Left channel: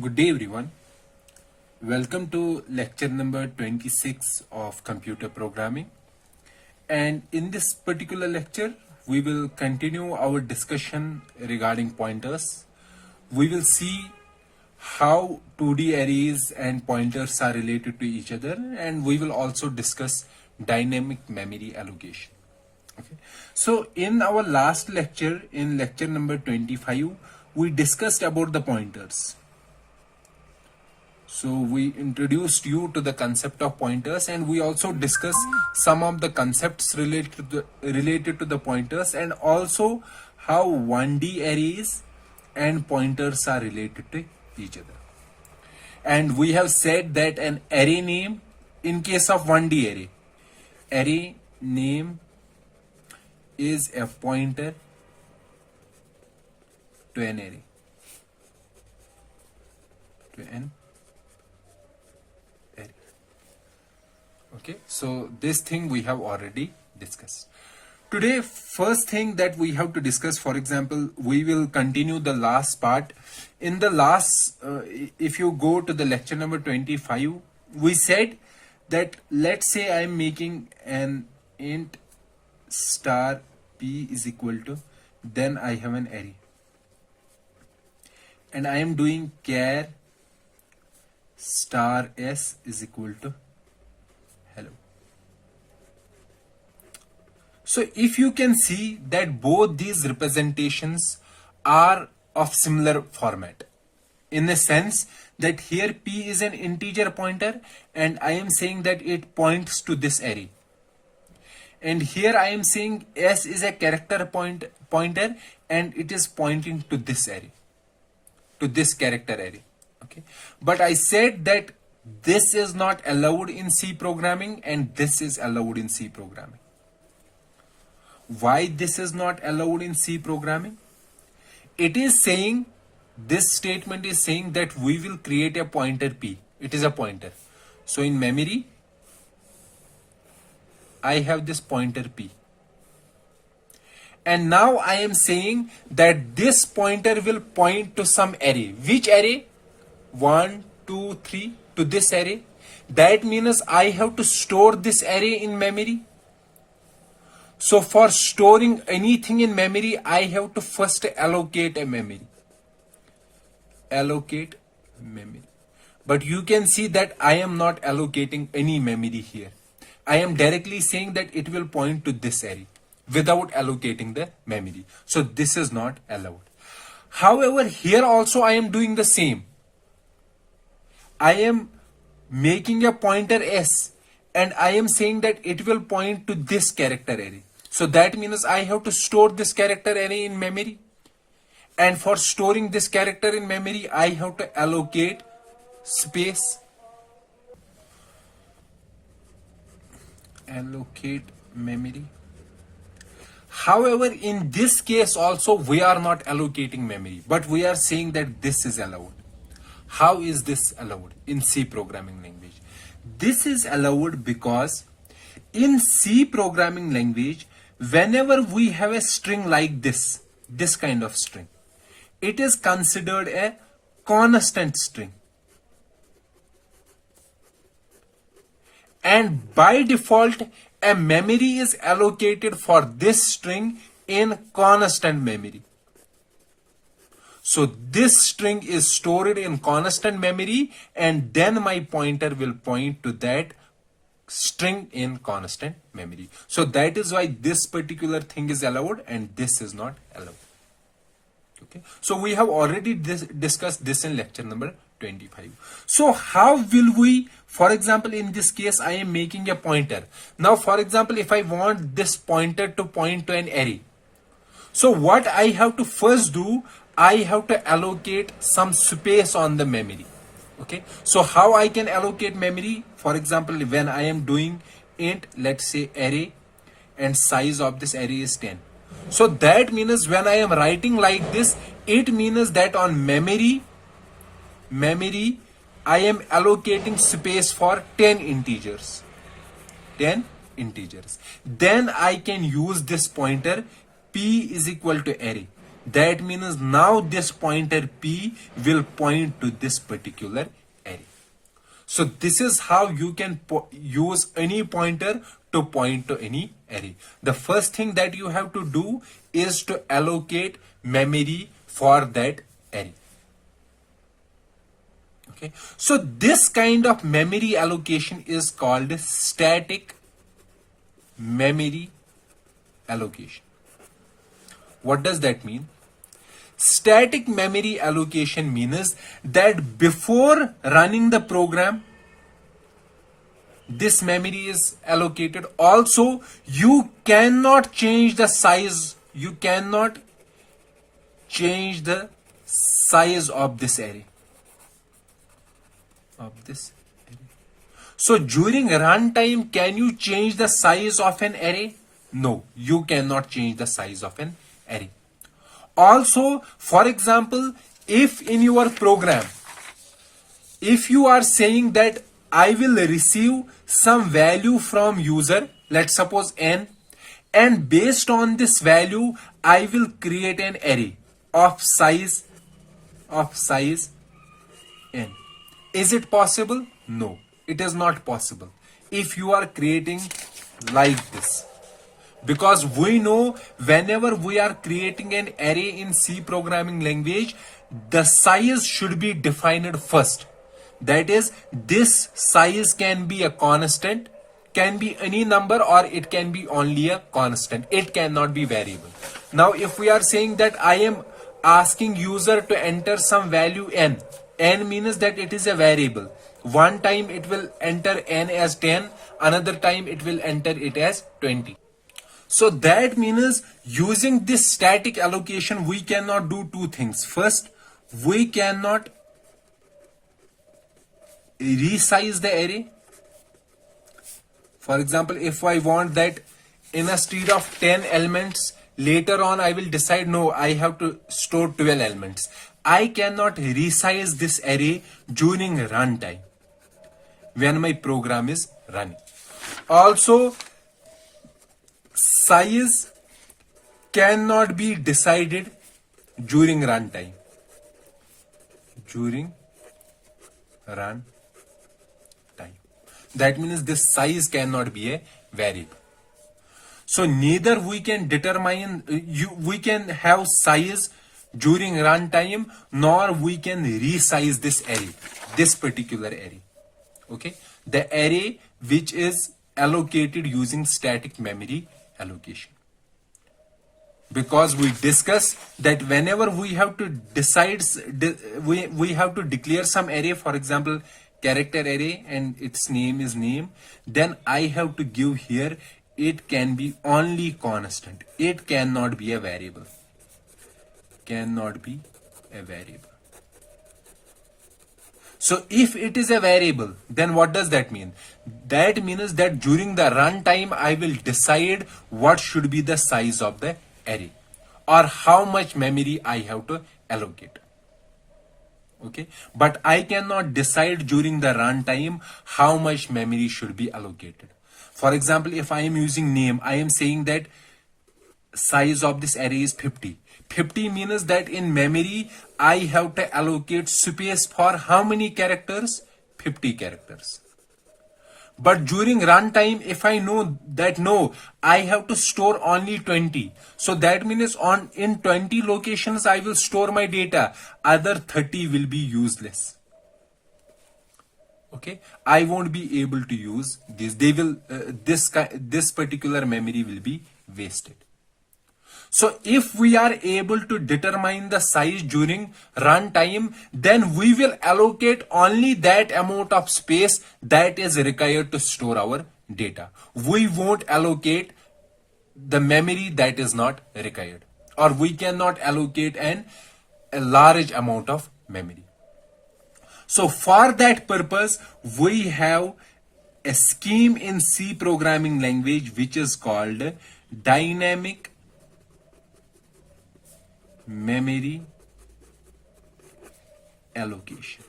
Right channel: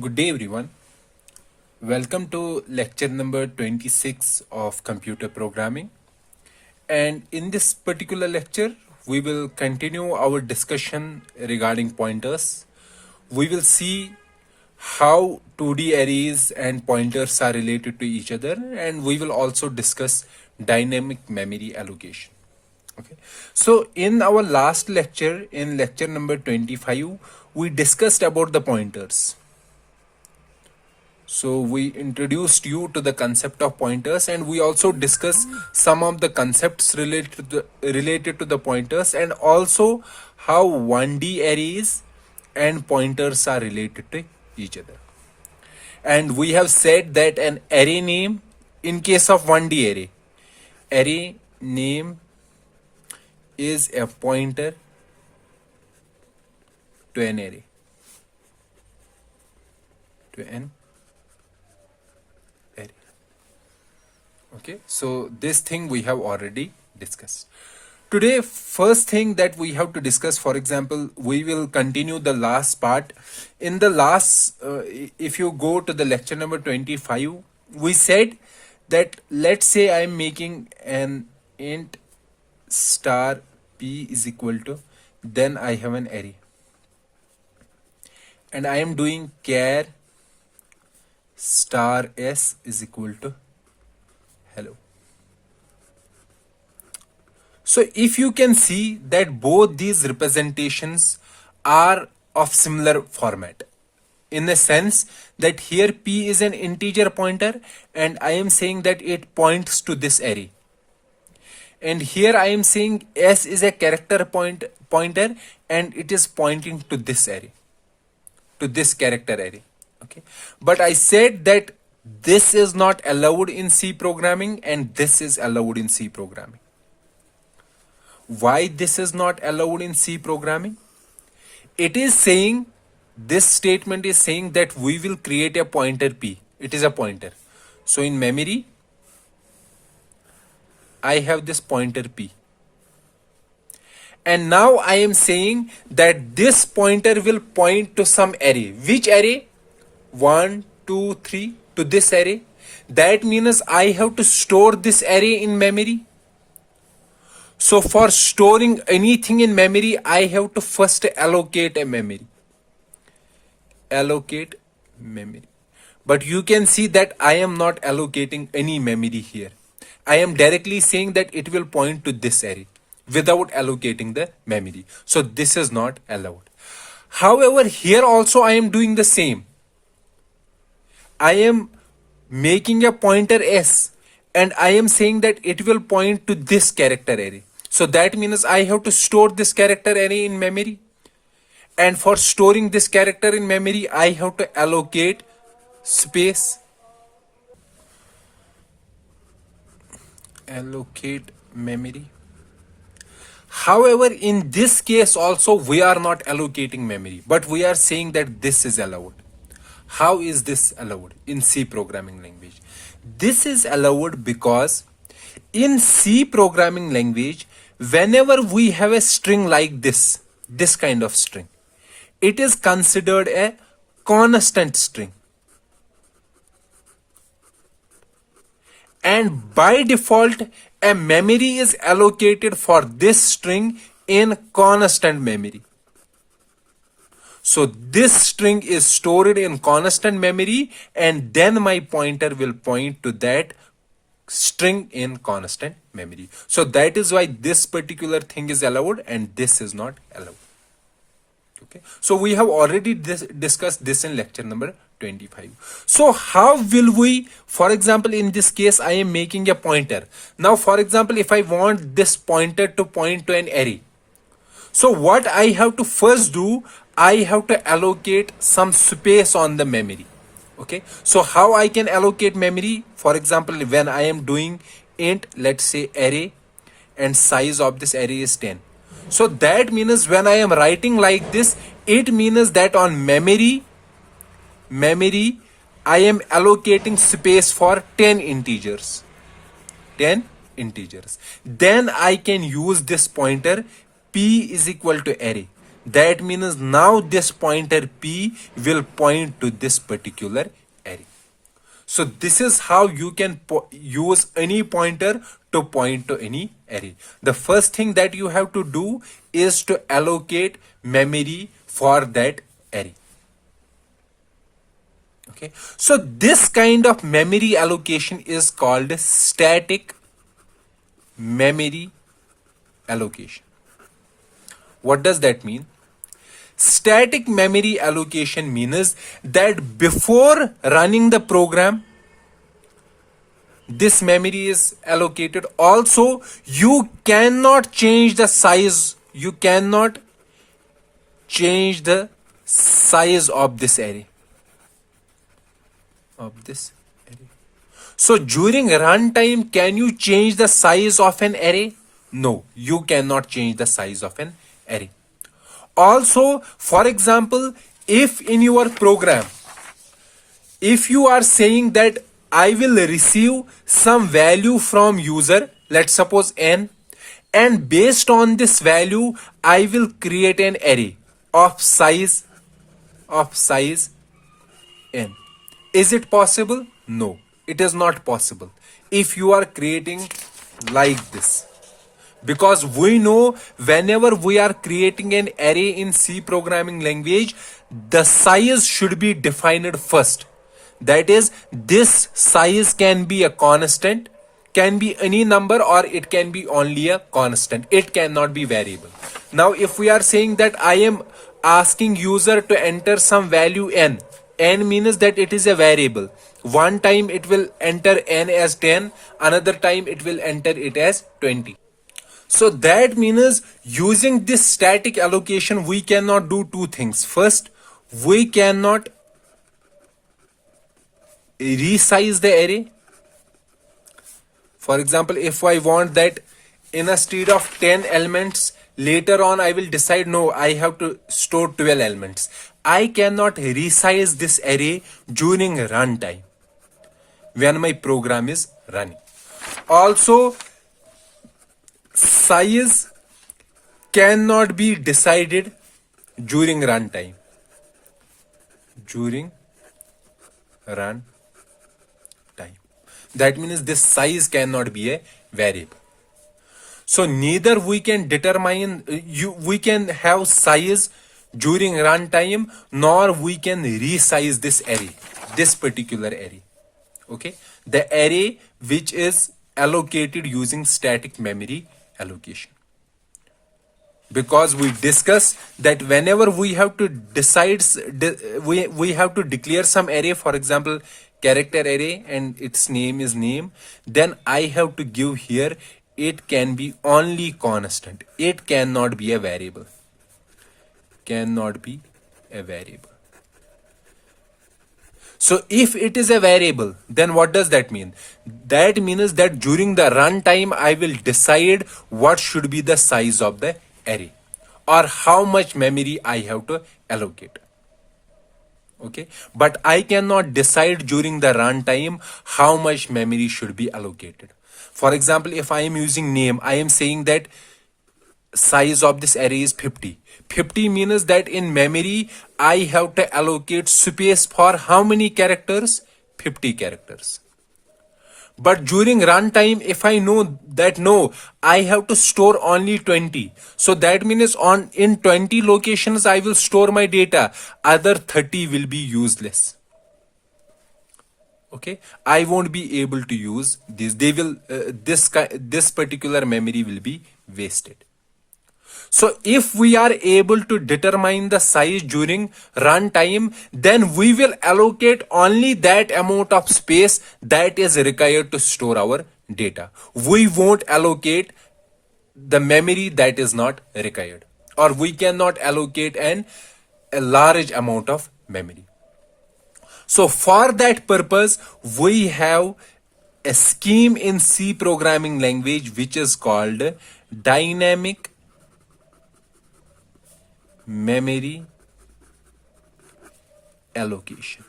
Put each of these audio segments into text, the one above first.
Good day, everyone. Welcome to lecture number 26 of computer programming. And in this particular lecture, we will continue our discussion regarding pointers. We will see how 2D arrays and pointers are related to each other, and we will also discuss dynamic memory allocation. Okay. So in our last lecture, in lecture number 25, we discussed about the pointers. So we introduced you to the concept of pointers, and we also discussed some of the concepts related to the pointers, and also how 1D arrays and pointers are related to each other. And we have said that an array name, in case of 1D array name is a pointer to an array, to an array. Okay, so this thing we have already discussed. Today, first thing that we have to discuss, for example, we will continue the last part. In the last, if you go to the lecture number 25, we said that let's say I am making an int star p is equal to, then I have an array. And I am doing char star s is equal to hello. So if you can see that both these representations are of similar format, in the sense that here p is an integer pointer and I am saying that it points to this array. And here I am saying s is a character pointer and it is pointing to this array, to this character array. Okay, but I said that this is not allowed in C programming and this is allowed in C programming. Why this is not allowed in C programming? It is saying, this statement is saying that we will create a pointer p. It is a pointer. So in memory, I have this pointer p. And now I am saying that this pointer will point to some array. Which array? 1, 2, 3, to this array. That means I have to store this array in memory. So for storing anything in memory, I have to first allocate a memory. Allocate memory. But you can see that I am not allocating any memory here. I am directly saying that it will point to this array without allocating the memory. So this is not allowed. However, here also I am doing the same. I am making a pointer s and I am saying that it will point to this character array. So that means I have to store this character array in memory. And for storing this character in memory, I have to allocate space. Allocate memory. However, in this case also, we are not allocating memory, but we are saying that this is allowed. How is this allowed in C programming language? This is allowed because in C programming language, whenever we have a string like this kind of string, it is considered a constant string. And by default, a memory is allocated for this string in constant memory. So this string is stored in constant memory and then my pointer will point to that string in constant memory. So that is why this particular thing is allowed and this is not allowed. Okay. So we have already discussed this in lecture number 25. So how will we, for example, in this case, I am making a pointer. Now, for example, if I want this pointer to point to an array. So what I have to first do, I have to allocate some space on the memory. Okay. So how I can allocate memory? For example, when I am doing int, let's say array, and size of this array is 10. So that means when I am writing like this, it means that on memory, I am allocating space for 10 integers. 10 integers. Then I can use this pointer p is equal to array. That means now this pointer P will point to this particular array. So this is how you can use any pointer to point to any array. The first thing that you have to do is to allocate memory for that array. Okay, so this kind of memory allocation is called static memory allocation. What does that mean? Static memory allocation means that before running the program, this memory is allocated. Also, you cannot change the size. You cannot change the size of this array. So during runtime, can you change the size of an array? No, you cannot change the size of an array. Also, for example, if in your program, if you are saying that I will receive some value from user, let's suppose n, and based on this value, I will create an array of size n. Is it possible? No, it is not possible if you are creating like this. Because we know whenever we are creating an array in C programming language, the size should be defined first. That is, this size can be a constant, can be any number, or it can be only a constant. It cannot be variable. Now, if we are saying that I am asking user to enter some value n means that it is a variable. One time it will enter n as 10, another time it will enter it as 20. So that means using this static allocation, we cannot do two things. First, we cannot resize the array. For example, if I want that instead of 10 elements, later on I will decide, no, I have to store 12 elements. I cannot resize this array during runtime when my program is running. Also, size cannot be decided during runtime. That means this size cannot be a variable. So neither we can determine, we can have size during runtime, nor we can resize this array, this particular array. Okay, the array which is allocated using static memory allocation. Because we discuss that whenever we have to decide, we have to declare some array, for example, character array, and its name is name, then I have to give here, it can be only constant. It cannot be a variable. So if it is a variable, then what does that mean? That means that during the runtime, I will decide what should be the size of the array or how much memory I have to allocate. Okay, but I cannot decide during the runtime how much memory should be allocated. For example, if I am using name, I am saying that size of this array is 50. 50 means that in memory, I have to allocate space for how many characters? 50 characters. But during runtime, if I know that no, I have to store only 20. So that means in 20 locations, I will store my data. Other 30 will be useless. Okay, I won't be able to use this. They will, this particular memory will be wasted. So if we are able to determine the size during runtime, then we will allocate only that amount of space that is required to store our data. We won't allocate the memory that is not required, or we cannot allocate a large amount of memory. So for that purpose, we have a scheme in C programming language which is called dynamic memory allocation.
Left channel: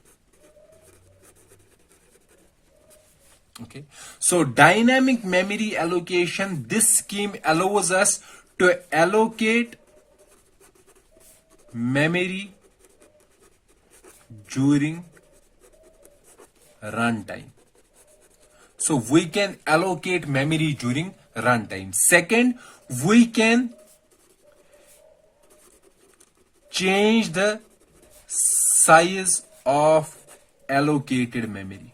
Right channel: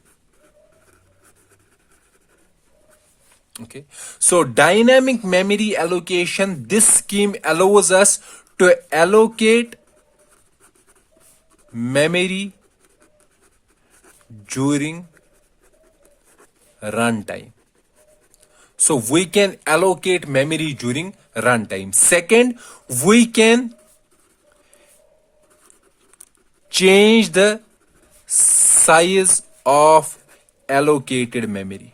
Okay, so dynamic memory allocation, this scheme allows us to allocate memory during runtime. So we can allocate memory during runtime. Second, we can change the size of allocated memory.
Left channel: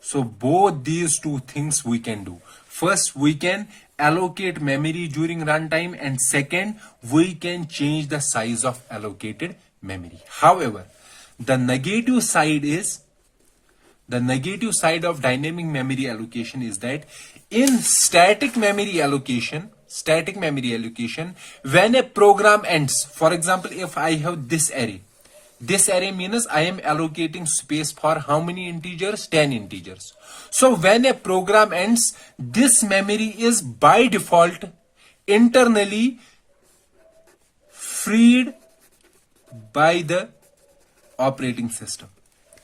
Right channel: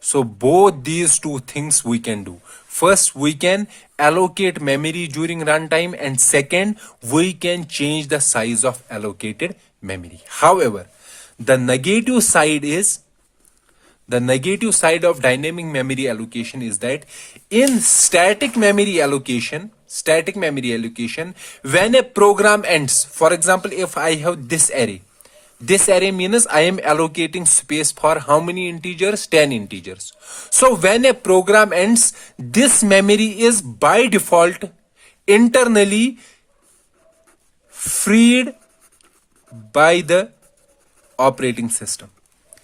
So both these two things we can do. First, we can allocate memory during runtime, and second, we can change the size of allocated memory. However, the negative side is the negative side of dynamic memory allocation is that in static memory allocation, when a program ends, for example, if I have this array means I am allocating space for how many integers? 10 integers. So when a program ends, this memory is by default internally freed by the operating system.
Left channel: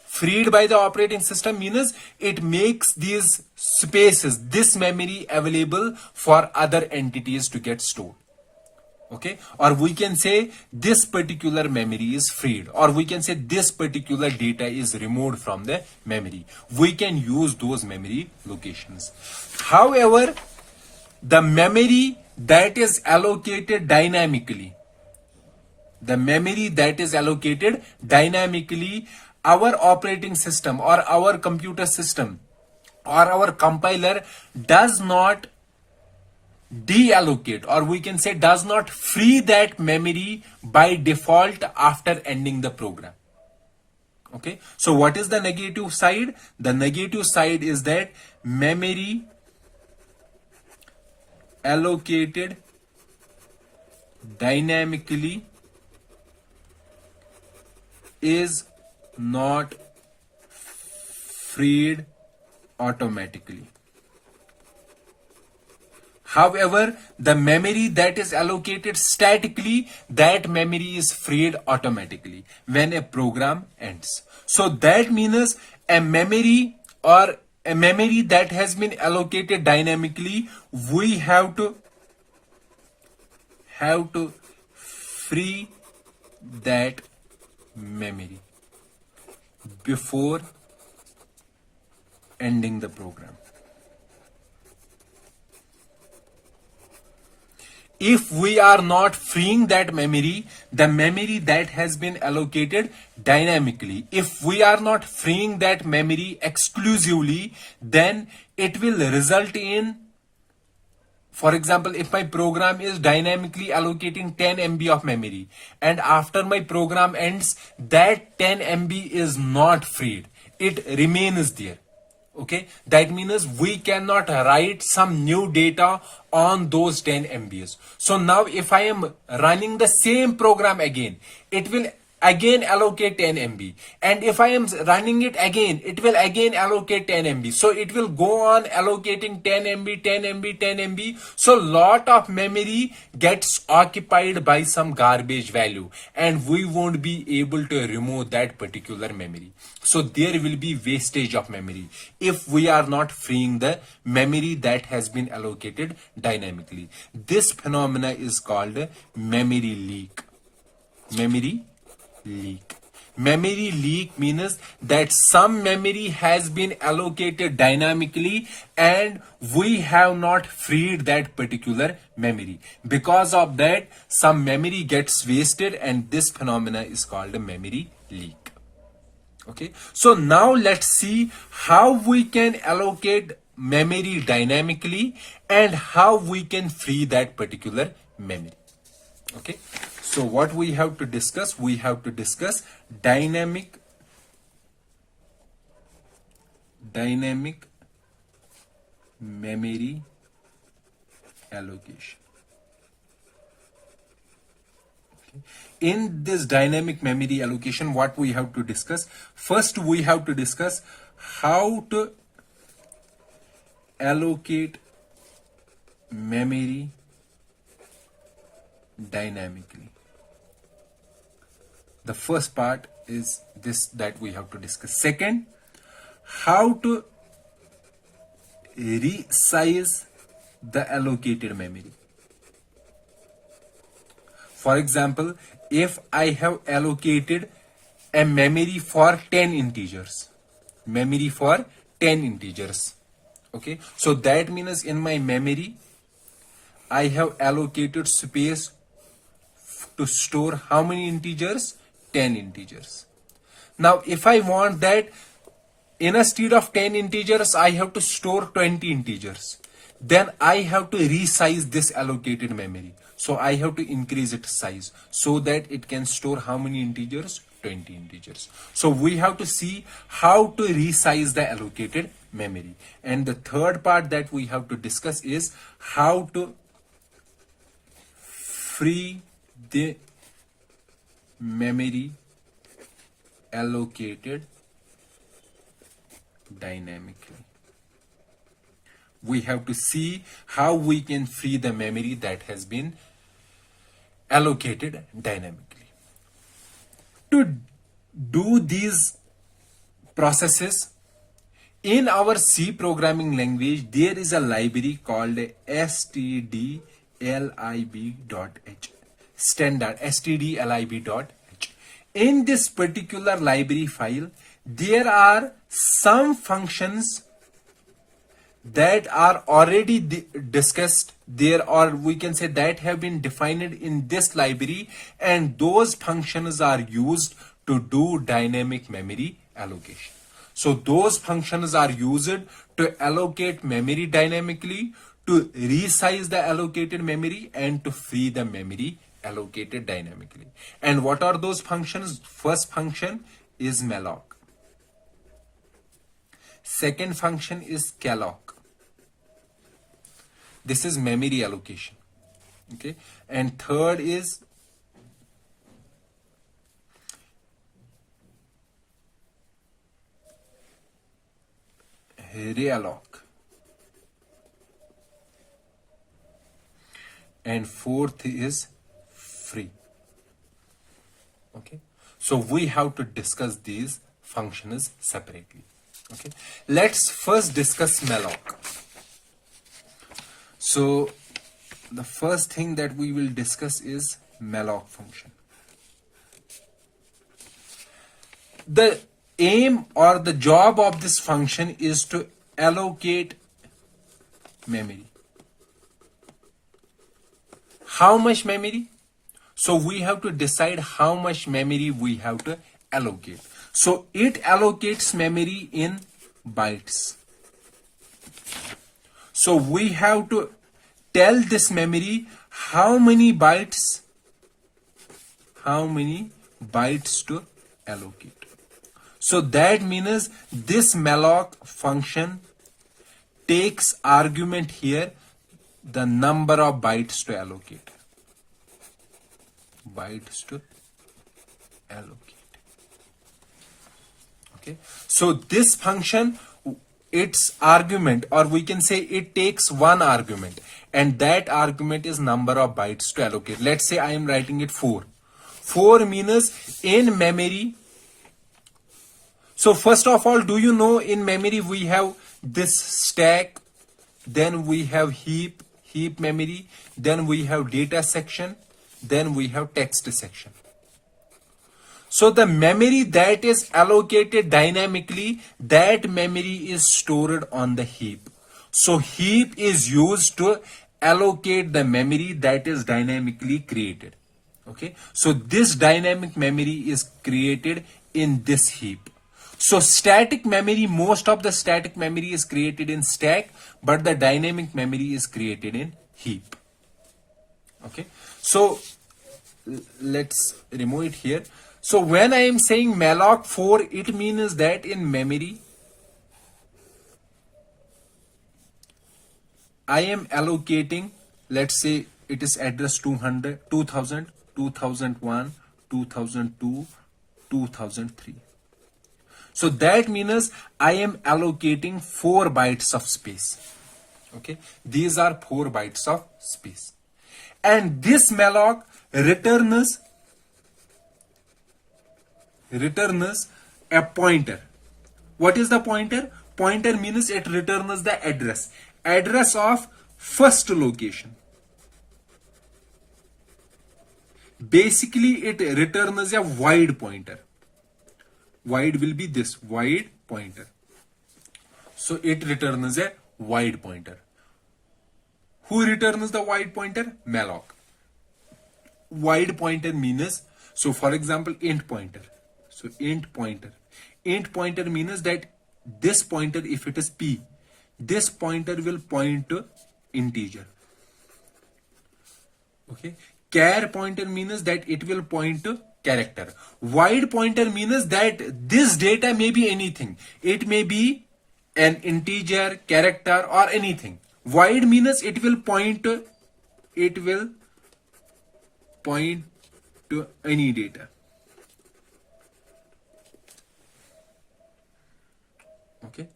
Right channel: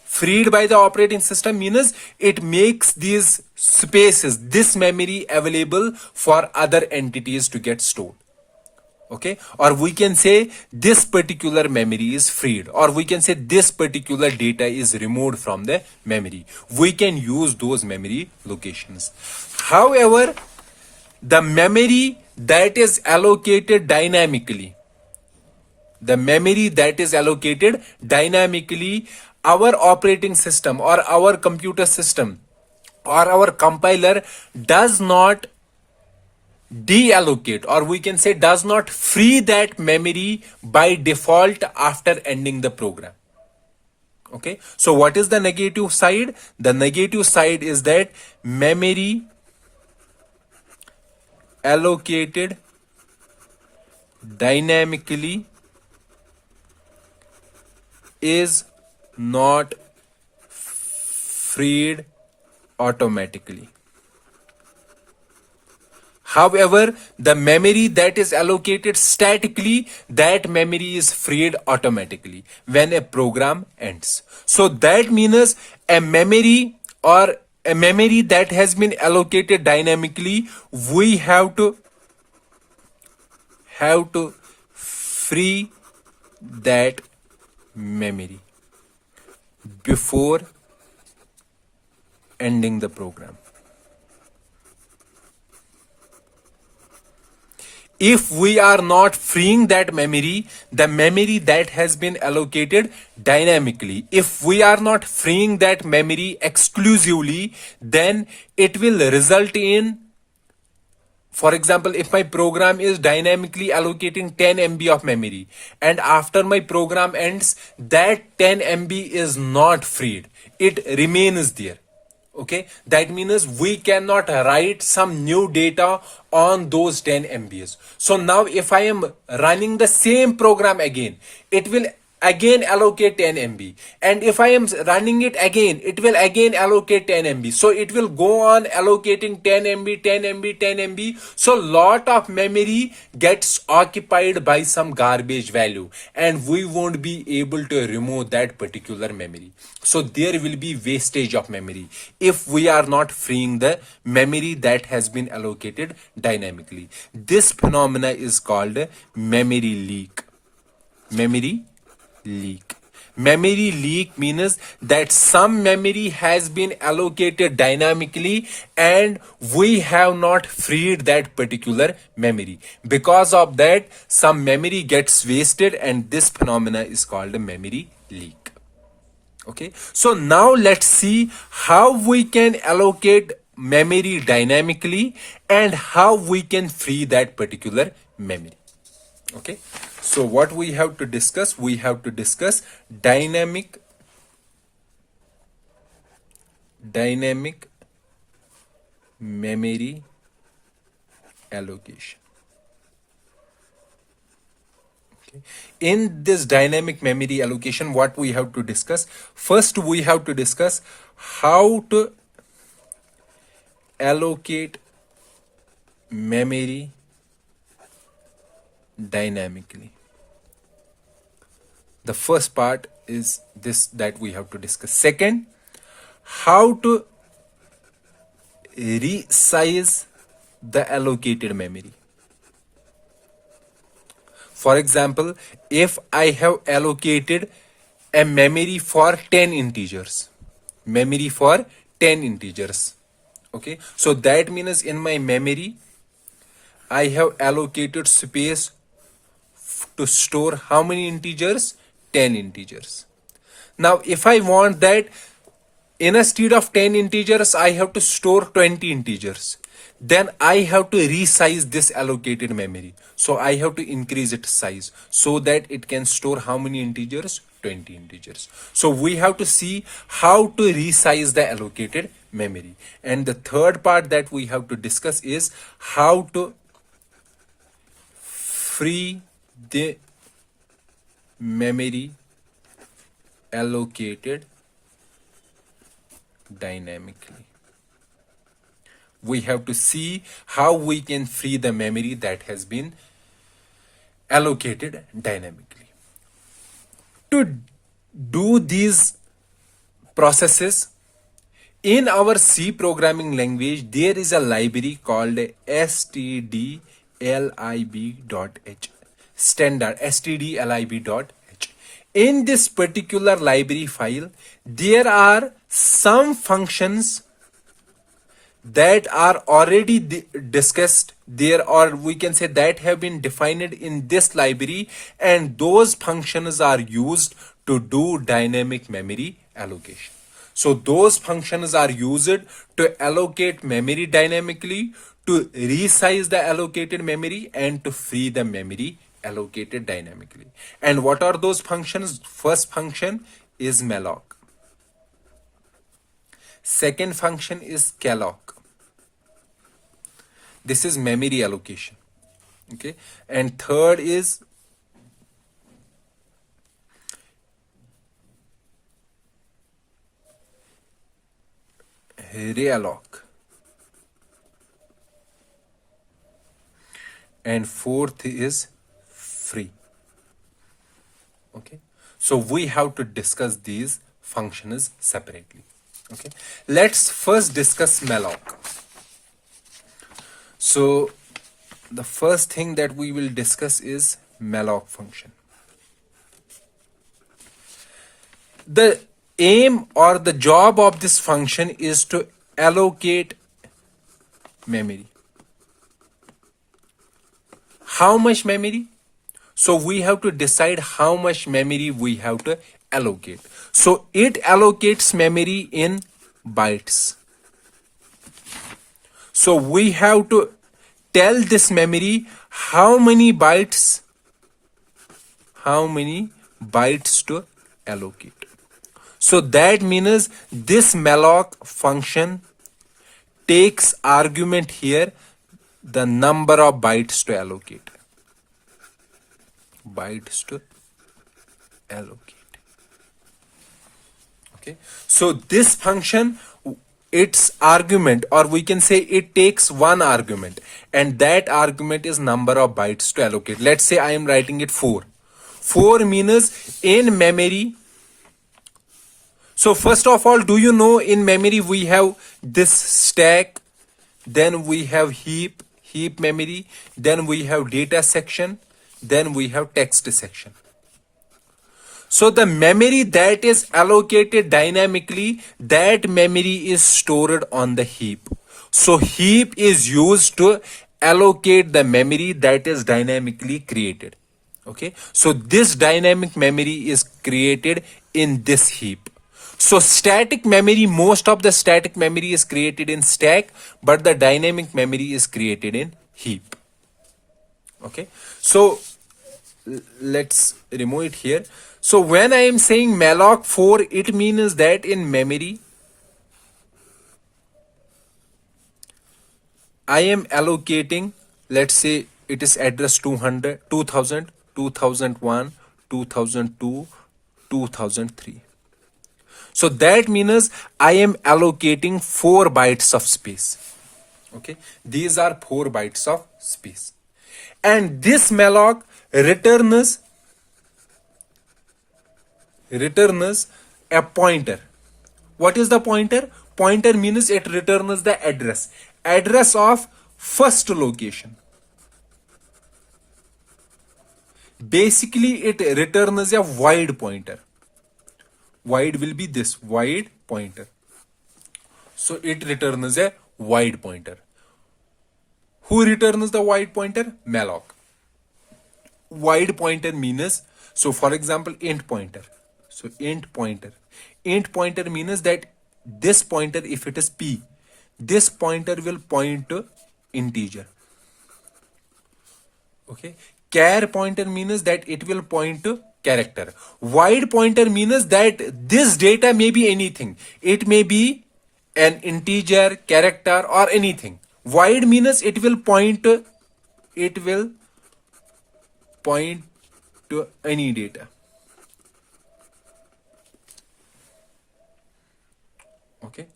Freed by the operating system means it makes these spaces, this memory available for other entities to get stored. Okay, or we can say this particular memory is freed, or we can say this particular data is removed from the memory. We can use those memory locations. However, the memory that is allocated dynamically, our operating system or our computer system or our compiler does not deallocate, or we can say does not free that memory by default after ending the program. Okay, so what is the negative side? The negative side is that memory allocated dynamically is not freed automatically. However, the memory that is allocated statically, that memory is freed automatically when a program ends. So that means a memory that has been allocated dynamically, we have to free that memory before ending the program. If we are not freeing that memory, the memory that has been allocated dynamically, if we are not freeing that memory exclusively, then it will result in, for example, if my program is dynamically allocating 10 MB of memory and after my program ends, that 10 MB is not freed. It remains there. Okay, that means we cannot write some new data on those 10 MBs. So now if I am running the same program again, it will again allocate 10 MB, and if I am running it again, it will again allocate 10 MB. So it will go on allocating 10 MB, 10 MB, 10 MB. So lot of memory gets occupied by some garbage value, and we won't be able to remove that particular memory. So there will be wastage of memory if we are not freeing the memory that has been allocated dynamically. This phenomena is called memory leak. Memory leak means that some memory has been allocated dynamically and we have not freed that particular memory. Because of that, some memory gets wasted, and this phenomena is called a memory leak. Okay, so now let's see how we can allocate memory dynamically and how we can free that particular memory. Okay, so what we have to discuss? We have to discuss dynamic memory allocation. Okay. In this dynamic memory allocation, what we have to discuss? First, we have to discuss how to allocate memory dynamically. The first part is this that we have to discuss. Second, how to resize the allocated memory. For example, if I have allocated a memory for 10 integers, memory for 10 integers, okay, so that means in my memory I have allocated space to store how many integers? 10 integers. Now if I want that instead of 10 integers I have to store 20 integers, then I have to resize this allocated memory. So I have to increase its size so that it can store how many integers? 20 integers. So we have to see how to resize the allocated memory. And the third part that we have to discuss is how to free the memory allocated dynamically. We have to see how we can free the memory that has been allocated dynamically. To do these processes, in our C programming language, there is a library called stdlib.h, standard stdlib.h. In this particular library file, there are some functions that are already discussed there, or we can say that have been defined in this library, and those functions are used to do dynamic memory allocation. So those functions are used to allocate memory dynamically, to resize the allocated memory, and to free the memory allocated dynamically. And what are those functions? First function is malloc. Second function is calloc. This is memory allocation. Okay. And third is realloc. And fourth is free. Okay. So we have to discuss these functions separately. Okay. Let's first discuss malloc. So the first thing that we will discuss is malloc function. The aim or the job of this function is to allocate memory. How much memory? So we have to decide how much memory we have to allocate. So it allocates memory in bytes. So we have to tell this memory how many bytes to allocate. So that means this malloc function takes argument here, the number of bytes to allocate. Bytes to allocate. Okay. So this function, its argument, or we can say it takes one argument, and that argument is number of bytes to allocate. Let's say I am writing it 4. 4 means in memory. So first of all, do you know in memory we have this stack, then we have heap memory, then we have data section, then we have text section. So the memory that is allocated dynamically, that memory is stored on the heap. So heap is used to allocate the memory that is dynamically created. Okay. So this dynamic memory is created in this heap. So static memory, most of the static memory is created in stack, but the dynamic memory is created in heap. Okay. So let's remove it here. So when I am saying malloc 4, it means that in memory I am allocating, let's say it is address 200, 2000, 2001, 2002, 2003. So that means I am allocating 4 bytes of space. Okay. These are 4 bytes of space. And this malloc returns a pointer. What is the pointer? Pointer means it returns the address of first location. Basically it returns a void pointer. Void will be this void pointer. So it returns a void pointer. Who returns the void pointer? Malloc. Void pointer means, so for example, int pointer. So int pointer. Int pointer means that this pointer, if it is p, this pointer will point to integer. Okay. Char pointer means that it will point to character. Void pointer means that this data may be anything. It may be an integer, character, or anything. Void means it will point to any data. Okay.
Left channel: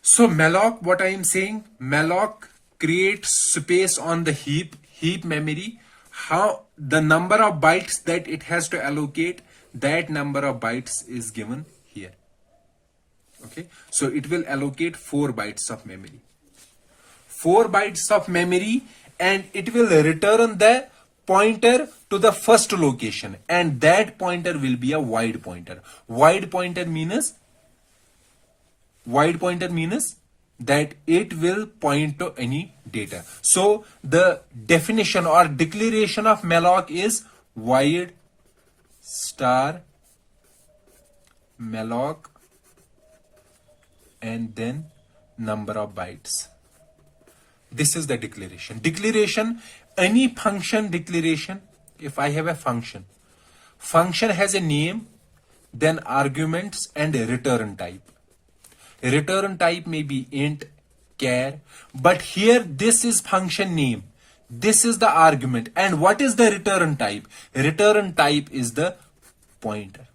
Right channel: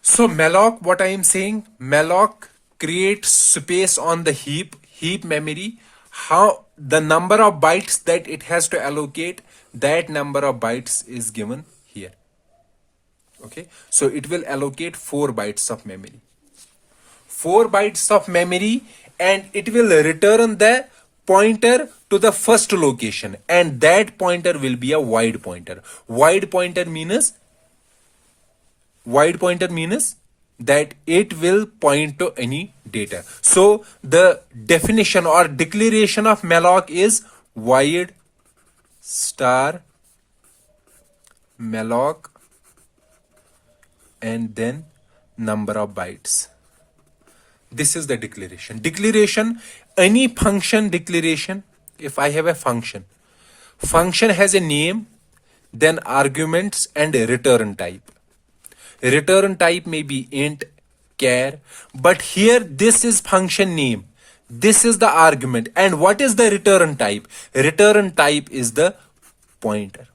So malloc, what I am saying, malloc creates space on the heap memory. How the number of bytes that it has to allocate, that number of bytes is given here. Okay. So it will allocate 4 bytes of memory. 4 bytes of memory, and it will return the pointer to the first location, and that pointer will be a void pointer. Void pointer means that it will point to any data. So the definition or declaration of malloc is void star malloc and then number of bytes. This is the declaration. Declaration, any function declaration, if I have a function has a name, then arguments and a return type. Return type may be int, char, but here this is function name. This is the argument. And what is the return type? Return type is the pointer.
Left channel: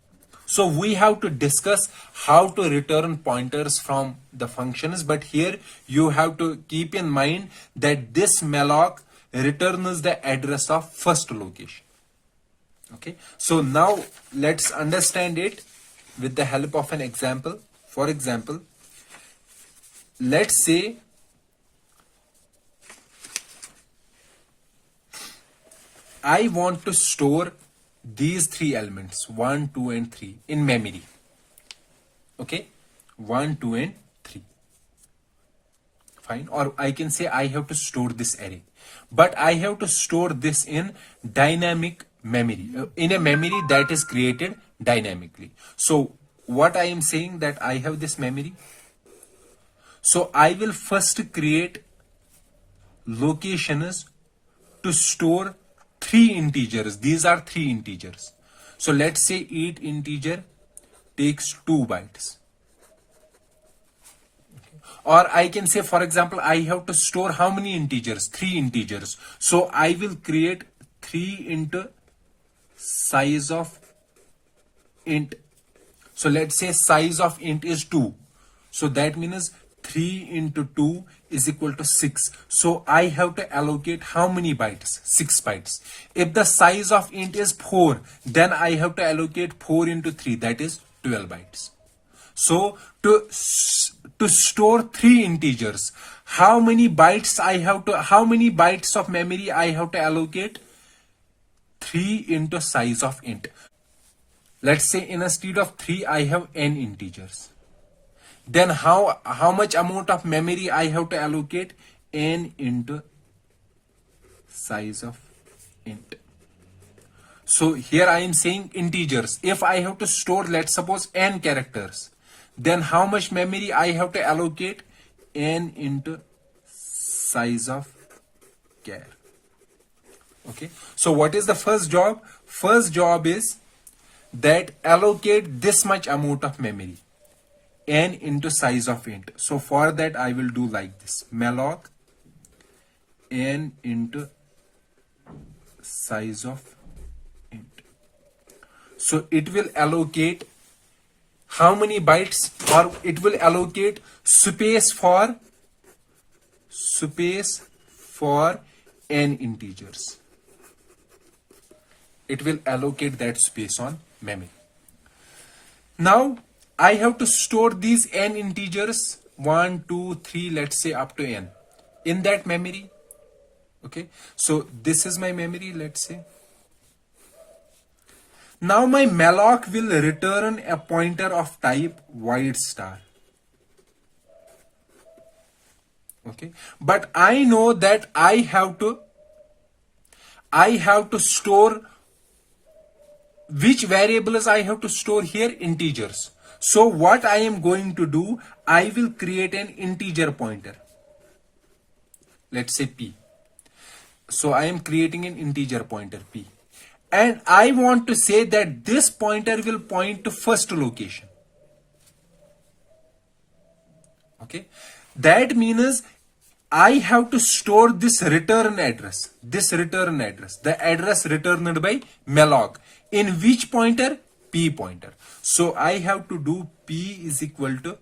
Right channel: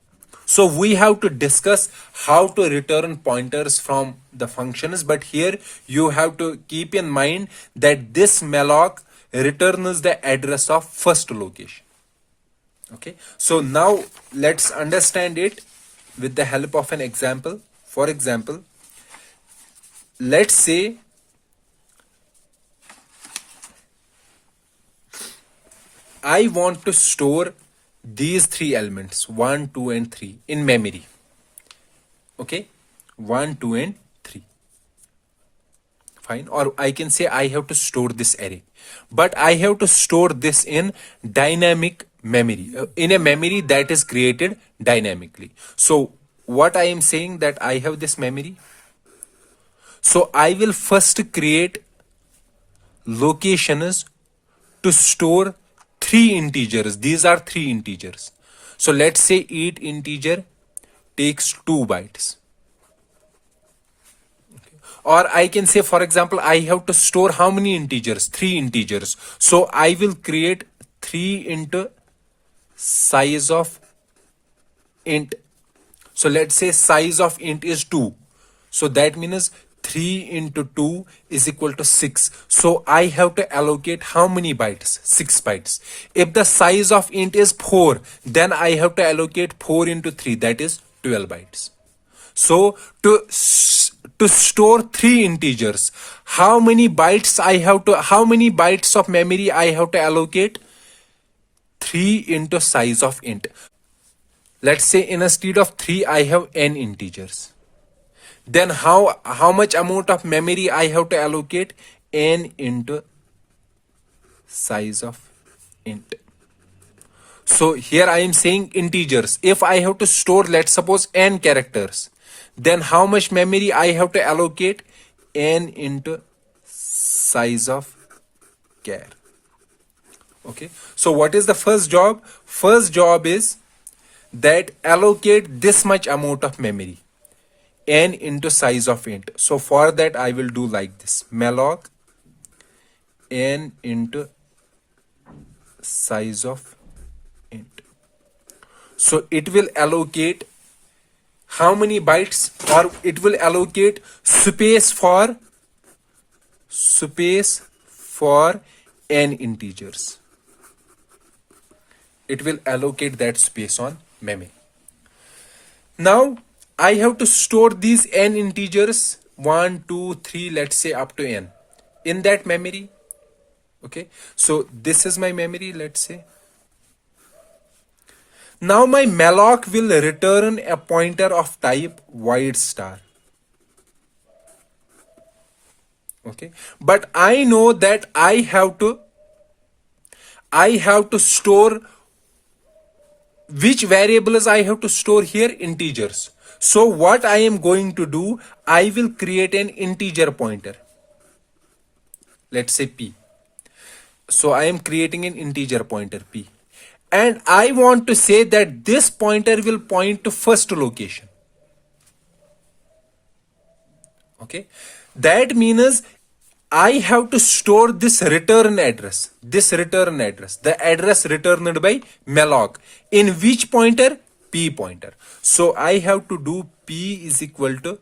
So we have to discuss how to return pointers from the functions, but here you have to keep in mind that this malloc returns the address of first location. Okay, so now let's understand it with the help of an example. For example, let's say I want to store these 3 elements 1, 2 and 3 in memory. Okay, 1, 2 and 3. Fine. Or I can say I have to store this array, but I have to store this in dynamic memory, in a memory that is created dynamically. So what I am saying, that I have this memory. So I will first create locations to store 3 integers. These are 3 integers. So let's say each integer takes 2 bytes. Okay. Or I can say, for example, I have to store how many integers? 3 integers. So I will create 3 into size of int. So let's say size of int is 2. So that means 3 into 2 is equal to 6. So I have to allocate how many bytes? 6 bytes. If the size of int is 4, then I have to allocate 4 into 3, that is 12 bytes. So to store 3 integers, how many bytes of memory I have to allocate? 3 into size of int. Let's say instead of 3 I have n integers. Then how much amount of memory I have to allocate? N into size of int. So here I am saying integers. If I have to store, let's suppose, n characters, then how much memory I have to allocate? N into size of char. Okay. So what is the first job? First job is that allocate this much amount of memory, n into size of int. So for that I will do like this: malloc n into size of int. So it will allocate how many bytes, or it will allocate space for n integers. It will allocate that space on memory. Now I have to store these n integers 1, 2, 3, let's say up to n in that memory. Okay, so this is my memory, let's say. Now my malloc will return a pointer of type void star. Okay, but I know that I have to store which variables I have to store here, integers. So what I am going to do, I will create an integer pointer. Let's say p. So I am creating an integer pointer p. And I want to say that this pointer will point to first location. Okay. That means I have to store this return address, the address returned by malloc. In which pointer? P pointer. So I have to do p is equal to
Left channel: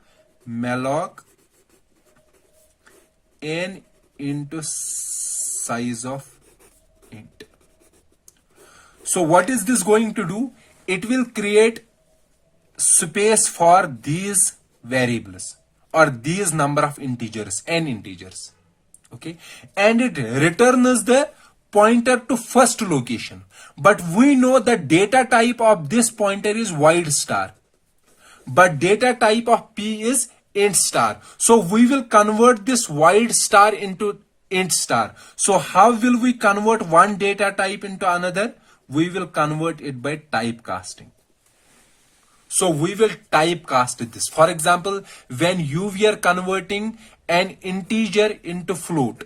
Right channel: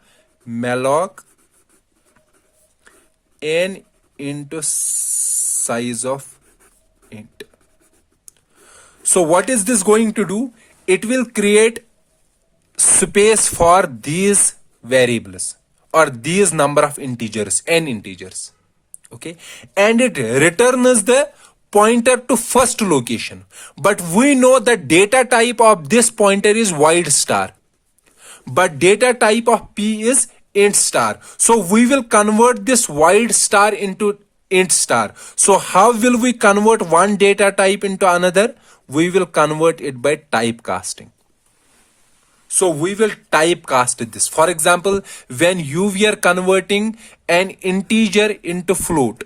malloc n into size of int. So what is this going to do? It will create space for these variables or these number of integers, n integers. Okay, and it returns the pointer to first location. But we know the data type of this pointer is void star, but data type of p is int star. So we will convert this void star into int star. So how will we convert one data type into another? We will convert it by typecasting. So we will typecast this. For example, when you were converting an integer into float,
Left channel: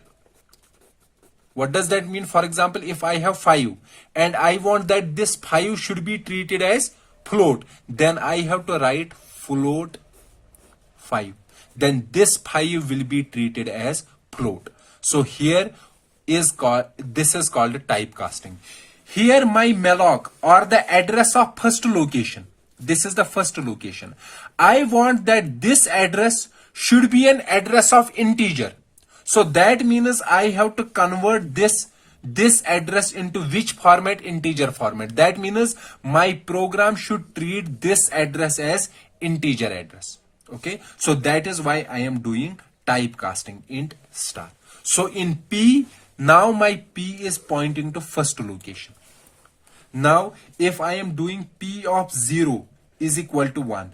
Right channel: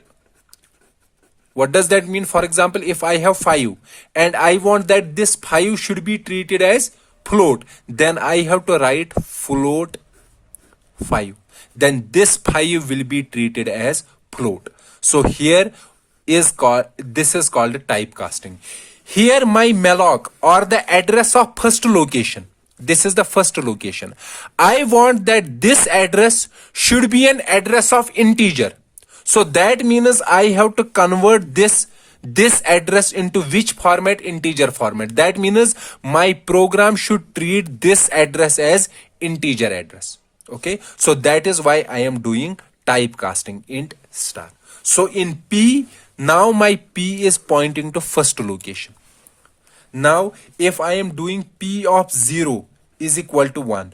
what does that mean? For example, if I have 5 and I want that this 5 should be treated as float, then I have to write float 5. Then this 5 will be treated as float. So here this is called typecasting. Here my malloc or the address of first location. This is the first location. I want that this address should be an address of integer. So that means I have to convert this address into which format? Integer format. That means my program should treat this address as integer address. Okay. So that is why I am doing typecasting int star. So in P, now my P is pointing to first location. Now, if I am doing P of 0 is equal to 1,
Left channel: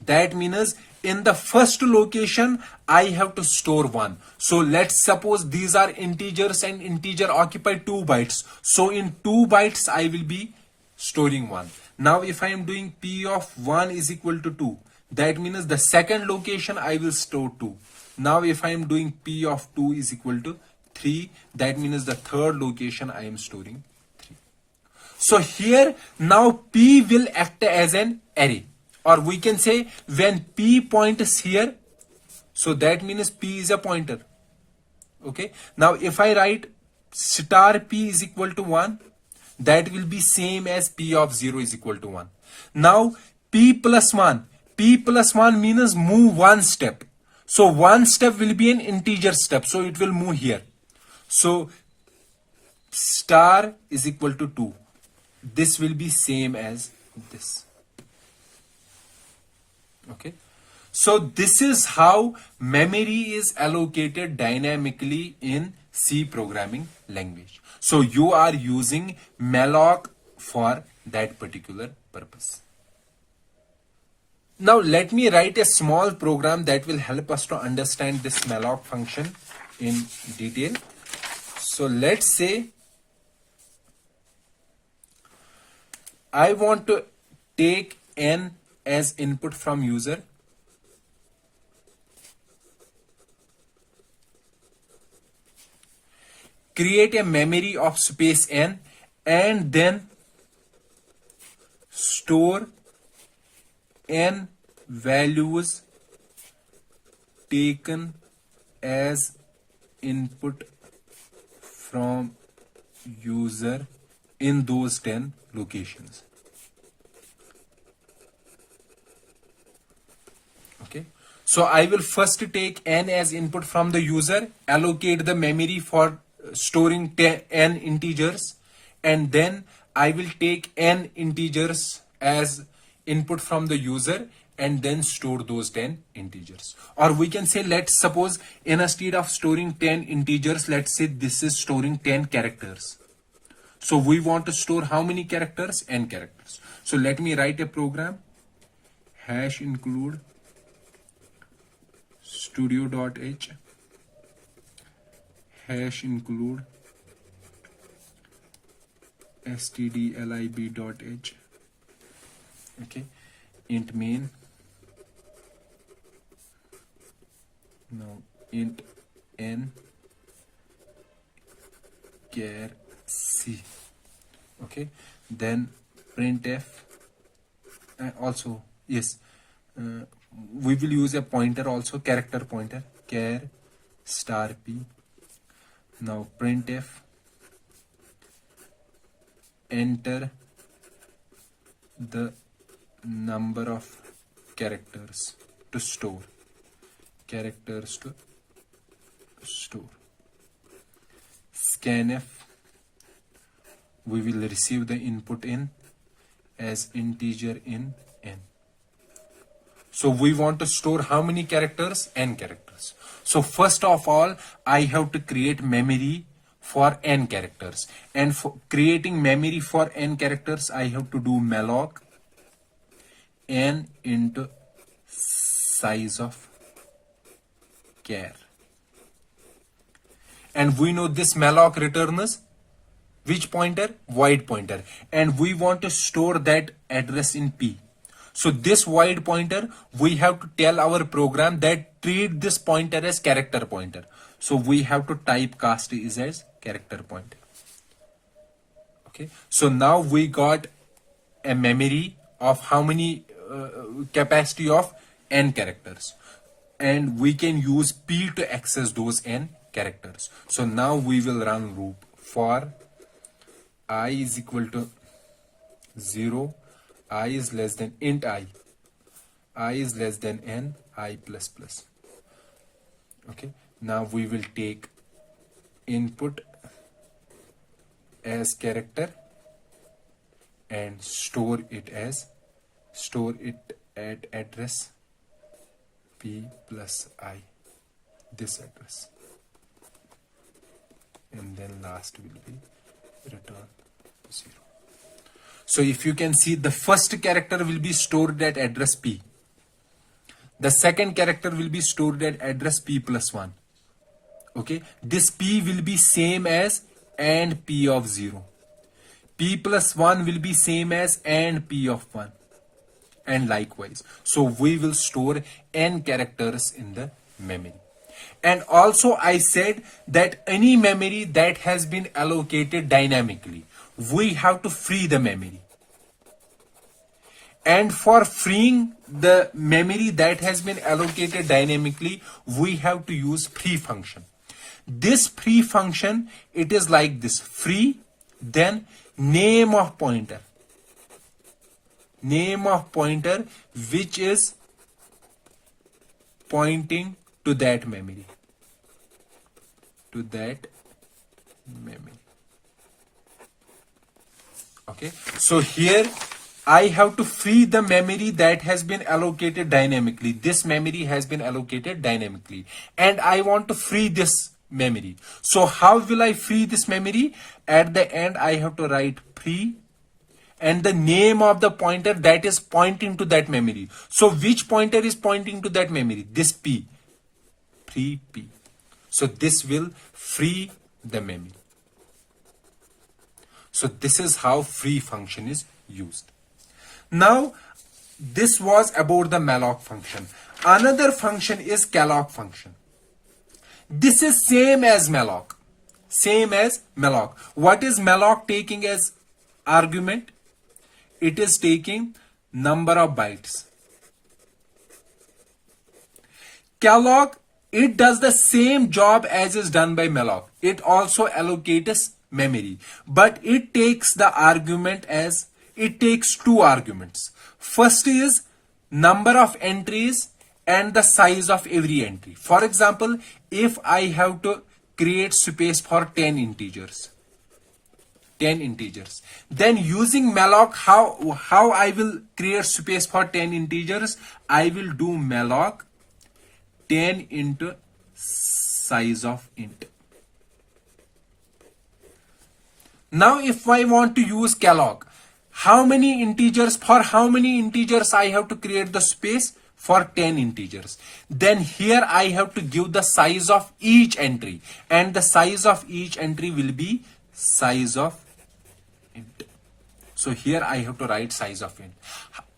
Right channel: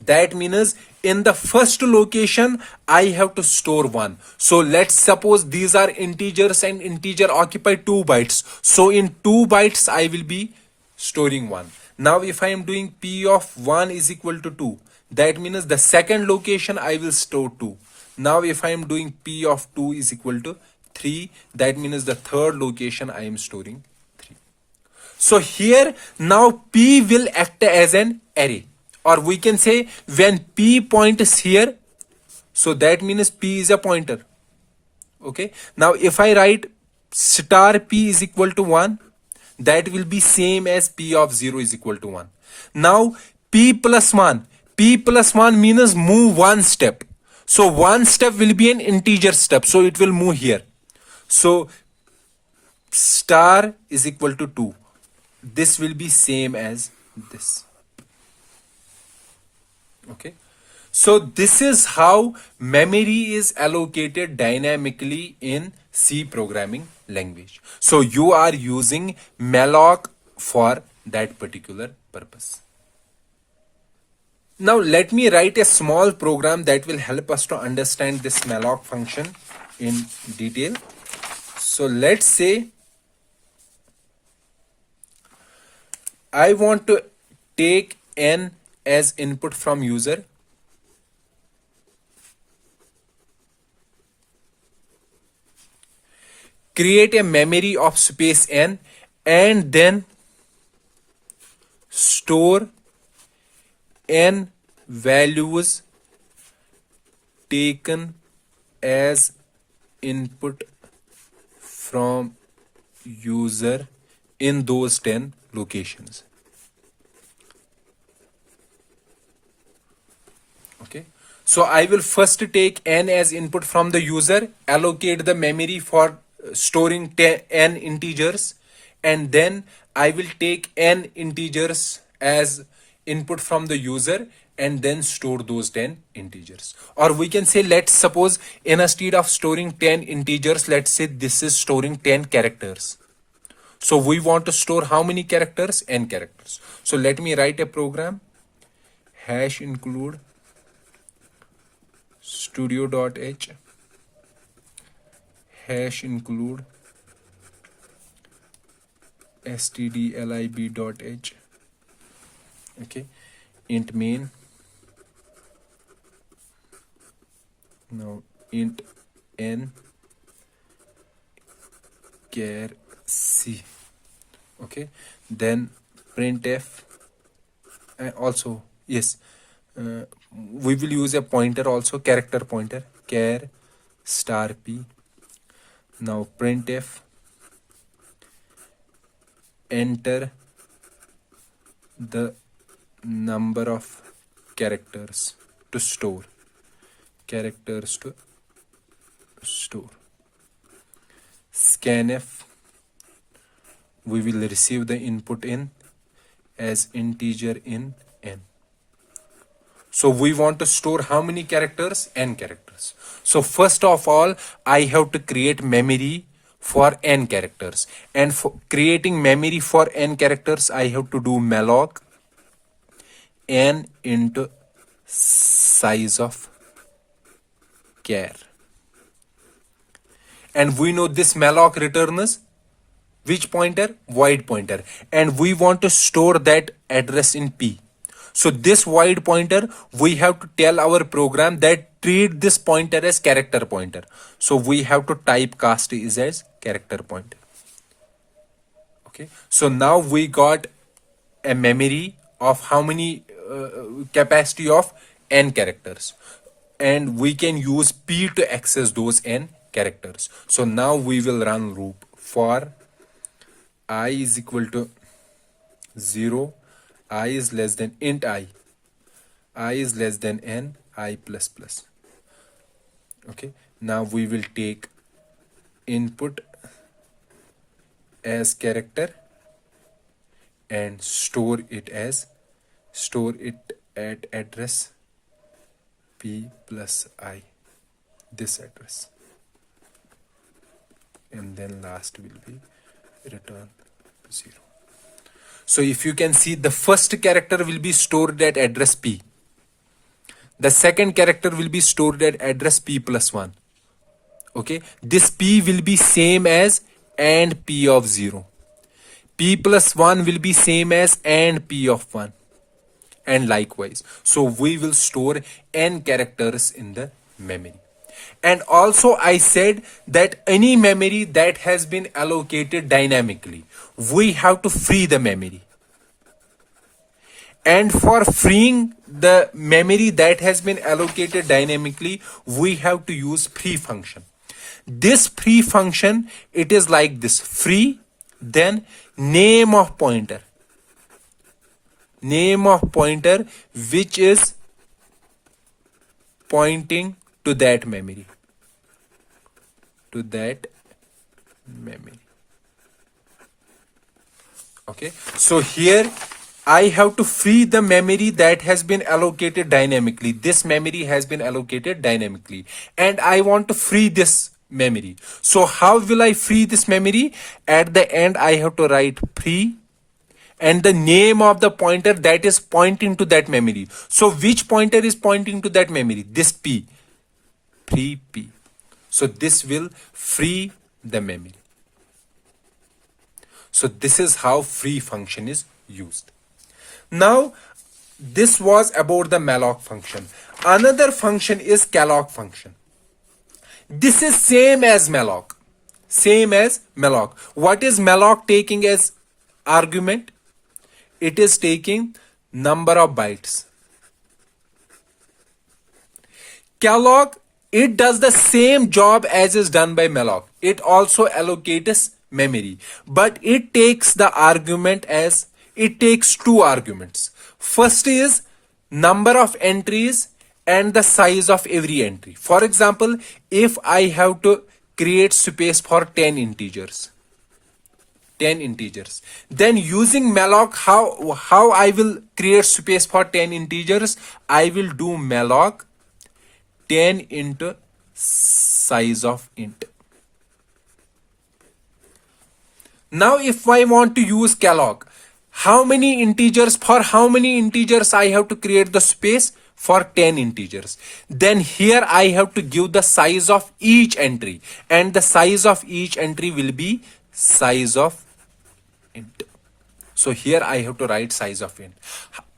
that means in the first location, I have to store 1. So let's suppose these are integers and integer occupy 2 bytes. So in 2 bytes, I will be storing 1. Now, if I am doing P of 1 is equal to 2, that means the second location, I will store 2. Now, if I am doing P of 2 is equal to 3, that means the third location, I am storing 3. So here now P will act as an array, or we can say when P points here, so that means P is a pointer. Okay. Now if I write star P is equal to 1, that will be same as P of 0 is equal to 1. Now P plus 1 means move one step. So one step will be an integer step. So it will move here. So star is equal to 2. This will be same as this. Okay. So this is how memory is allocated dynamically in C programming language. So you are using malloc for that particular purpose. Now let me write a small program that will help us to understand this malloc function in detail. So let's say I want to take n as input from user. Create a memory of space n and then store n values taken as input from user in those 10 locations. Okay. So I will first take n as input from the user, allocate the memory for storing n integers, and then I will take n integers as input from the user and then store those 10 integers. Or we can say, let's suppose instead of storing 10 integers, let's say this is storing 10 characters. So we want to store how many characters? N characters. So let me write a program. Hash include studio.h, hash include stdlib.h, okay, int main, now int n char c, okay, then printf, also yes, we will use a pointer also, character pointer, char star p. Now printf enter the number of characters to store, characters to store. Scanf, we will receive the input in as integer in n. So we want to store how many characters? N characters. So first of all, I have to create memory for n characters. And for creating memory for n characters, I have to do malloc n into size of char. And we know this malloc returns which pointer? Void pointer. And we want to store that address in P. So this void pointer, we have to tell our program that treat this pointer as character pointer. So we have to typecast is as character pointer. Okay. So now we got a memory of how many capacity of n characters. And we can use P to access those n characters. So now we will run loop for I is equal to 0, I is less than int I is less than n, I plus plus. Okay, now we will take input as character and store it at address P plus I, this address, and then last will be return 0. So if you can see, the first character will be stored at address P. The second character will be stored at address P plus 1. Okay, this P will be same as and P of 0. P plus 1 will be same as and P of 1. And likewise. So we will store n characters in the memory. And also I said that any memory that has been allocated dynamically, we have to free the memory. And for freeing the memory that has been allocated dynamically, we have to use free function. This free function, it is like this: free, then name of pointer. Name of pointer which is pointing to that memory. To that memory. Okay, so here I have to free the memory that has been allocated dynamically. This memory has been allocated dynamically, and I want to free this memory. So how will I free this memory? At the end, I have to write free and the name of the pointer that is pointing to that memory. So which pointer is pointing to that memory? This P. Free P. So this will free the memory. So this is how free function is used. Now, this was about the malloc function. Another function is calloc function. This is same as malloc. Same as malloc. What is malloc taking as argument? It is taking number of bytes. Calloc, it does the same job as is done by malloc. It also allocates memory, but it takes the argument as, it takes two arguments. First is number of entries and the size of every entry. For example, if I have to create space for 10 integers, then using malloc, how I will create space for 10 integers? I will do malloc 10 into size of int. Now if I want to use calloc, how many integers, for how many integers I have to create the space? For 10 integers. Then here I have to give the size of each entry, and the size of each entry will be size of int. So here I have to write size of int.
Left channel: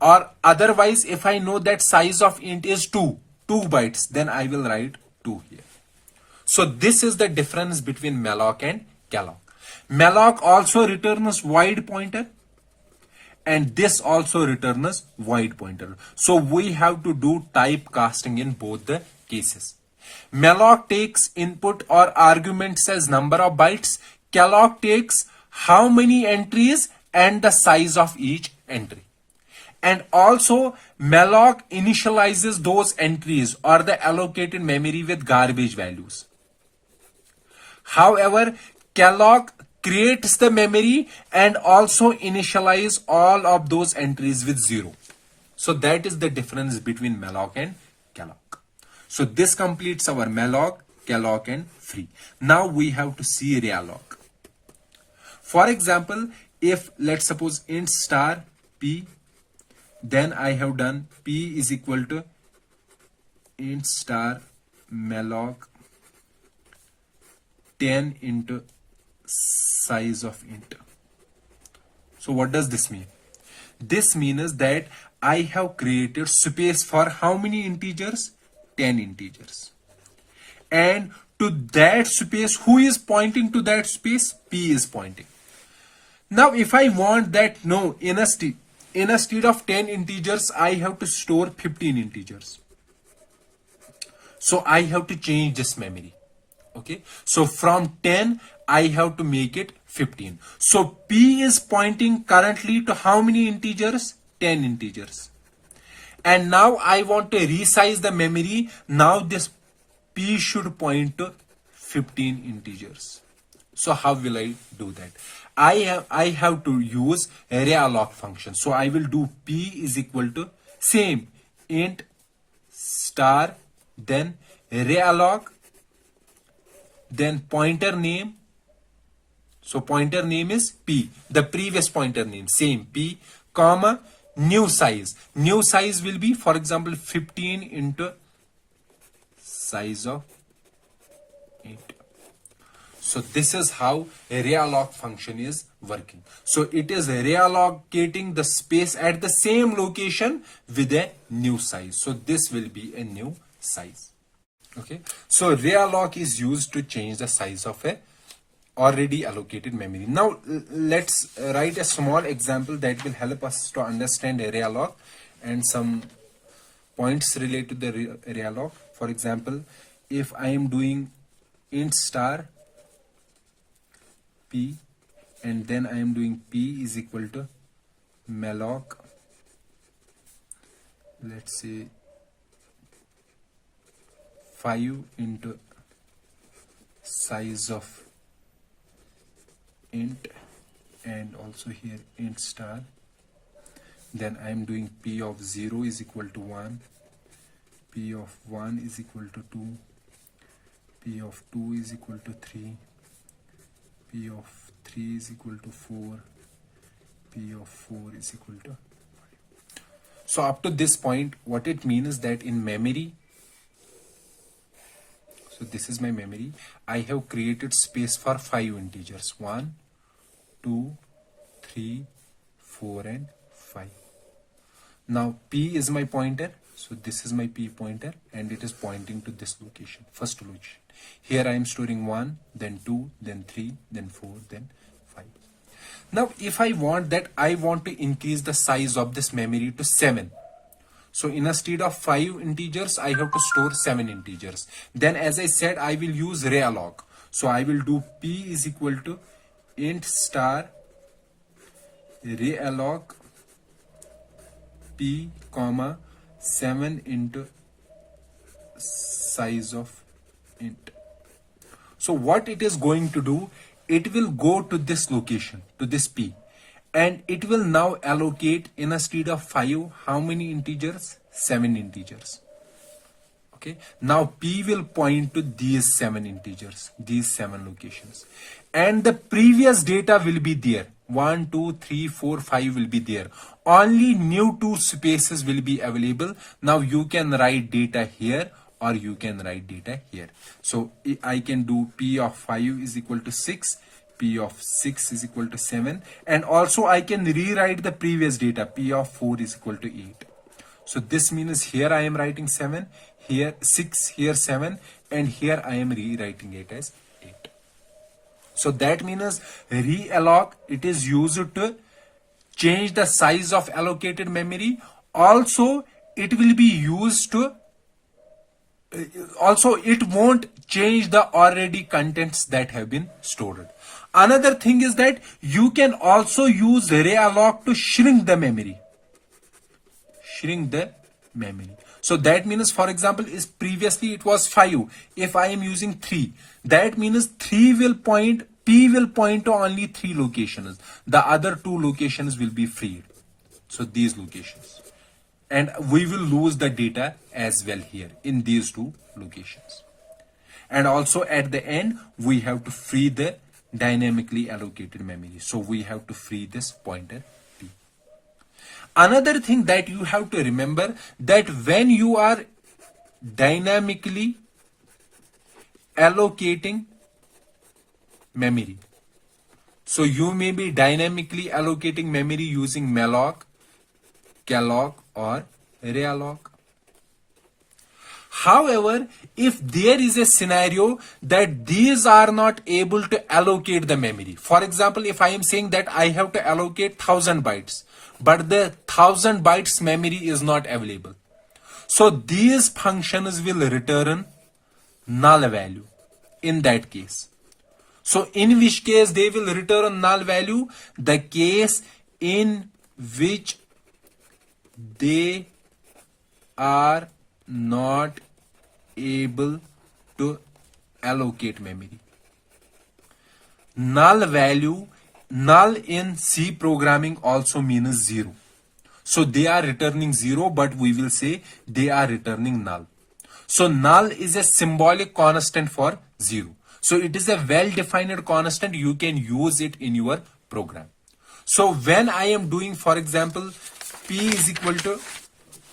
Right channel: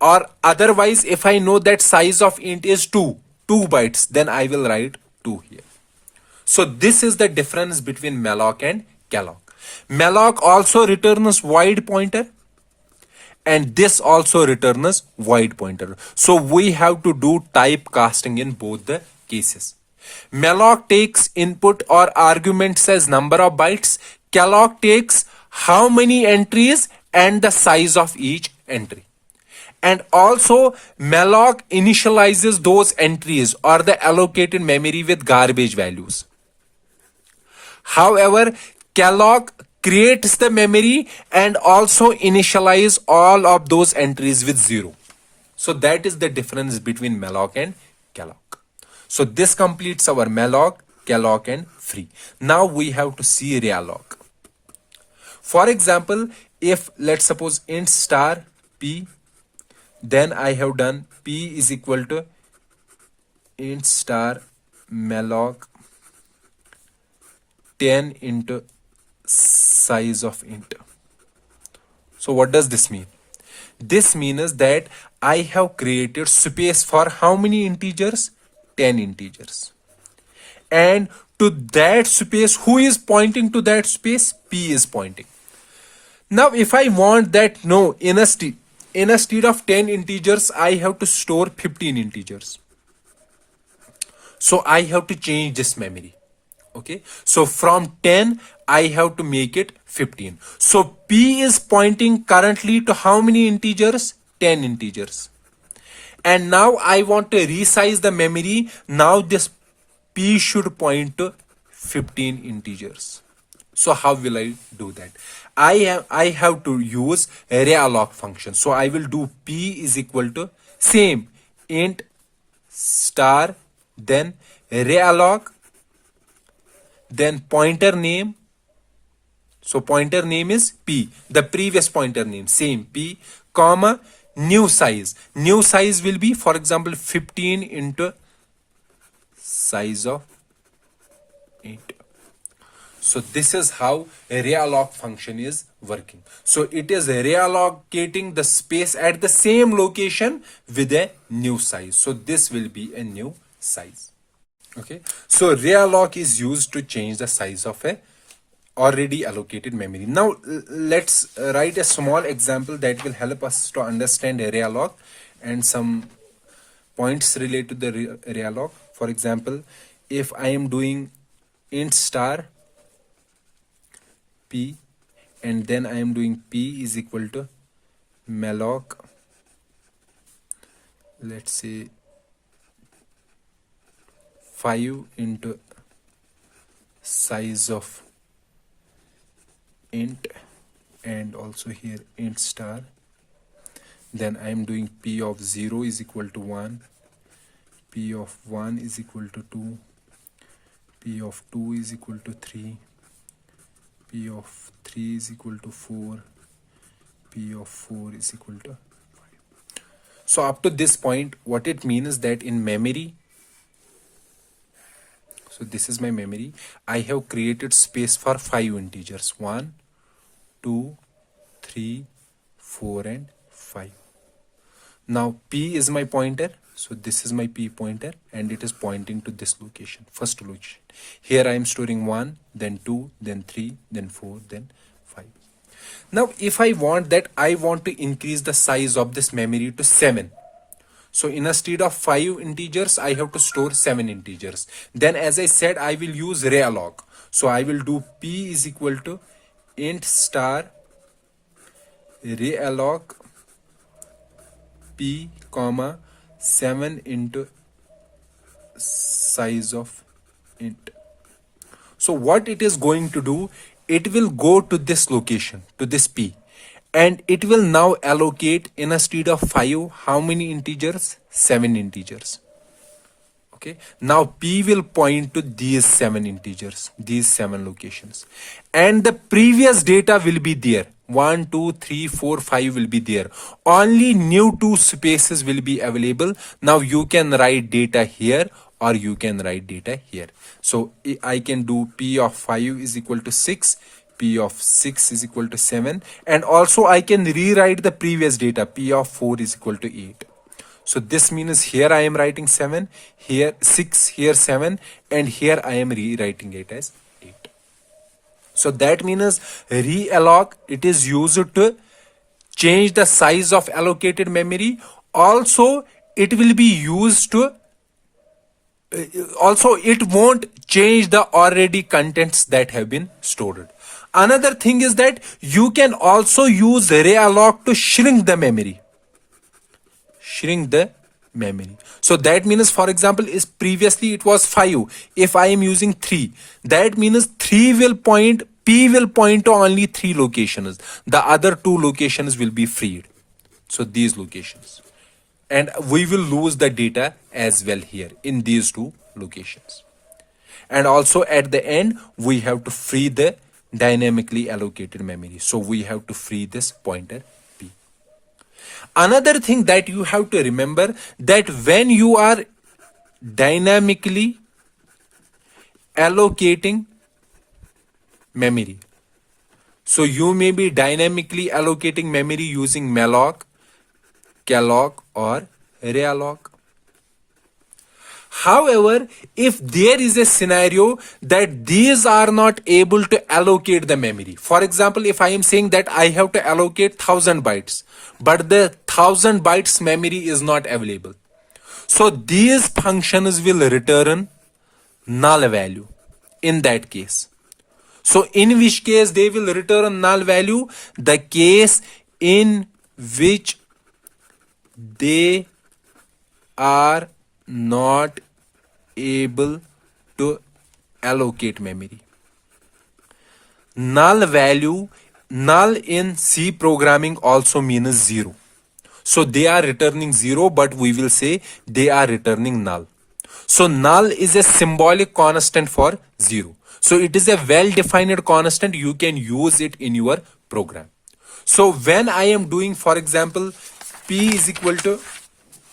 Or otherwise, if I know that size of int is 2 bytes, then I will write 2 here. So this is the difference between malloc and calloc. Malloc also returns void pointer, and this also returns void pointer. So we have to do typecasting in both the cases. Malloc takes input or arguments as number of bytes. Calloc takes how many entries and the size of each entry. And also malloc initializes those entries or the allocated memory with garbage values. However, calloc creates the memory and also initialize all of those entries with 0. So that is the difference between malloc and calloc. So this completes our malloc, calloc and free. Now we have to see realloc. For example, if let's suppose int star p, then I have done p is equal to int star malloc 10 into size of int. So what does this mean? This means that I have created space for how many integers? 10 integers. And to that space, who is pointing to that space? P is pointing. Now if I want that, no, instead of 10 integers, I have to store 15 integers. So I have to change this memory. Okay, so from 10 I have to make it 15. So P is pointing currently to how many integers? 10 integers. And now I want to resize the memory. Now this P should point to 15 integers. So how will I do that? I have to use realloc function. So I will do P is equal to same int star, then realloc, then pointer name. So pointer name is P, the previous pointer name, same P, comma, new size. New size will be, for example, 15 into size of int. So this is how a realloc function is working. So it is reallocating the space at the same location with a new size. So this will be a new size. Okay, so realloc is used to change the size of a already allocated memory. Now let's write a small example that will help us to understand a realloc and some points related to the realloc. For example, if I am doing int star p and then I am doing p is equal to malloc, let's say 5 into size of int, and also here int star, then I am doing p of 0 is equal to 1, p of 1 is equal to 2, p of 2 is equal to 3, p of 3 is equal to 4, p of 4 is equal to 5. So up to this point, what it means is that in memory, so this is my memory, I have created space for 5 integers, 1, 2, 3, 4 and 5. Now P is my pointer, so this is my P pointer and it is pointing to this location, first location. Here I am storing 1, then 2, then 3, then 4, then 5. Now if I want that, I want to increase the size of this memory to 7. So instead of 5 integers, I have to store 7 integers. Then as I said, I will use realloc. So I will do P is equal to int star realloc P comma 7 into size of int. So what it is going to do, it will go to this location, to this P. And it will now allocate instead of 5, how many integers? 7 integers. Okay, now P will point to these 7 integers, these 7 locations, and the previous data will be there. 1, 2, 3, 4, 5 will be there. Only new 2 spaces will be available. Now you can write data here or you can write data here. So I can do P of 5 is equal to 6, P of 6 is equal to 7, and also I can rewrite the previous data. P of 4 is equal to 8. So this means here I am writing 7, here 6, here 7, and here I am rewriting it as 8. So that means realloc, it is used to change the size of allocated memory. Also, it will be used to also it won't change the already contents that have been stored. Another thing is that you can also use realloc to shrink the memory. So that means, for example, is previously it was 5. If I am using 3, that means 3 will point, P will point to only 3 locations. The other 2 locations will be freed. So these locations. And we will lose the data as well here in these 2 locations. And also at the end, we have to free the dynamically allocated memory. So we have to free this pointer P. Another thing that you have to remember, that when you are dynamically allocating memory, so you may be dynamically allocating memory using malloc, calloc, or realloc. However, if there is a scenario that these are not able to allocate the memory, for example, if I am saying that I have to allocate 1000 bytes, but the 1000 bytes memory is not available, so these functions will return null value in that case. So in which case they will return null value? The case in which they are not able to allocate memory. Null value, null in C programming also means 0. So they are returning 0, but we will say they are returning null. So null is a symbolic constant for 0. So it is a well-defined constant. You can use it in your program. So when I am doing, for example, P is equal to,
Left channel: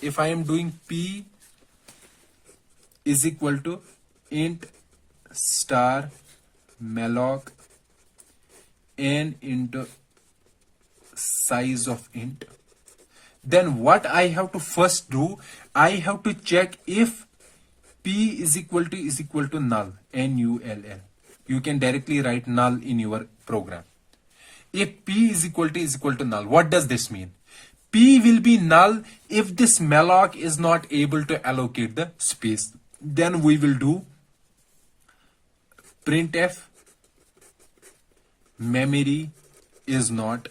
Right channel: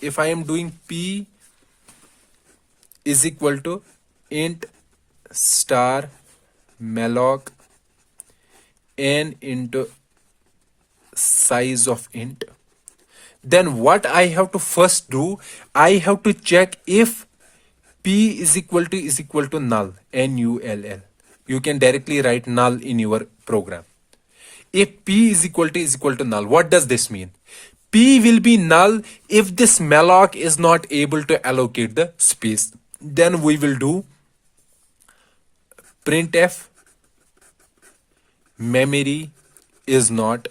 if I am doing P is equal to int star malloc n into size of int, then what I have to first do, I have to check if P is equal to null, null. You can directly write null in your program. If P is equal to null, what does this mean? P will be null if this malloc is not able to allocate the space. Then we will do printf memory is not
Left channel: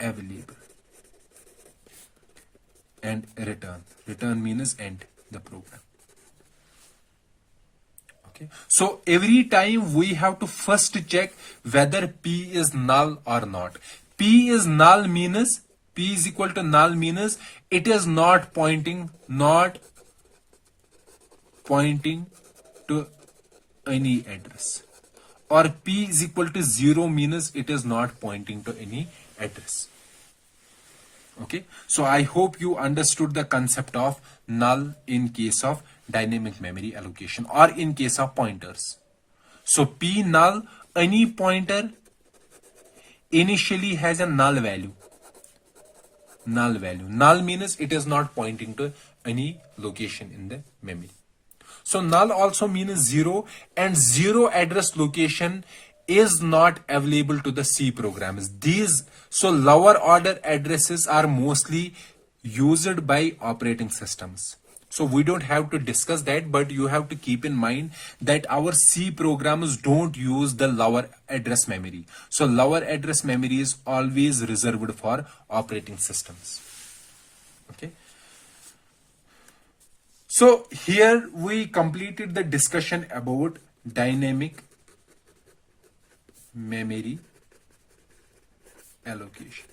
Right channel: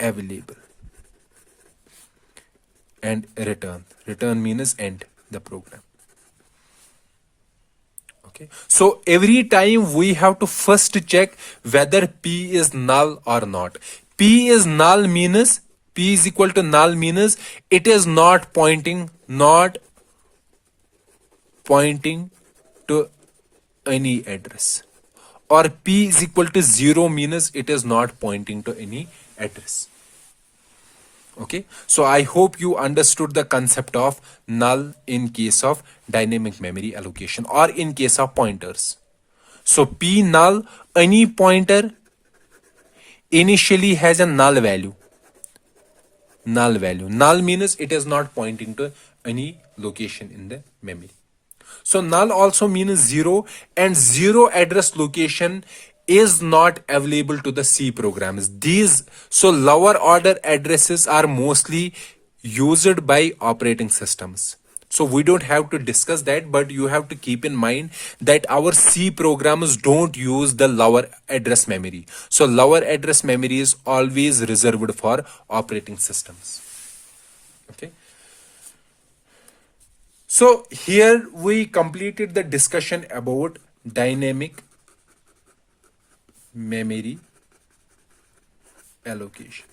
available and return means end the program. Okay, so every time we have to first check whether P is null or not. P is null means, P is equal to null means it is not pointing to any address, or P is equal to 0 means it is not pointing to any address. Okay, so I hope you understood the concept of null in case of dynamic memory allocation or in case of pointers. So P null, any pointer initially has a null value. Null means it is not pointing to any location in the memory. So null also means 0, and 0 address location is not available to the C programs. So lower order addresses are mostly used by operating systems. So we don't have to discuss that, but you have to keep in mind that our C programs don't use the lower address memory. So lower address memory is always reserved for operating systems. Okay. So here we completed the discussion about dynamic memory allocation.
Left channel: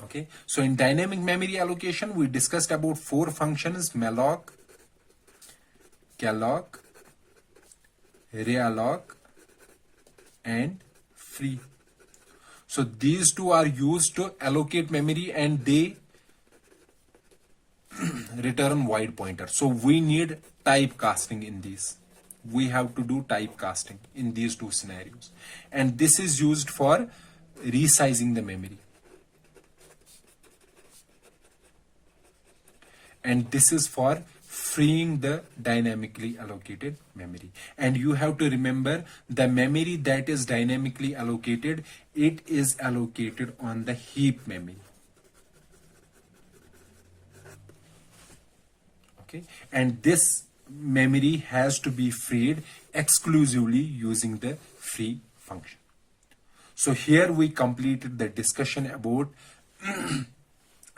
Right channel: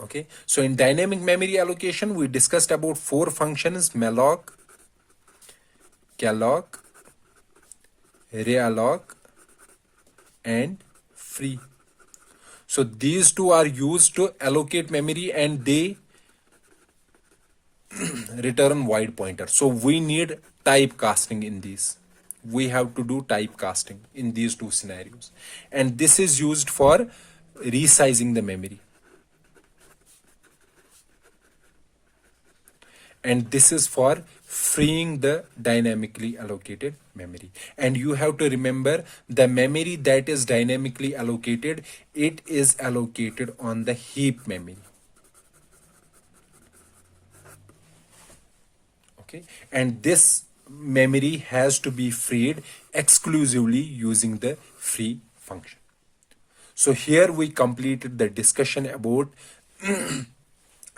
Okay, so in dynamic memory allocation, we discussed about four functions: malloc, calloc, realloc, and free. So these two are used to allocate memory and they return wide pointer. So we need typecasting in these. We have to do typecasting in these two scenarios. And this is used for resizing the memory. And this is for freeing the dynamically allocated memory. And you have to remember the memory that is dynamically allocated, it is allocated on the heap memory. Okay, and this memory has to be freed exclusively using the free function. So here we completed the discussion about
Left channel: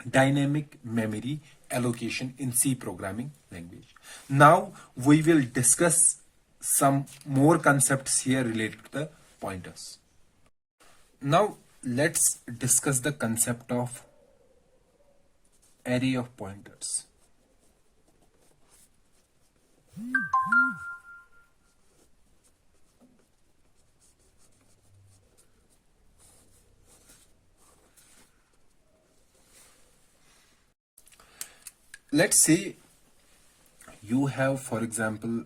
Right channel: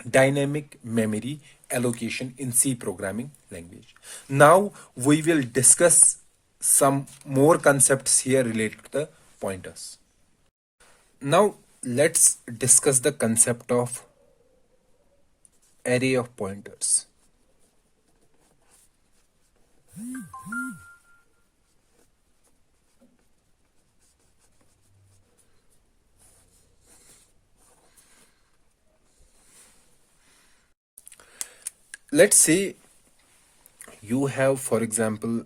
dynamic memory allocation in C programming language. Now we will discuss some more concepts here related to the pointers. Now let's discuss the concept of array of pointers. Let's say you have, for example,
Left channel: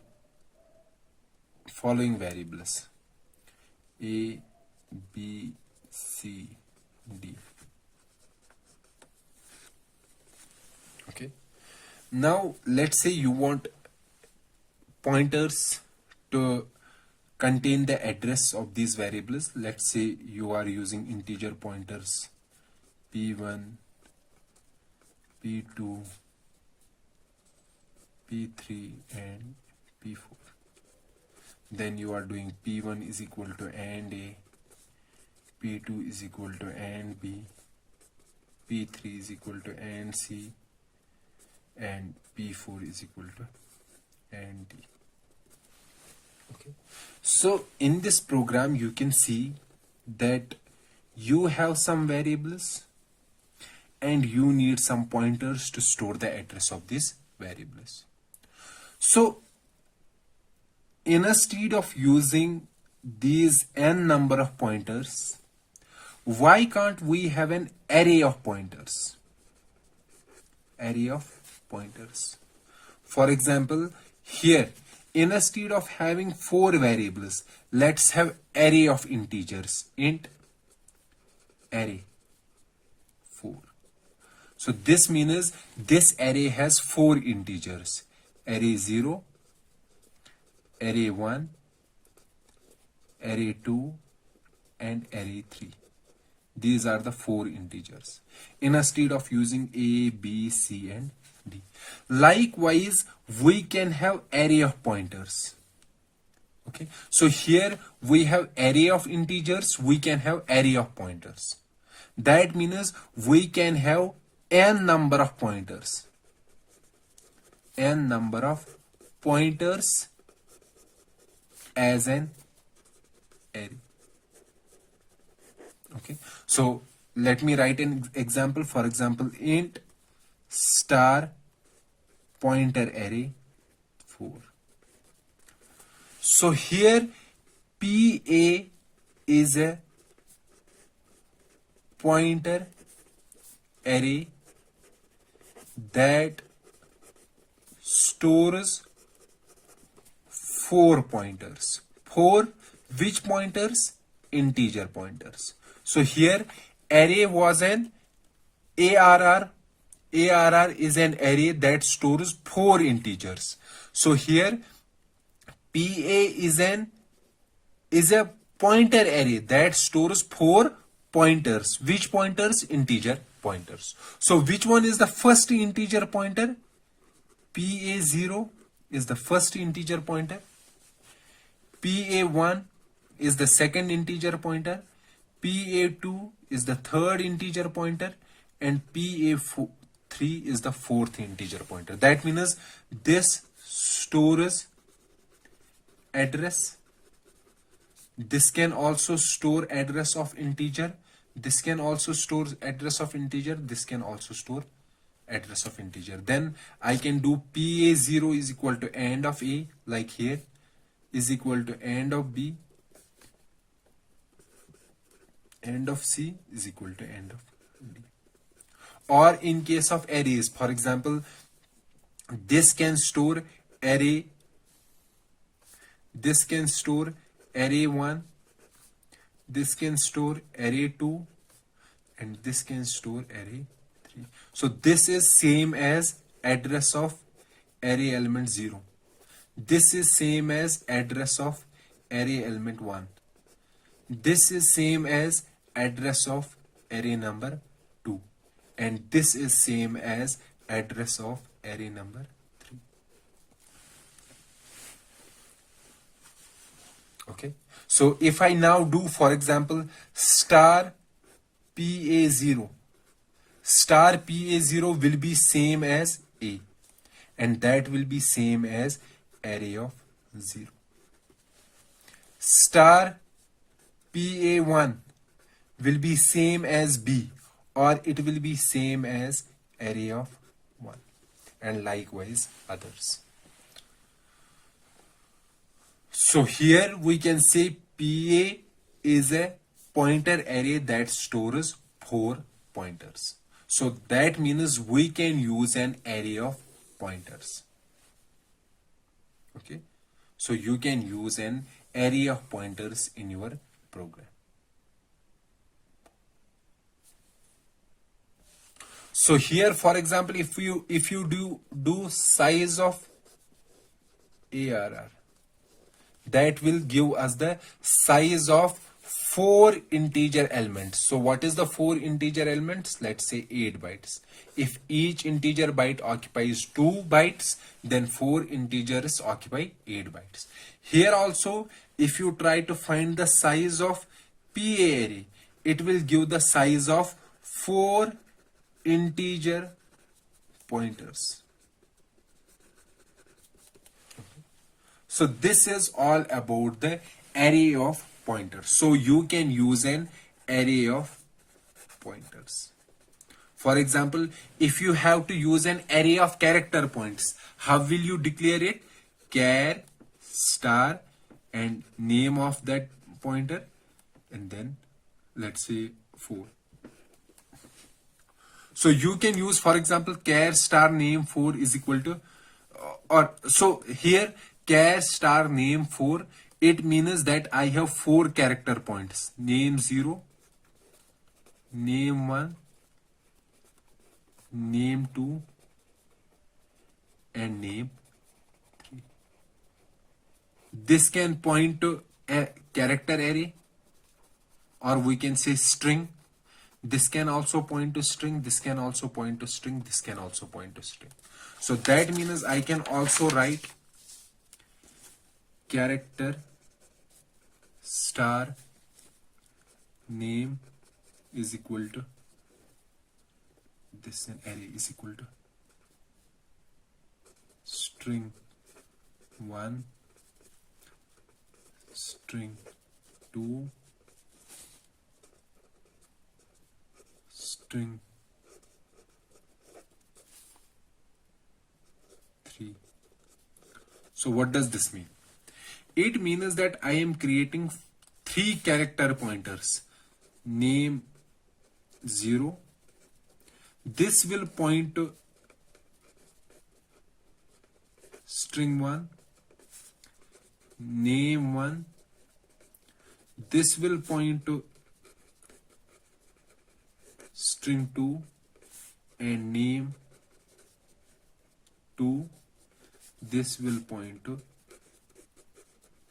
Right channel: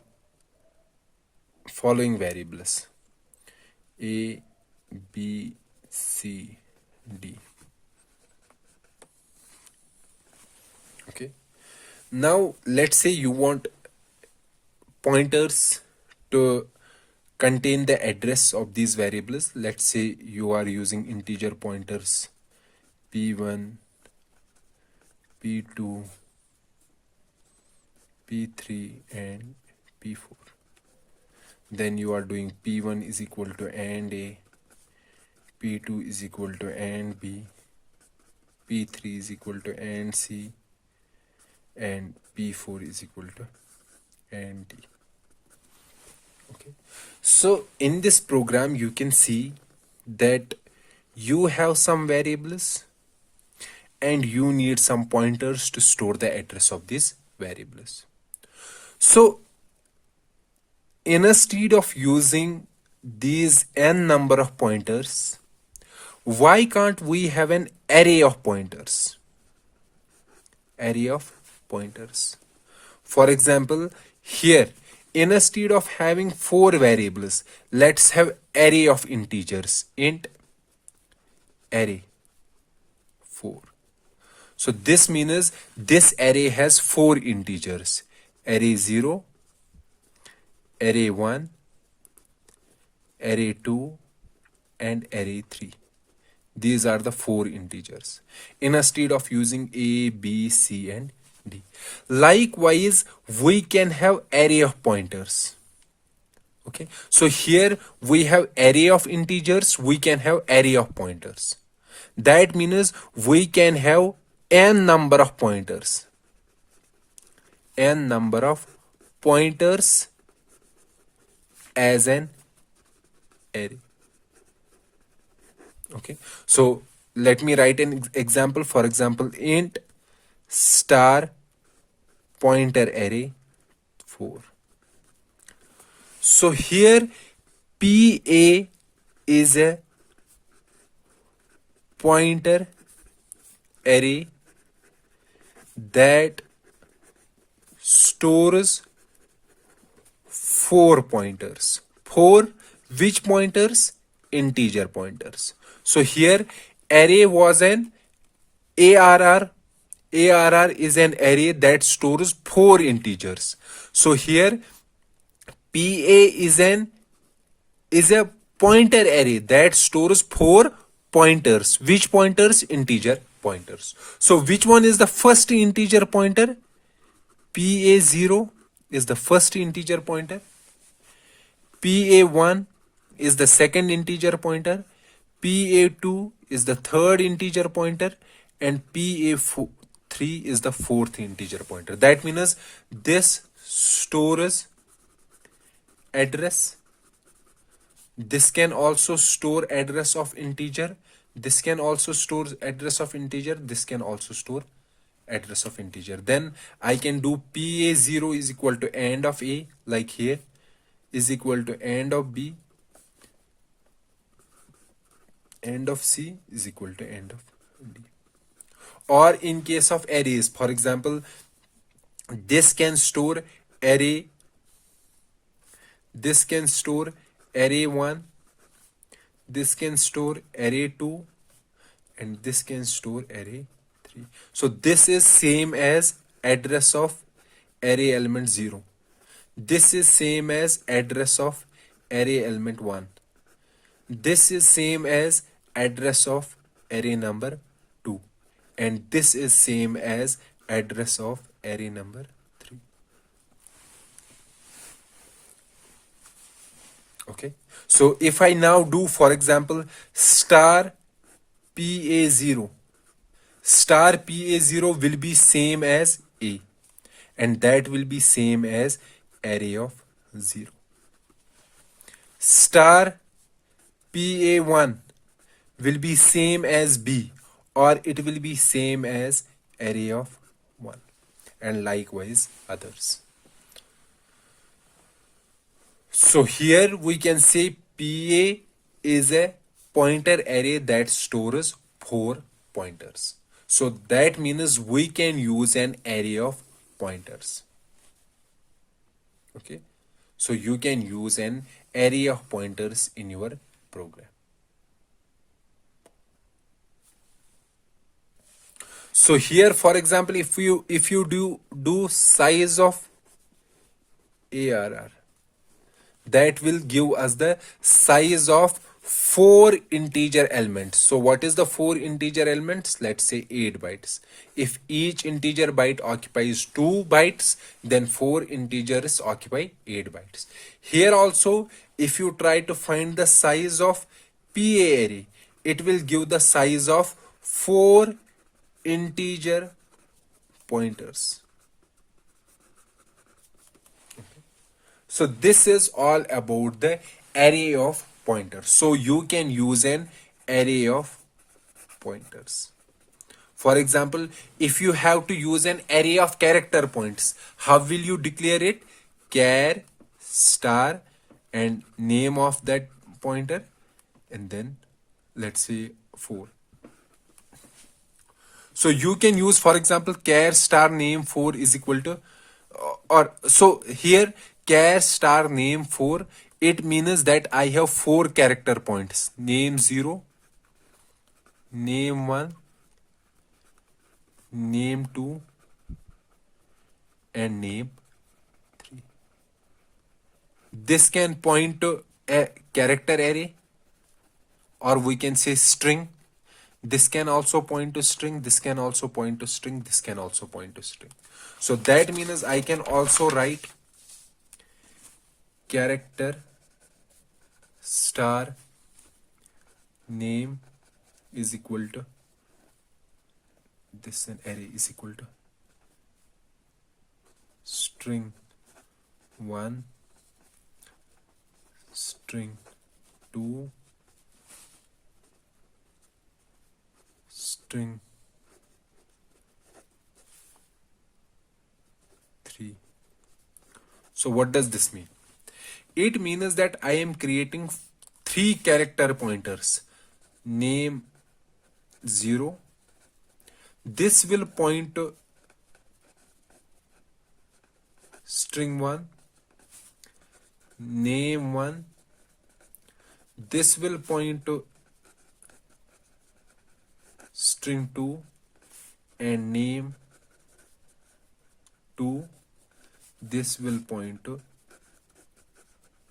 following variables: a, b, c, d. Okay, now let's say you want pointers to contain the address of these variables. Let's say you are using integer pointers p1, p2, p3, and p4. Then you are doing p1 is equal to and a, p2 is equal to and b, p3 is equal to and c, and p4 is equal to and d. Okay, so in this program you can see that you have some variables and you need some pointers to store the address of these variables. So instead of using these n number of pointers, why can't we have an array of pointers? Array of pointers. For example, here, instead of having 4 variables, let's have array of integers. Int array 4. So this means this array has 4 integers: array 0, array 1, array 2, and array 3. These are the 4 integers instead of using a, b, c, and d. Likewise, we can have array of pointers. Okay, so here we have array of integers, we can have array of pointers. That means we can have n number of pointers. N number of pointers as an array. Okay, so let me write an example. For example, int star pointer array 4. So here PA is a pointer array that stores 4 pointers. 4 which pointers? Integer pointers. So here array was an ARR. ARR is an array that stores 4 integers. So here PA is a pointer array that stores 4 pointers. Which pointers? Integer pointers. So which one is the first integer pointer? PA0 is the first integer pointer. PA1 is the second integer pointer. PA2 is the third integer pointer, and PA3 is the fourth integer pointer. That means this stores address. This can also store address of integer. This can also store address of integer. This can also store address of integer. Then I can do PA0 is equal to AND of A, like here, is equal to AND of B, AND of C is equal to AND of D. Or in case of arrays, for example, this can store array, this can store array1, this can store array2, and this can store array3. So this is same as address of array element 0. This is same as address of array element 1. This is same as address of array number 2. And this is same as address of array number 3. Okay. So if I now do, for example, star PA0, star PA0 will be same as A, and that will be same as array of 0. Star PA1 will be same as B, or it will be same as array of 1, and likewise others. So here we can say PA is a pointer array that stores 4 pointers. So that means we can use an array of pointers. Okay. So you can use an array of pointers in your program. So here, for example, if you do size of ARR, that will give us the size of 4 integer elements. So what is the 4 integer elements? Let's say 8 bytes. If each integer byte occupies 2 bytes, then 4 integers occupy 8 bytes. Here also, if you try to find the size of PA array, it will give the size of 4 integer pointers. So this is all about the array of pointers. So you can use an array of pointers. For example, if you have to use an array of character points, how will you declare it? Char star and name of that pointer, and then let's say 4. So you can use, for example, char star name 4 is equal to, or so here char star name 4, it means that I have 4 character points: name 0, name 1, name 2, and name 3. This can point to a character array, or we can say string. This can also point to string, this can also point to string, this can also point to string. So that means I can also write character star name is equal to this, an array is equal to string 1, string 2, string 3. So what does this mean? It means that I am creating 3 character pointers. Name 0. This will point to string 1. Name 1. This will point to string 2 and name 2. This will point to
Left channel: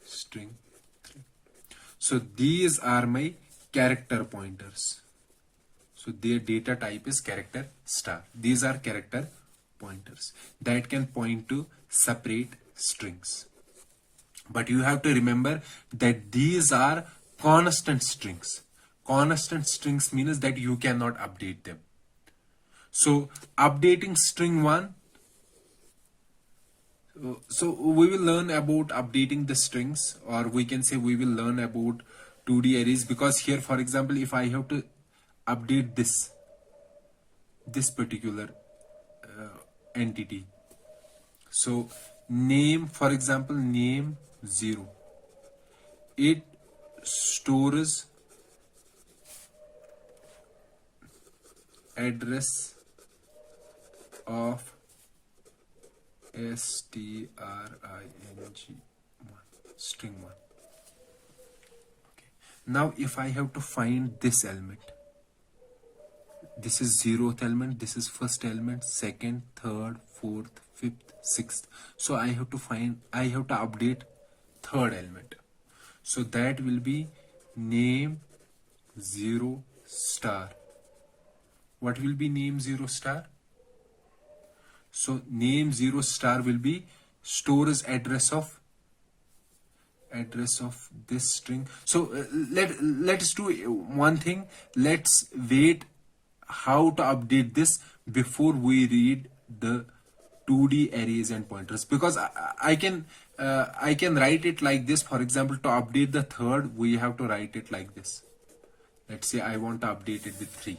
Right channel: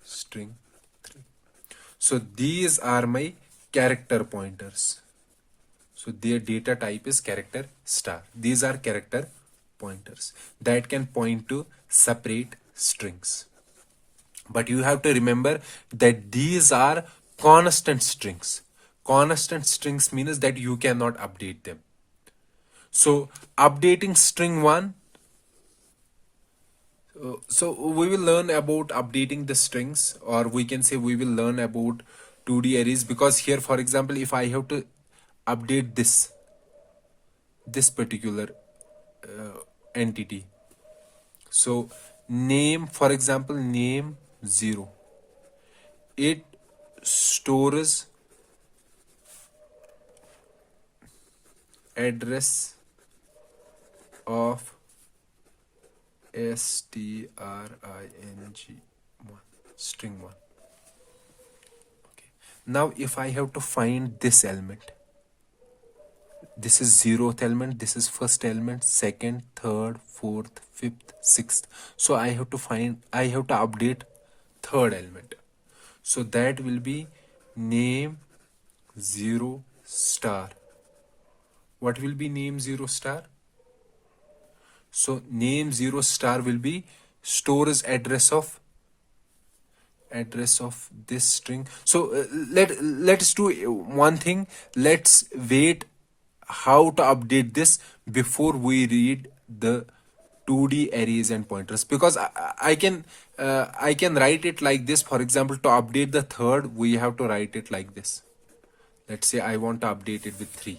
string 3. So these are my character pointers. So their data type is character star. These are character pointers that can point to separate strings. But you have to remember that these are constant strings. Constant strings means that you cannot update them. So updating string 1, so we will learn about updating the strings, or we can say we will learn about 2D arrays, because here, for example, if I have to update this particular entity. So name, for example, name 0, it stores address of string 1, string 1. Okay. Now if I have to find this element, this is 0th element, this is first element, second, third, fourth, fifth, sixth. So I have to update third element. So that will be name 0 star. What will be name 0 star? So name 0 star will be stores address of this string. So let's do one thing. Let's wait how to update this before we read the 2D arrays and pointers, because I can write it like this. For example, to update the third, we have to write it like this. Let's say I want to update it with 3,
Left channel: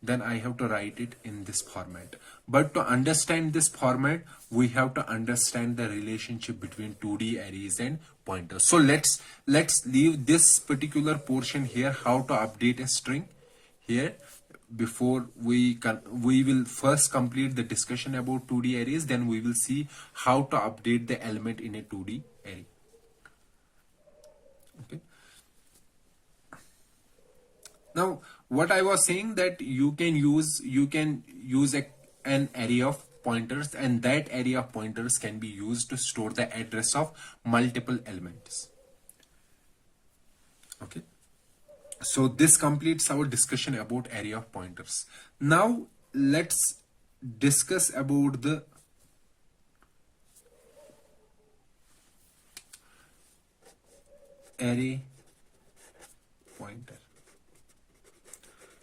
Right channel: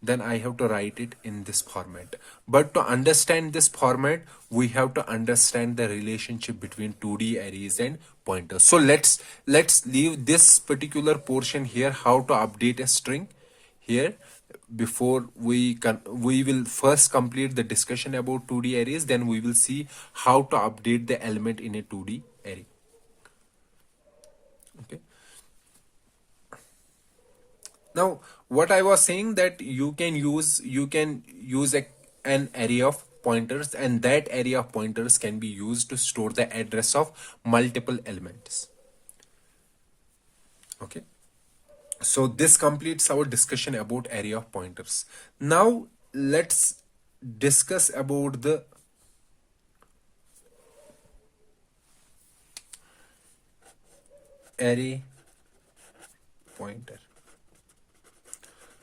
then I have to write it in this format. But to understand this format, we have to understand the relationship between 2D arrays and pointers. So let's leave this particular portion here, how to update a string here. Before we will first complete the discussion about 2D arrays, then we will see how to update the element in a 2D array. Okay. Now, what I was saying, that you can use an array of pointers, and that array of pointers can be used to store the address of multiple elements. Okay. So this completes our discussion about array of pointers. Now let's discuss about the array pointer.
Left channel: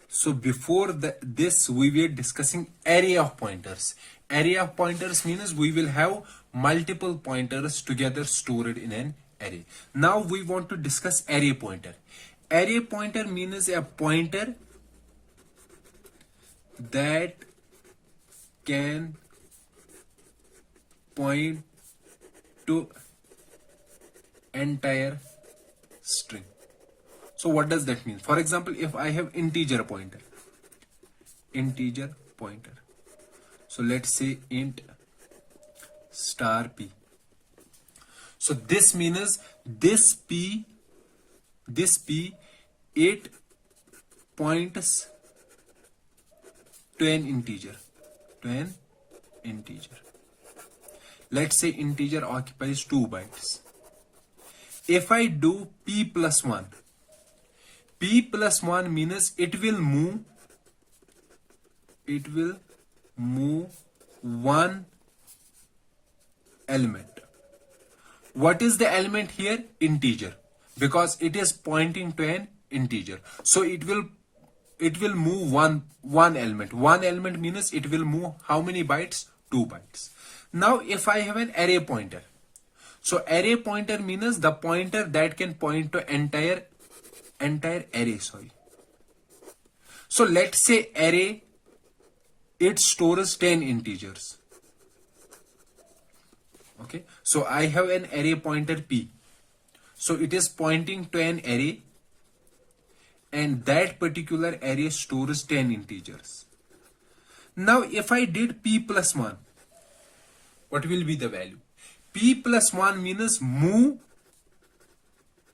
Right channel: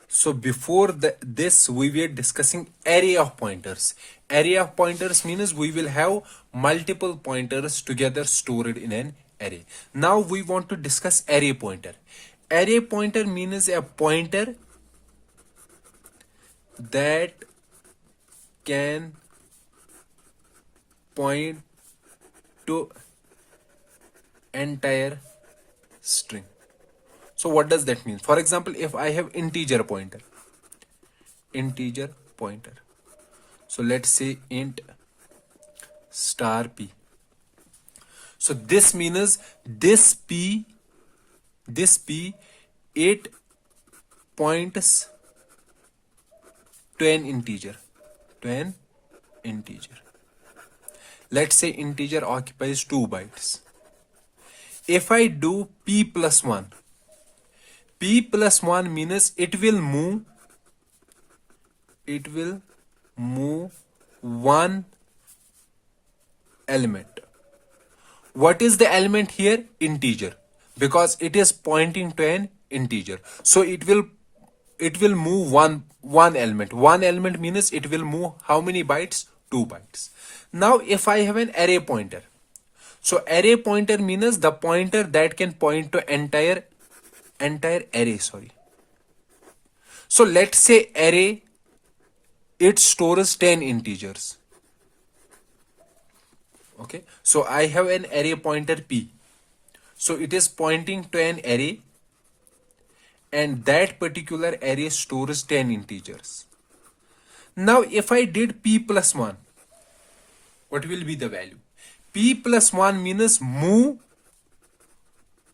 So before this we were discussing array of pointers. Array of pointers means we will have multiple pointers together stored in an array. Now we want to discuss array pointer. Array pointer means a pointer that can point to entire string. So what does that mean? For example, if I have integer pointer, so let's say int star p. So this means this p, it points to an integer, Let's say integer occupies 2 bytes. If I do p plus 1, means it will move one element. What is the element here? Integer, because it is pointing to an integer. So it will move one element. One element means it will move how many bytes? 2 bytes. Now if I have an array pointer, so array pointer means the pointer that can point to entire array. So let's say array, it stores 10 integers. Okay, so I have an array pointer p, so it is pointing to an array, and that particular array stores 10 integers. Now if I did p plus 1, what will be the value? P plus 1 means move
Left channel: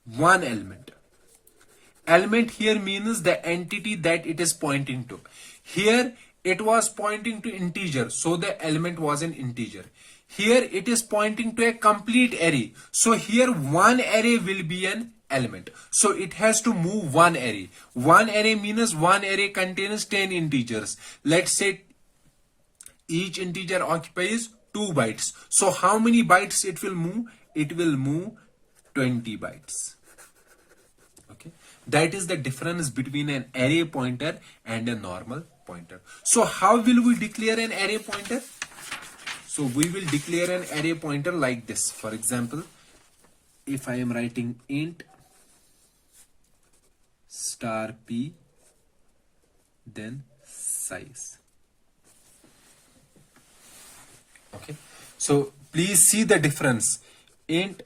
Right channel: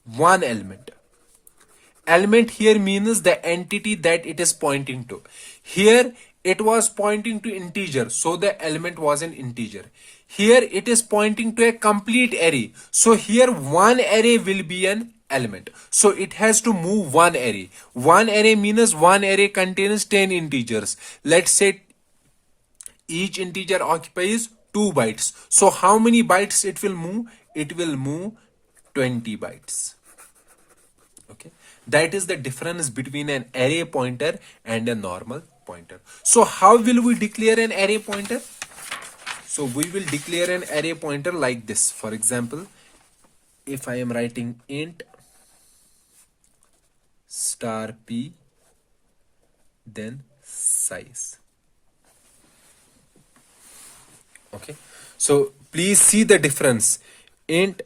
one element. Element here means the entity that it is pointing to. Here it was pointing to integer, so the element was an integer. Here it is pointing to a complete array, so here one array will be an element. So it has to move one array. One array means one array contains 10 integers. Let's say each integer occupies 2 bytes. So how many bytes it will move? It will move 20 bytes. Okay, that is the difference between an array pointer and a normal pointer. So how will we declare an array pointer? So we will declare an array pointer like this. For example, if I am writing int star p, then size. Okay, so please see the difference. Int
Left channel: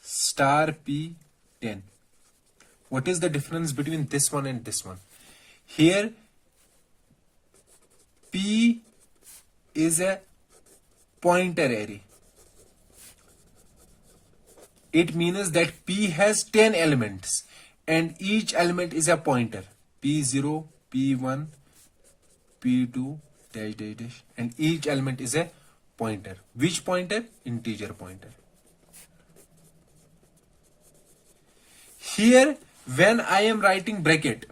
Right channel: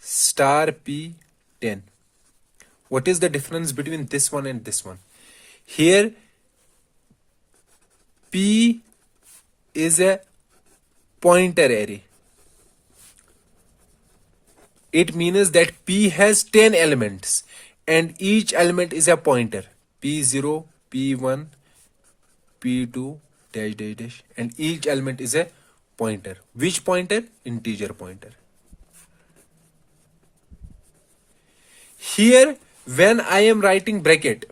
star p 10. What is the difference between this one and this one? Here p is a pointer array. It means that p has 10 elements and each element is a pointer. P0, P1, P2, dash dash dash, and each element is a pointer. Which pointer? Integer pointer. Here, when I am writing bracket,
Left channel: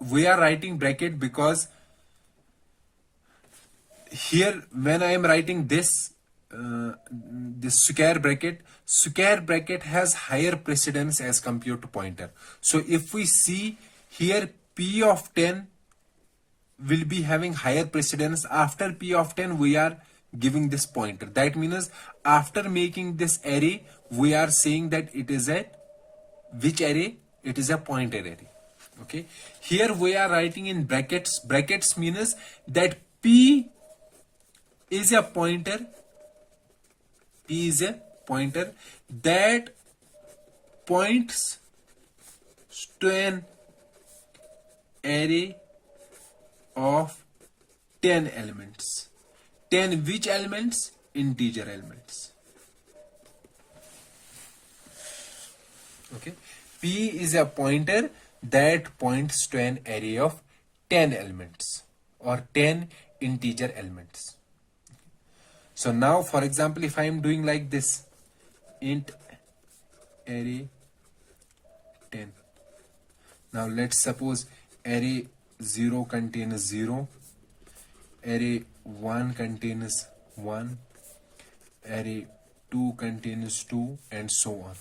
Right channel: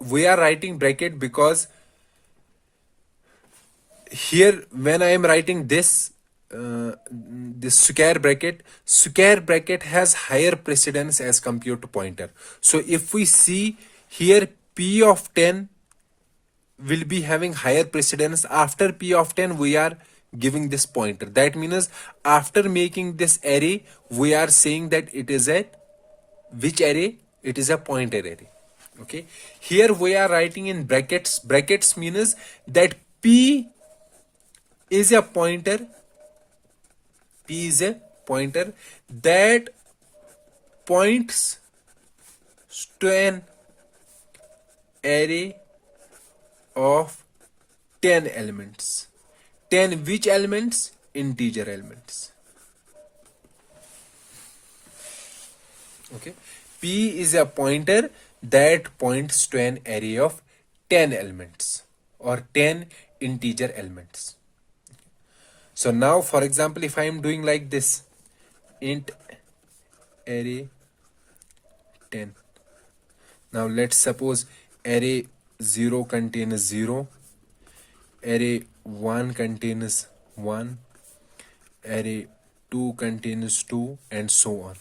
we are writing bracket because here when I am writing this square bracket has higher precedence as compared to pointer. So if we see here, p of 10 will be having higher precedence. After p of 10 we are giving this pointer. That means after making this array we are saying that it is a which array? It is a pointer array. Okay, here we are writing in brackets means that p is a pointer that points to an array of 10 elements. 10 which elements? Integer elements. Okay, p is a pointer that points to an array of 10 elements or 10 integer elements. So now, for example, if I am doing like this, int array 10. Now let's suppose array 0 contains 0, array 1 contains 1, array 2 contains 2, and so on,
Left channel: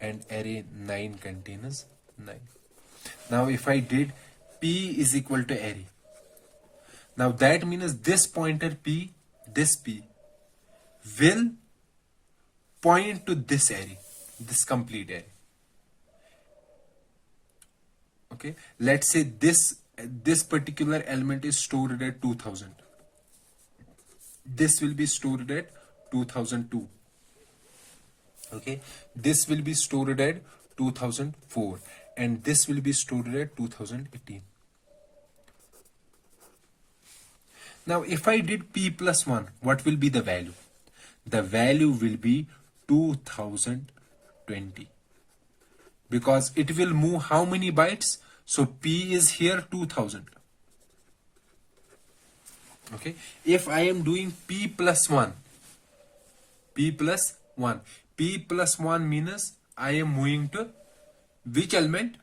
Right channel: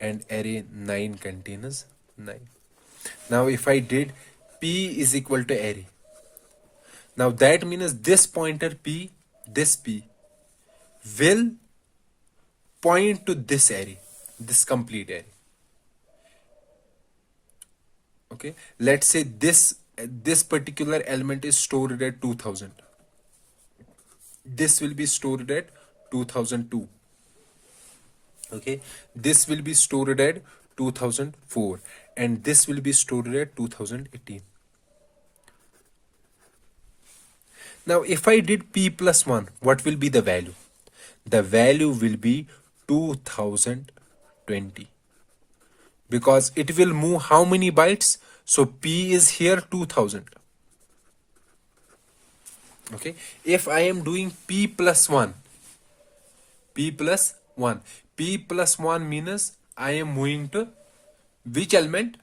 and array 9 contains 9. Now if I did p is equal to array, now that means this pointer p, this p will point to this array, this complete array. Okay, let's say this particular element is stored at 2000. This will be stored at 2002. Okay, this will be stored at 2004, and this will be stored at 2018. Now if I did p plus 1, what will be the value? The value will be 2020, because it will move how many bytes? So p is here 2000. Okay, if I am doing p plus 1 means I am moving to which element?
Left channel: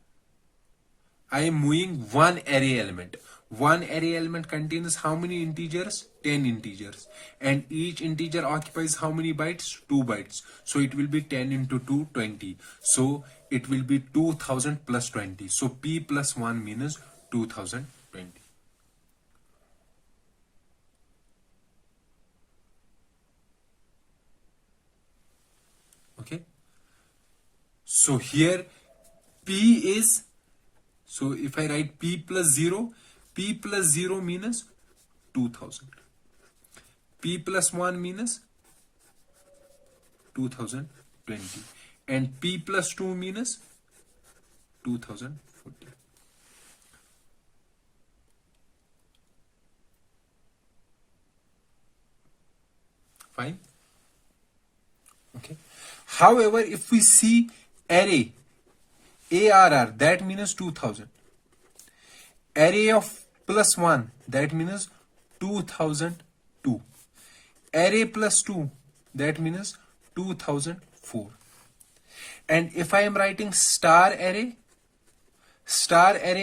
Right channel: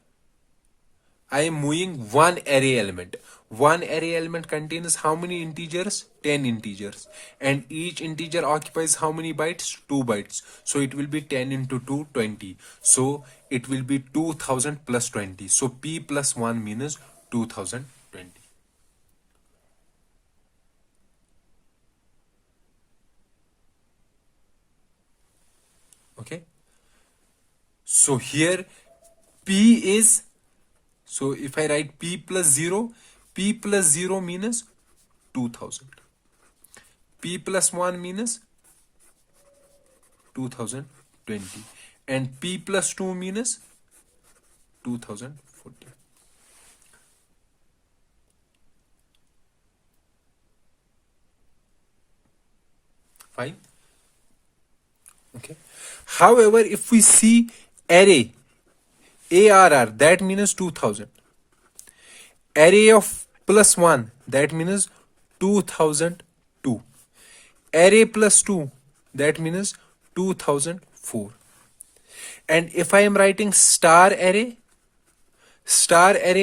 I am moving one array element. One array element contains how many integers? 10 integers. And each integer occupies how many bytes? 2 bytes. So it will be 10 into 2, 20. So it will be 2000 plus 20. So p plus 1 means 2020. Okay. So here p is, so if I write p plus 0 means 2000. P plus 1 means 2020. And p plus 2 means 2040. Fine. Okay. However, if we see array ARR, that means 2000. Array of plus 1, that means 2002. Array plus 2, that means 2004. And if I am writing star array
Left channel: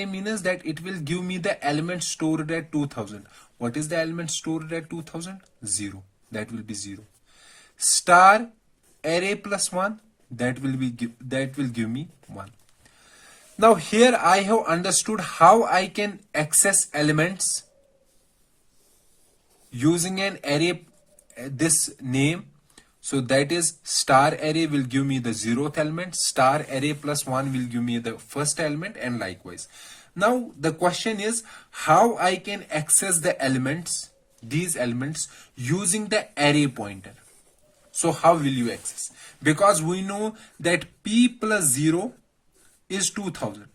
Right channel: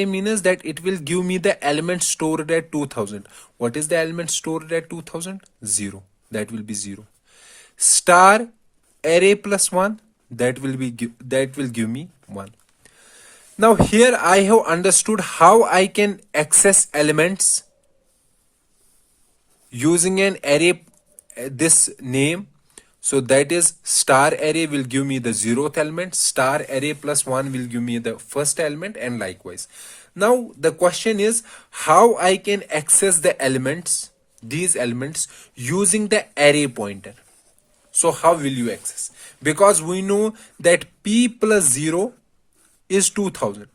means that it will give me the element stored at 2000. What is the element stored at 2000? 0. That will be 0. Star array plus 1, that will give me 1. Now here I have understood how I can access elements using an array, this name. So that is star array will give me the 0th element, star array plus 1 will give me the first element, and likewise. Now the question is how I can access the elements, these elements, using the array pointer. So how will you access? Because we know that p plus 0 is 2000.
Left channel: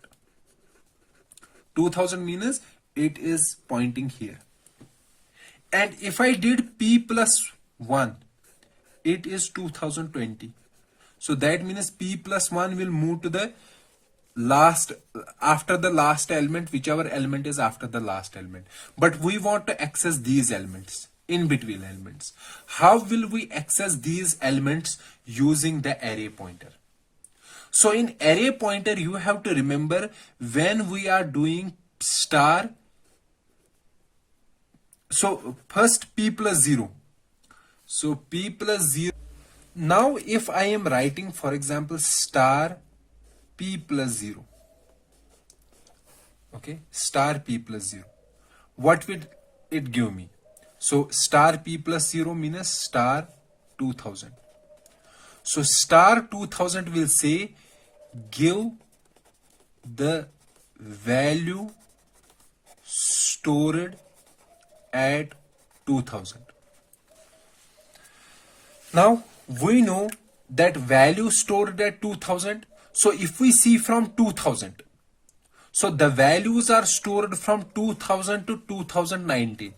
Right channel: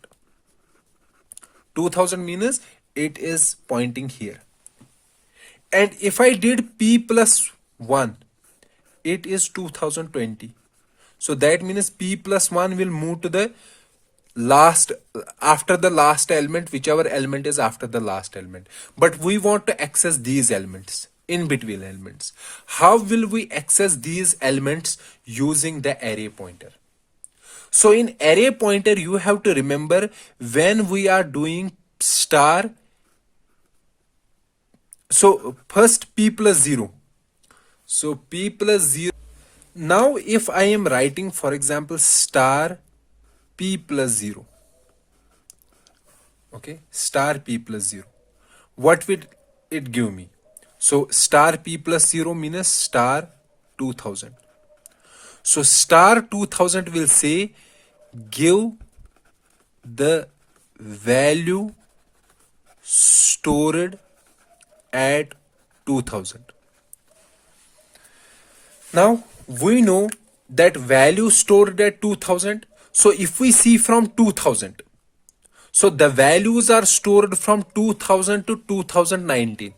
2000 means it is pointing here. And if I did p plus 1, it is 2020. So that means p plus 1 will move to the last, after the last element, whichever element is after the last element. But we want to access these elements, in between elements. How will we access these elements? Using the array pointer. So in array pointer, you have to remember when we are doing star. So first p plus 0. So p plus 0. Now if I am writing, for example, star p plus 0. Okay, star p plus 0. What will it give me? So star p plus 0 means star 2000. So star 2000 will say give the value stored at 2000. Now we know that value stored at 2000. So if we see from 2000, so the values are stored from 2000 to 2019.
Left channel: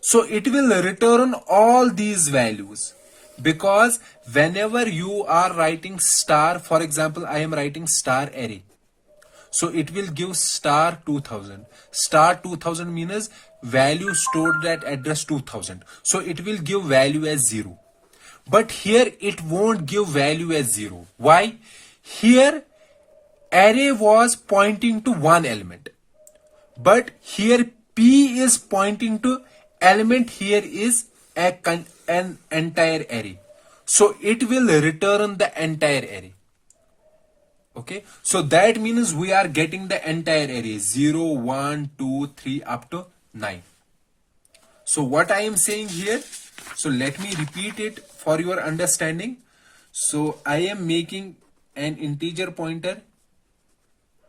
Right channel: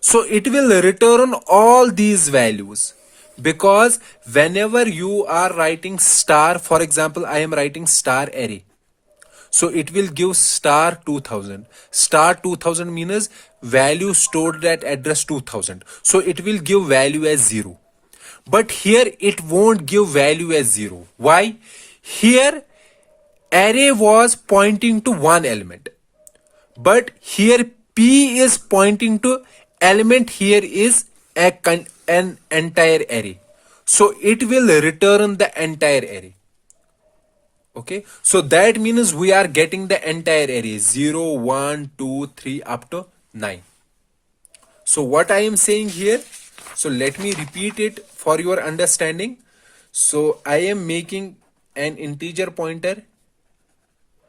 So it will return all these values, because whenever you are writing star, for example, I am writing star array. So it will give star 2000. Star 2000 means value stored at address 2000. So it will give value as 0. But here it won't give value as 0. Why? Here array was pointing to one element. But here P is pointing to element, here is an entire array. So it will return the entire array. Okay, so that means we are getting the entire array 0, 1, 2, 3 up to 9. So what I am saying here, so let me repeat it for your understanding. So I am making an integer pointer,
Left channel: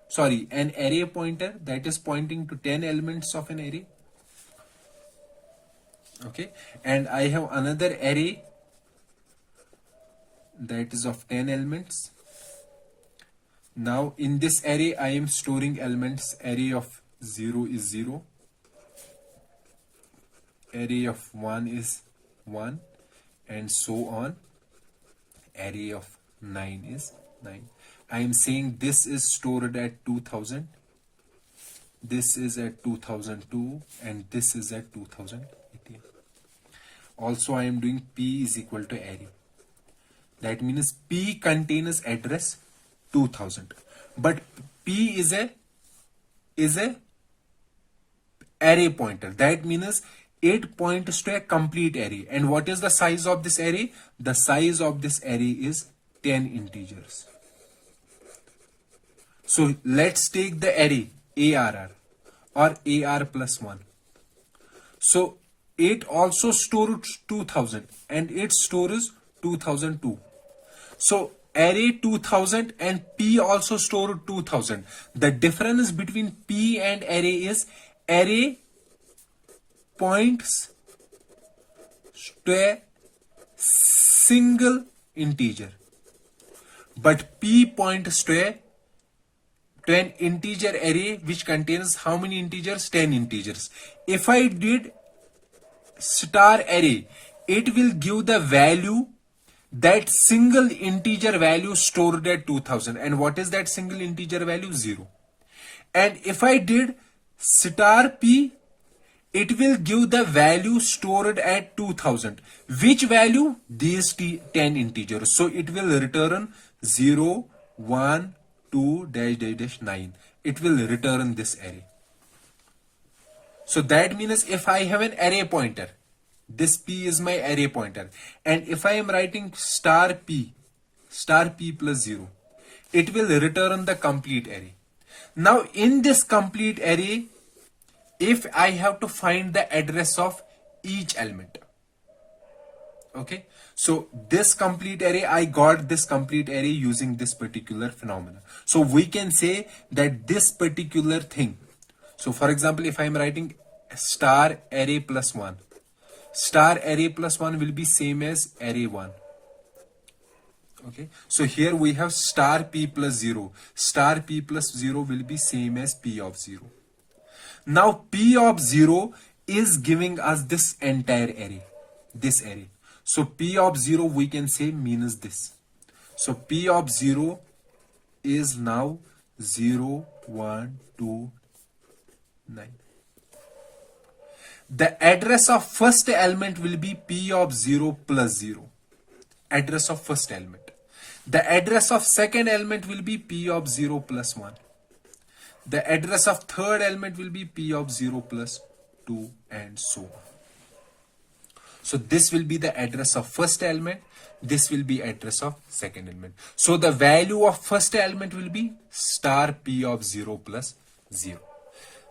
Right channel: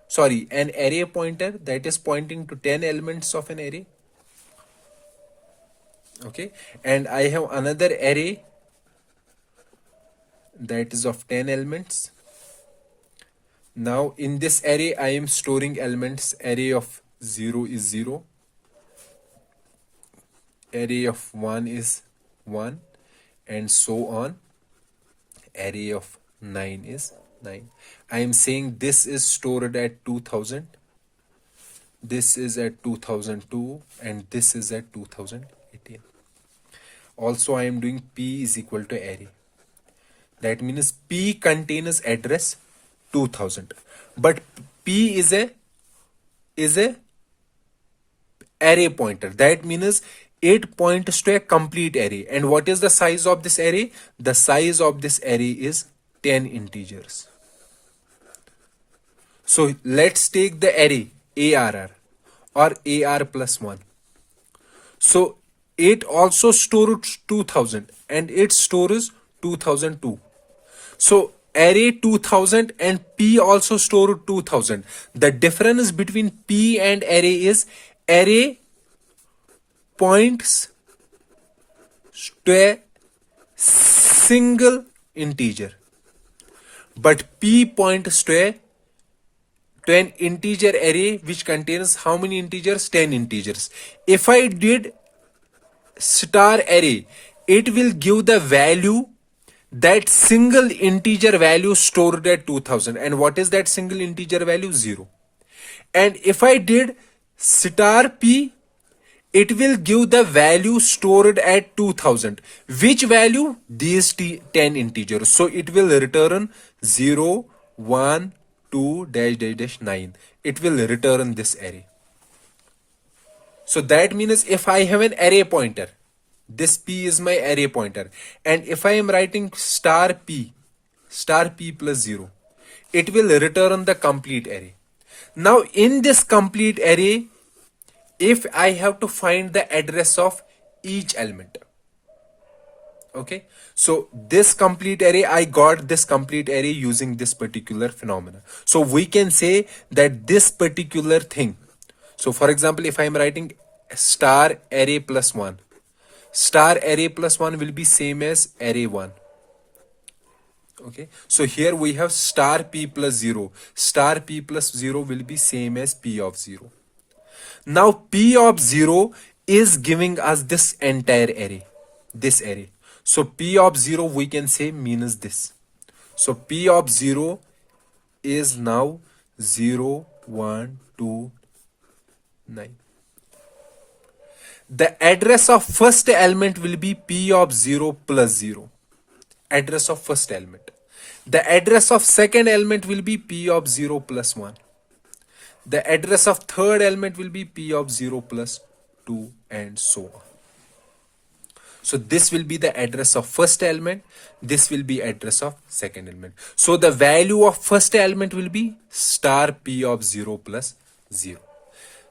sorry, an array pointer that is pointing to 10 elements of an array. Okay, and I have another array that is of 10 elements. Now in this array I am storing elements. Array of 0 is 0, array of 1 is 1, and so on. Array of 9 is 9. I am saying this is stored at 2000, this is at 2002, and this is at 2018. Also I am doing p is equal to array. That means p contains address 2000, but p is a array pointer. That means it points to a complete array. And what is the size of this array? The size of this array is 10 integers. So let's take the array ARR or AR plus 1. So it also stores 2000 and it stores 2002. So array 2000 and P also store 2000. The difference between P and array is array points to a single integer, but P points to an integer array which contains how many integers? 10 integers. If I did star array, it will give the value, that single integer value stored at 2000. And what is that single integer value? 0. And if I did star p, it will give the value stored at 2000. Which value? These 10 integers. So it will return 0, 1, 2, dash, dash, dash, 9. It will return this array. So that means if I have an array pointer, this p is my array pointer, and if I am writing star p plus 0, it will return the complete array. Now in this complete array, if I have to find the address of each element, okay, So this complete array, I got this complete array using this particular phenomena. So we can say that this particular thing. So for example, if I'm writing star array plus 1, star array plus 1 will be same as array 1. Okay, so here we have star p plus 0. Star p plus 0 will be same as p of 0. Now p of 0 is giving us this entire array, this array. So p of 0 we can say means this. So p of 0 is now 0, 1, 2, 9. The address of first element will be p of 0 plus 0. Address of first element. The address of second element will be p of 0 plus 1. The address of third element will be p of 0 plus 2 and so on. So this will be the address of first element. This will be address of second element. So the value of first element will be star p of 0 plus 0.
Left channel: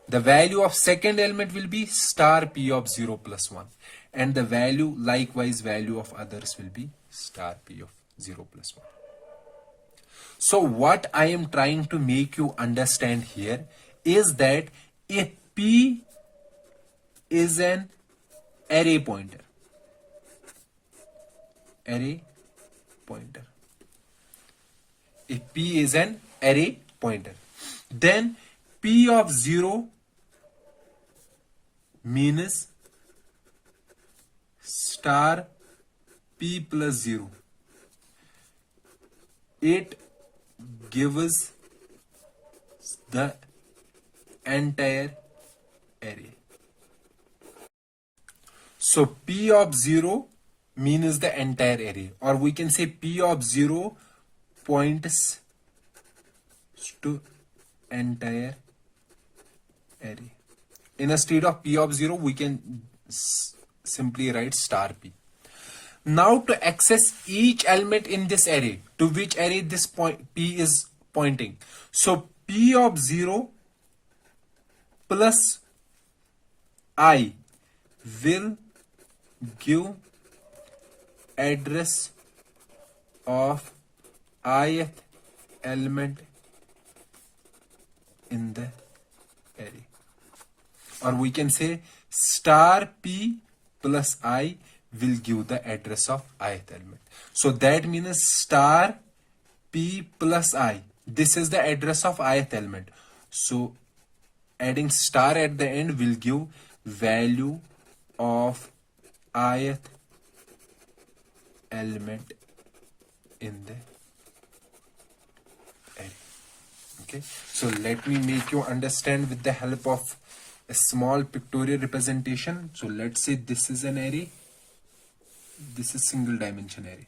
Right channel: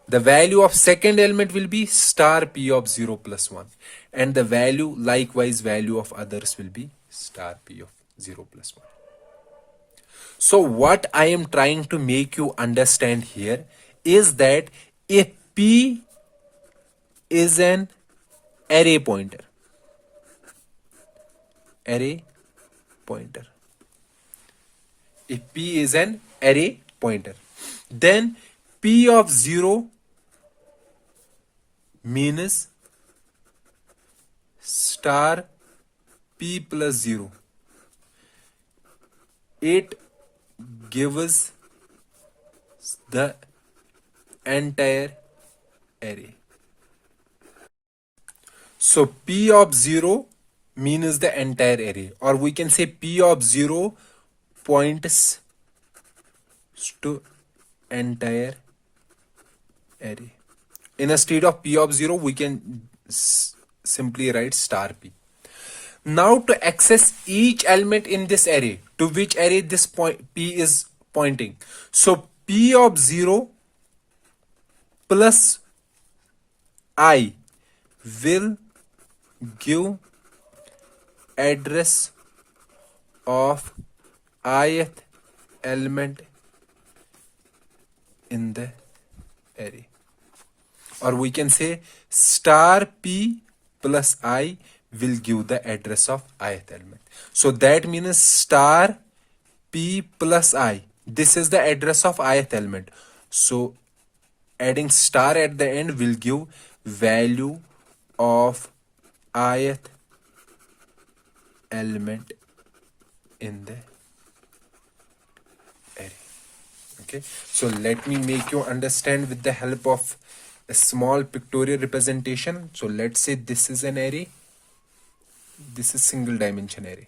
The value of second element will be star p of 0 plus 1. And the value, likewise value of others will be star p of 0 plus 1. So what I am trying to make you understand here is that if p is an array pointer, if p is an array pointer, then p of 0 means star p plus 0. It gives the entire array. So p of 0 means the entire array, or we can say p of 0 points to entire array. Instead of p of 0 we can simply write star p. Now to access each element in this array, to which array this p is pointing. So p of 0 plus I will give address of ith element in the array. Or we can say star p plus I will give the address of ith element. So that means star p plus I. This is the address of ith element. So adding star at the end will give value of ith element in the array. Okay, so let me make you understand with the help of a small pictorial representation. So let's say this is an array. This is single dimension array.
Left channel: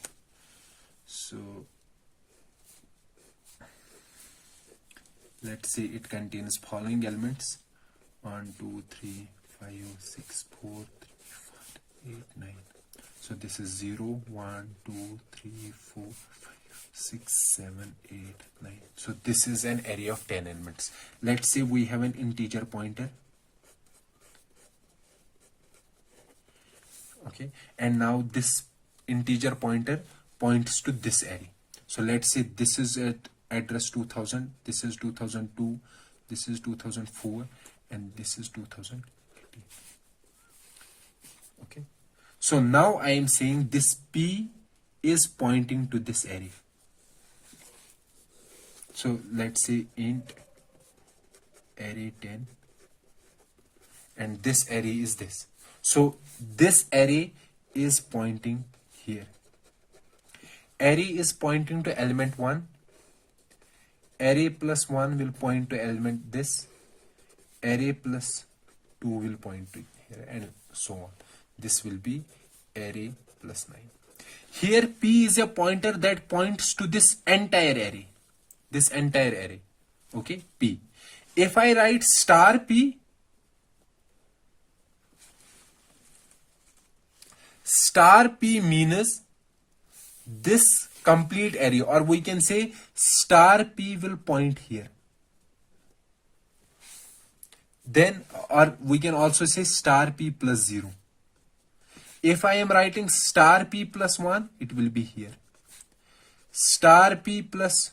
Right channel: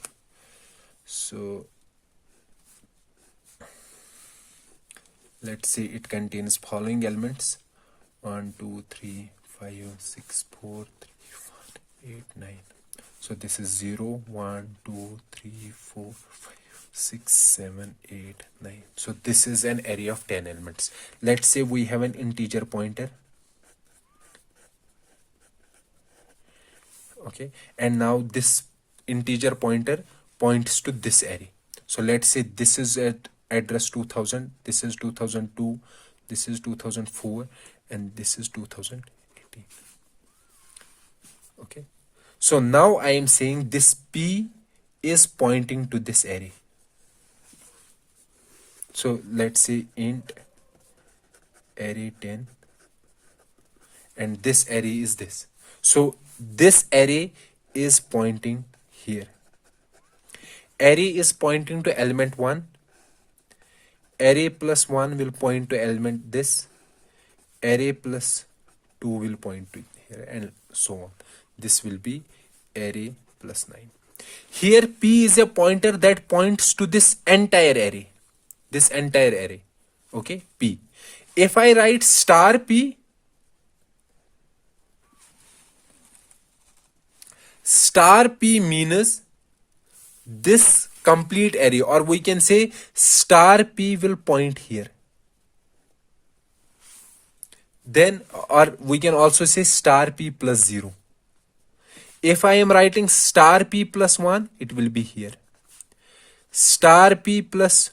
So let's say it contains following elements: 1, 2, 3, 5, 6, 4, 3, 4, 8, 9. So this is 0, 1, 2, 3, 4, 5, 6, 7, 8, 9. So this is an array of 10 elements. Let's say we have an integer pointer. Okay, and now this integer pointer points to this array. So let's say this is at address 2000, this is 2002, this is 2004, and this is 2018. Okay, so now I am saying this p is pointing to this array. So let's say int array 10, and this array is this. So this array is pointing here. Array is pointing to element 1. Array plus 1 will point to element this. Array plus 2 will point to here, and so on. This will be array plus 9. Here p is a pointer that points to this entire array. This entire array. Okay, p. If I write star p, star p means this complete array, or we can say star p will point here. Then, or we can also say star p plus 0. If I am writing star p plus 1, it will be here. Star p plus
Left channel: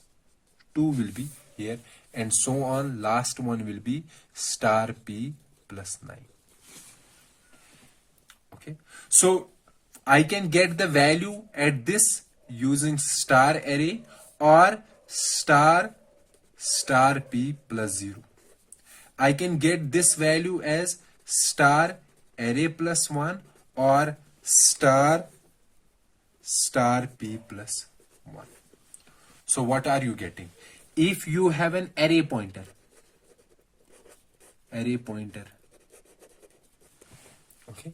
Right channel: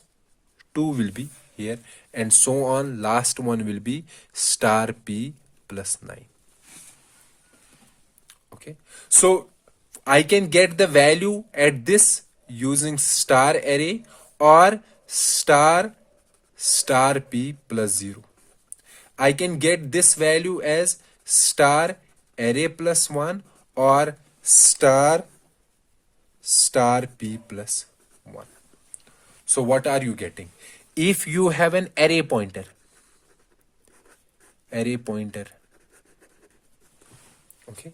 2 will be here, and so on. Last one will be star p plus 9. Okay, so I can get the value at this using star array or star p plus 0. I can get this value as star array plus 1 or star p plus 1. So what are you getting? If you have an array pointer, okay,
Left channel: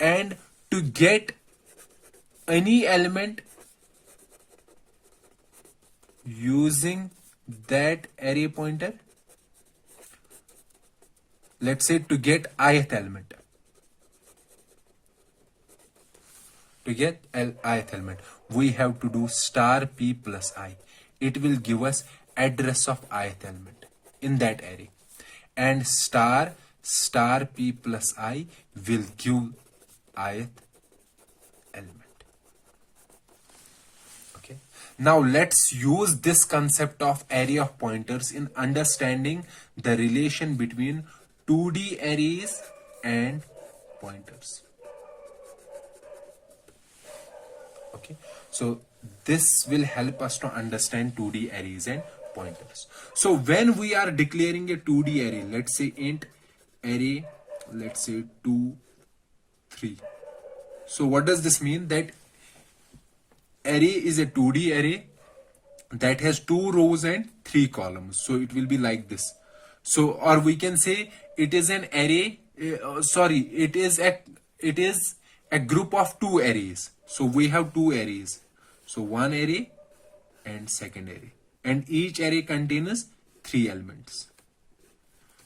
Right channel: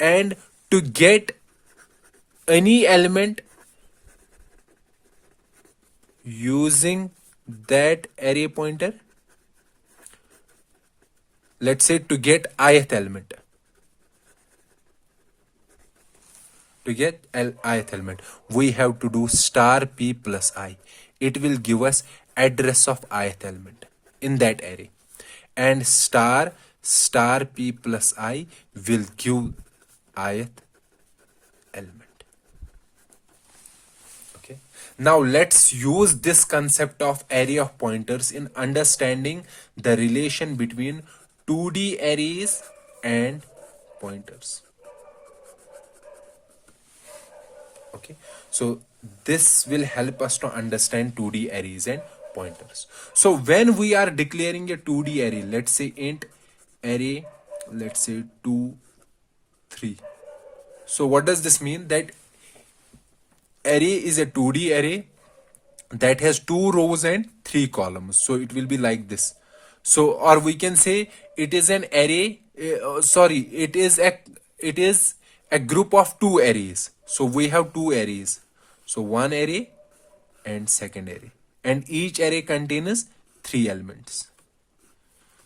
and to get any element using that array pointer, let's say to get ith element, we have to do star p plus I. It will give us address of ith element in that array, and star p plus I will give ith element. Okay, now let's use this concept of array of pointers in understanding the relation between 2D arrays and pointers. Okay, so this will help us to understand 2D arrays and pointers. So when we are declaring a 2D array, let's say int array, let's say 2 3. So what does this mean? That array is a 2D array that has 2 rows and 3 columns. So it will be like this. So, or we can say it is an array, it is a group of 2 arrays. So we have 2 arrays. So one array and second array, and each array contains 3 elements.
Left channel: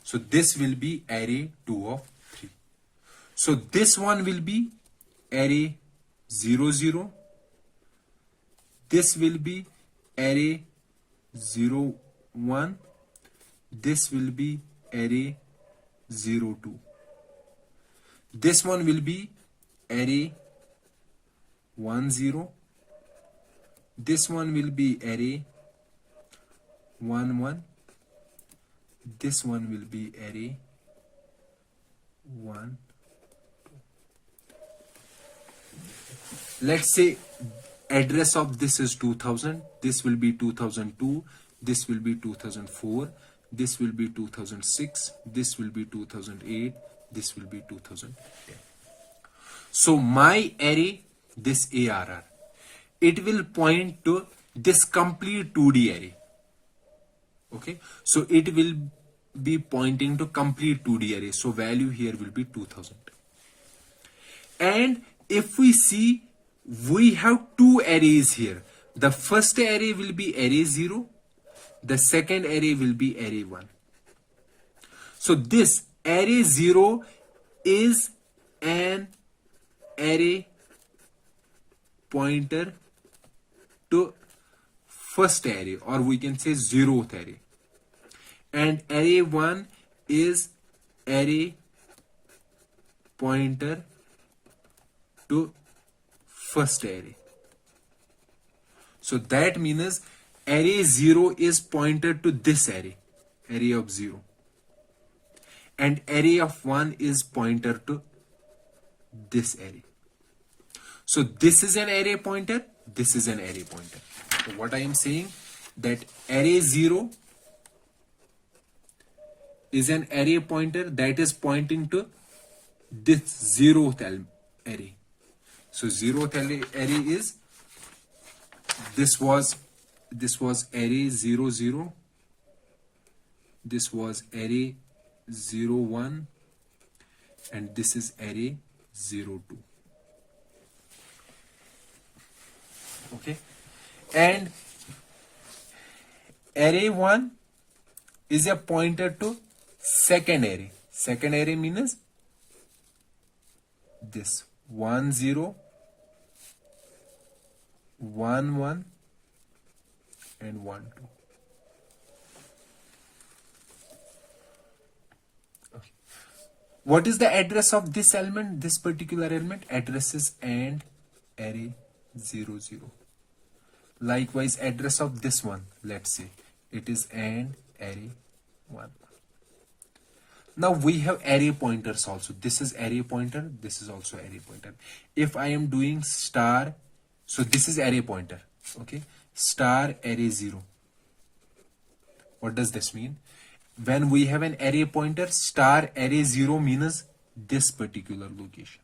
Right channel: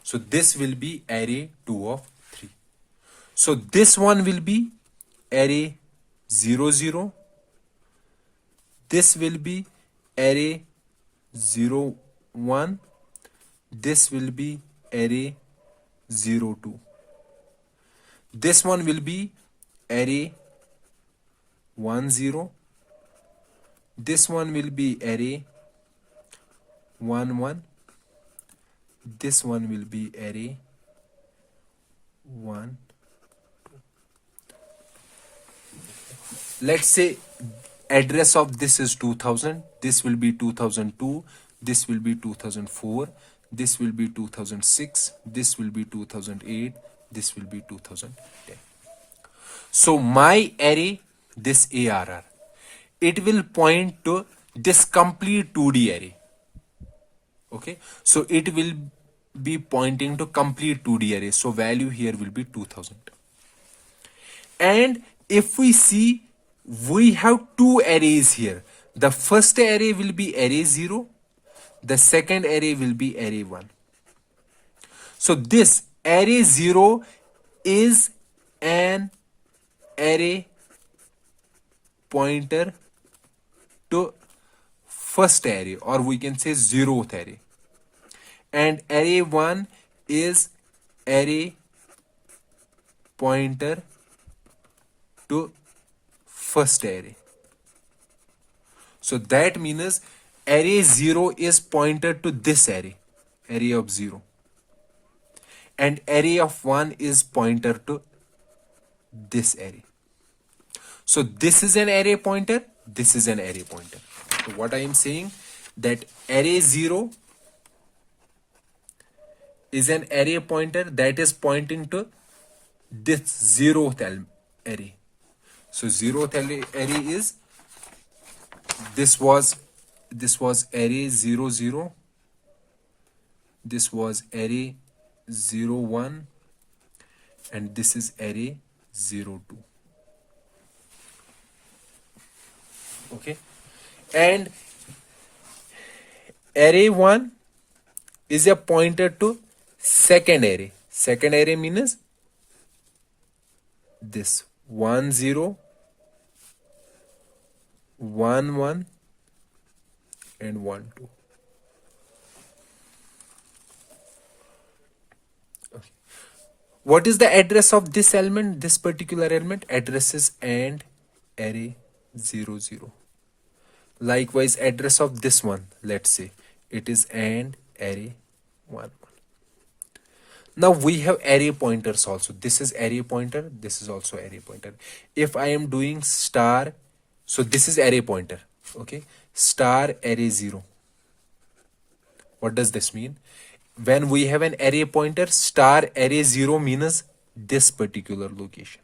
So this will be array 2 of 3. So this one will be array 0 0. This will be array 0 1. This will be array 0 2. This one will be array 1 0. This one will be array 1 1. This one will be array 1 2. Let's say address of this is 2000. This will be 2002. This will be 2004. This will be 2006. This will be 2008. This will be 2010. So my array, this ARR, it will point to this complete 2D array. Okay, so it will be pointing to complete 2D array. So value here will be 2000. And if we see, we have 2 arrays here. The first array will be array 0. The second array will be array 1. So this array 0 is an array pointer to first array, or we can say 0th array. And array 1 is array pointer to first array. So that means array 0 is pointed to this array of 0. And array of 1 is pointer to this array. So this is an array pointer, this is an array pointer. So what I am saying, that array 0 is an array pointer that is pointing to this 0th array. So 0th array is, this was array 0 0. This was array 0 1, and this is array 0 2. Okay, and array 1 is a pointer to second array. Second array means this 1 0 1 1 and 1 2. Okay. What is the address of this element, this particular element? Address is and array 0 0. Likewise, address of this one, let's say it is and array 1. Now we have array pointers also. This is array pointer, this is also array pointer. If I am doing star, so this is array pointer, okay, star array 0. What does this mean? When we have an array pointer, star array 0 means this particular location.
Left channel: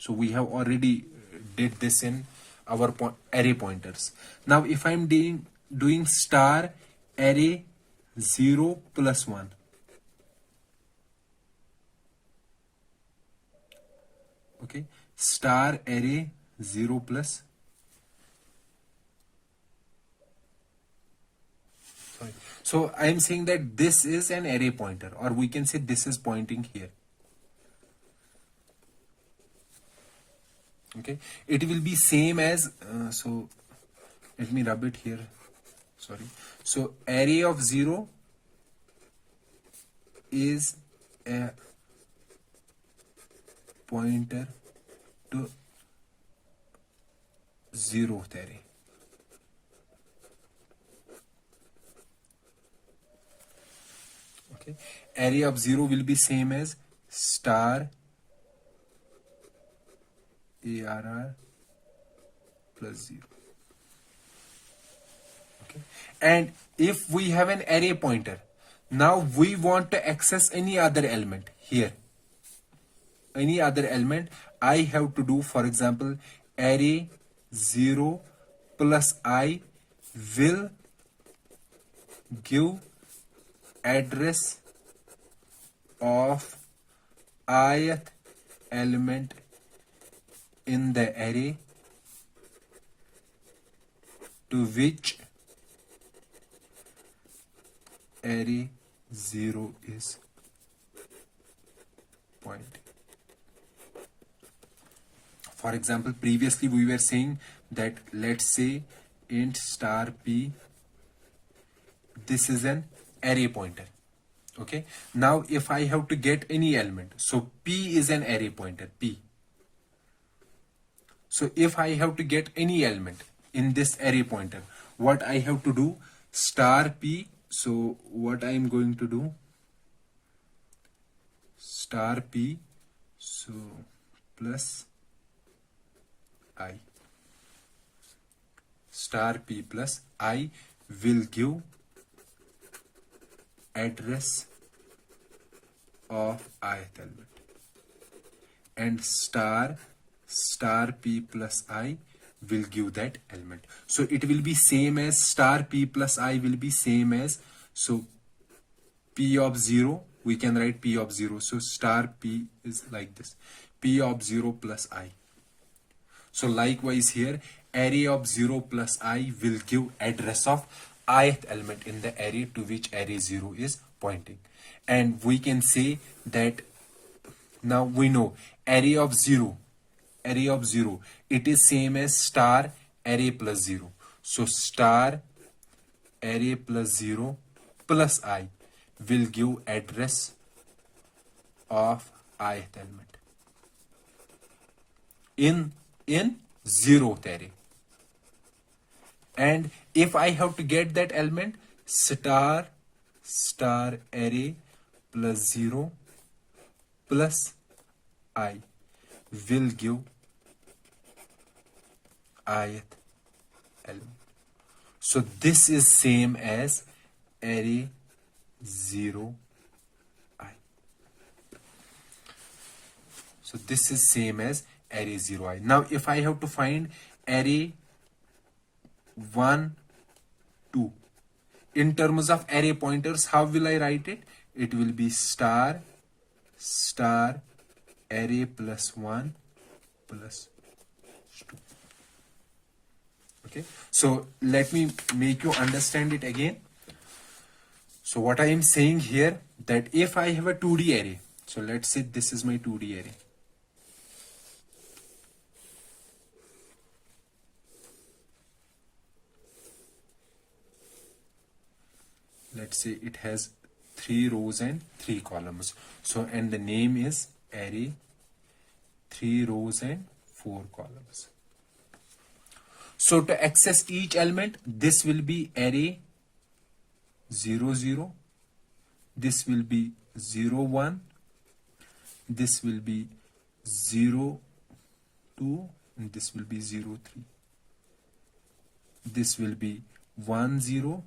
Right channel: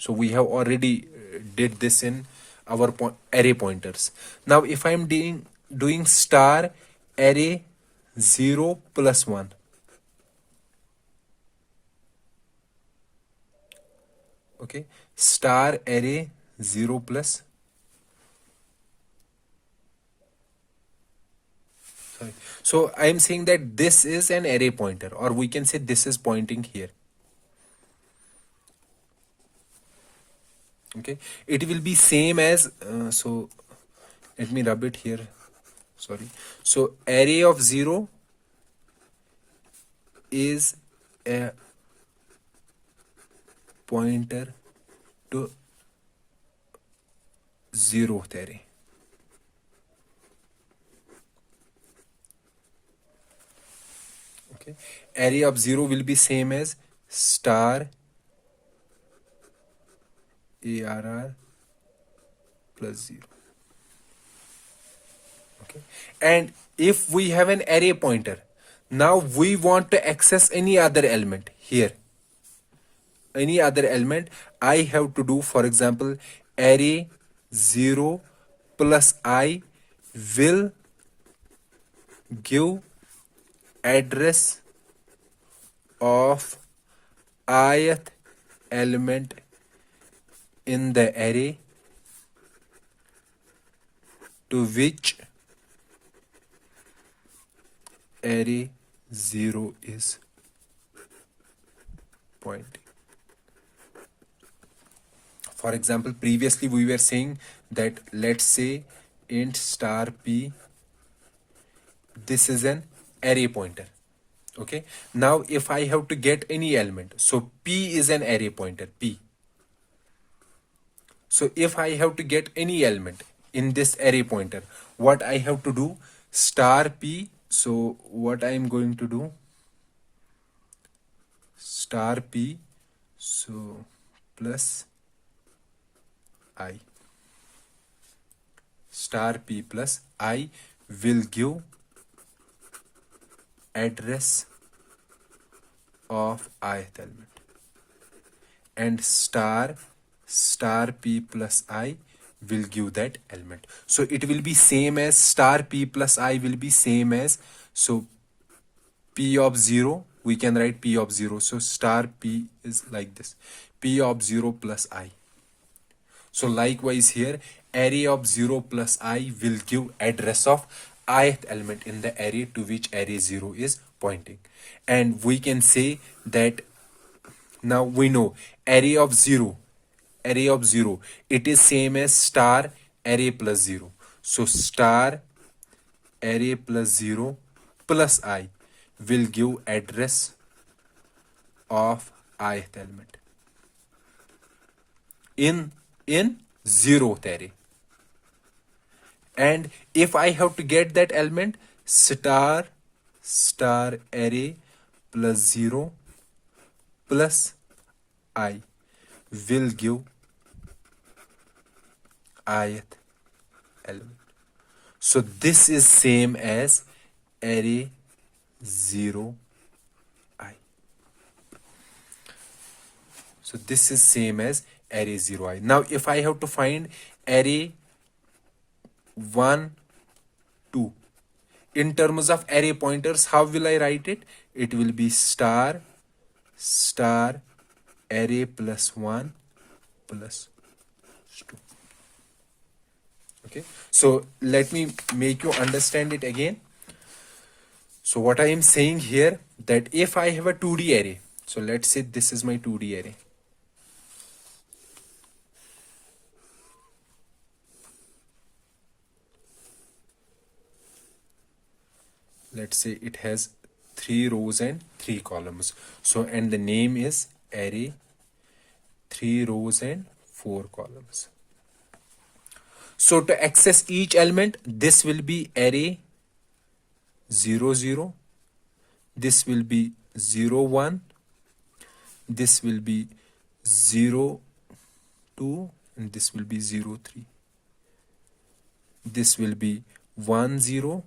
So we have already did this in our array pointers. Now if I'm doing star array 0 plus 1, okay, star array 0 plus, sorry, so I am saying that this is an array pointer, or we can say this is pointing here. Okay, it will be same as so let me rub it here, sorry. So array of 0 is a pointer to 0th array. Okay, array of 0 will be same as star ARR plus 0. Okay, and if we have an array pointer, now we want to access any other element here, any other element, I have to do, for example, array 0 plus I will give address of ith element in the array to which array 0 is pointing. For example, previously we were saying that, let's say int star p, this is an array pointer. Okay, now if I have to get any element, so p is an array pointer, p. So if I have to get any element in this array pointer, what I have to do, star p, so what I am going to do, star p, so plus I, star p plus I will give address of ith element, and star p plus I will give that element. So it will be same as star p plus I will be same as, so p of 0, we can write p of 0. So star p is like this, p of 0 plus I. So likewise here, array of 0 plus I will give address of ith element in the array to which array 0 is pointing. And we can say that now we know array of 0, it is same as star array plus 0. So star array plus 0 plus I will give address of ith element in 0th array. And if I have to get that element, star array plus 0 plus I will give ith element. So this is same as array 0 I. So this is same as array 0 I. Now if I have to find array 1 2 in terms of array pointers, how will I write it? It will be star array plus 1 plus 2. Okay, so let me make you understand it again. So what I am saying here, that if I have a 2D array, so let's say this is my 2D array. Let's say it has 3 rows and 3 columns. So, and the name is array 3 rows and 4 columns. So to access each element, this will be array 0 0, this will be 0 1, this will be 0 2, and this will be 0 3. This will be 1 0,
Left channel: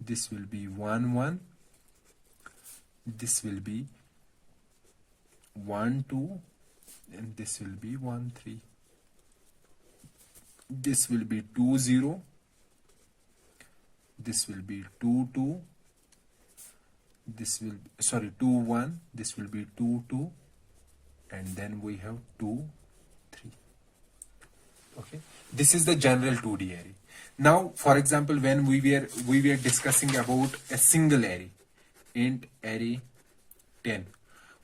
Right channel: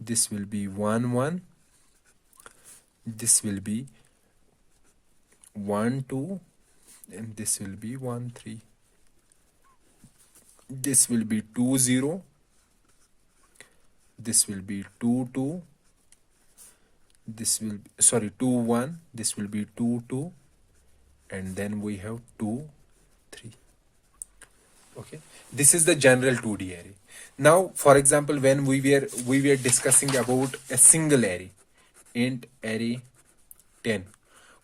this will be 1 1, this will be 1 2, and this will be 1 3. This will be 2 0, this will be 2 2, this will be, sorry, 2 1, this will be 2 2, and then we have 2 3. Okay, this is the general 2D array. Now, for example, when we were discussing about a single array, int array 10,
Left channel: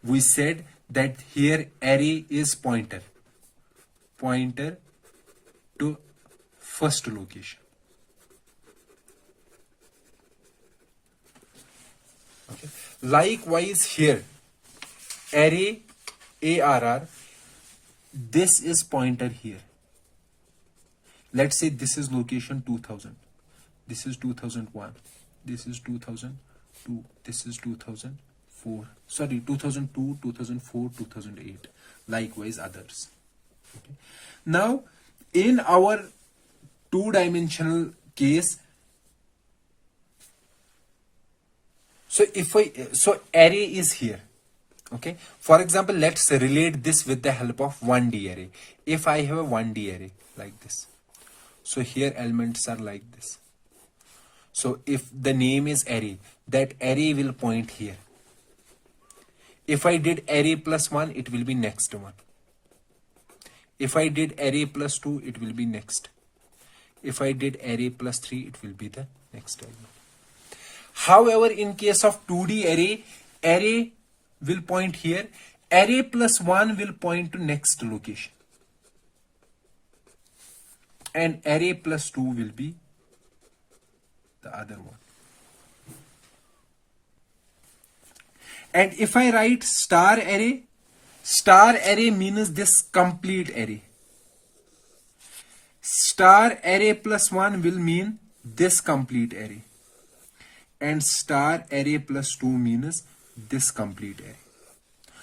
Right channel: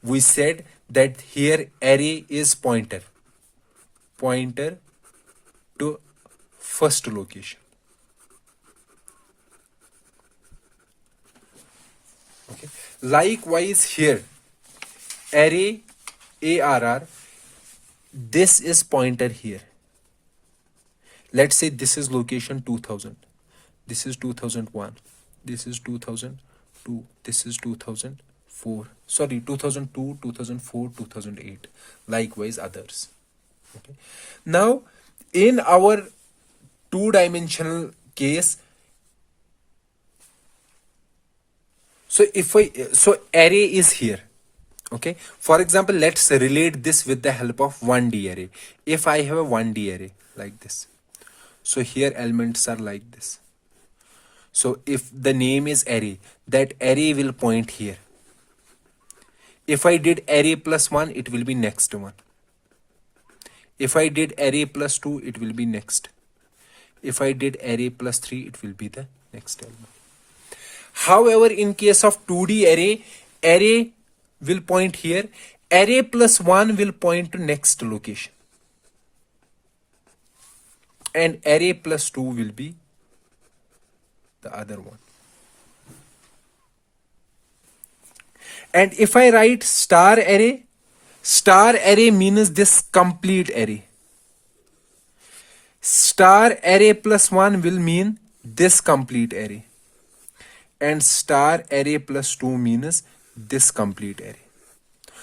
we said that here array is pointer to first location. Okay, likewise here array arr, this is pointer here. Let's say this is location 2000, this is 2001, this is 2002, this is 2004, sorry, 2002, 2004, 2008, likewise others. Okay, now in our two-dimensional case, so array is here. Okay, for example, let's relate this with the help of 1D array. If I have a 1D array like this, so here elements are like this. So if the name is array, that array will point here. If I did array plus 1, it will be next one. If I did array plus 2, it will be next. If I did array plus 3, it will be the next element. However, in case of 2D array will point here. Array plus 1 will point to next location. And array plus 2 will be the other one. And if I write star array means this complete array. Star array plus 1 will mean this complete array. And star array plus 2 means this complete array.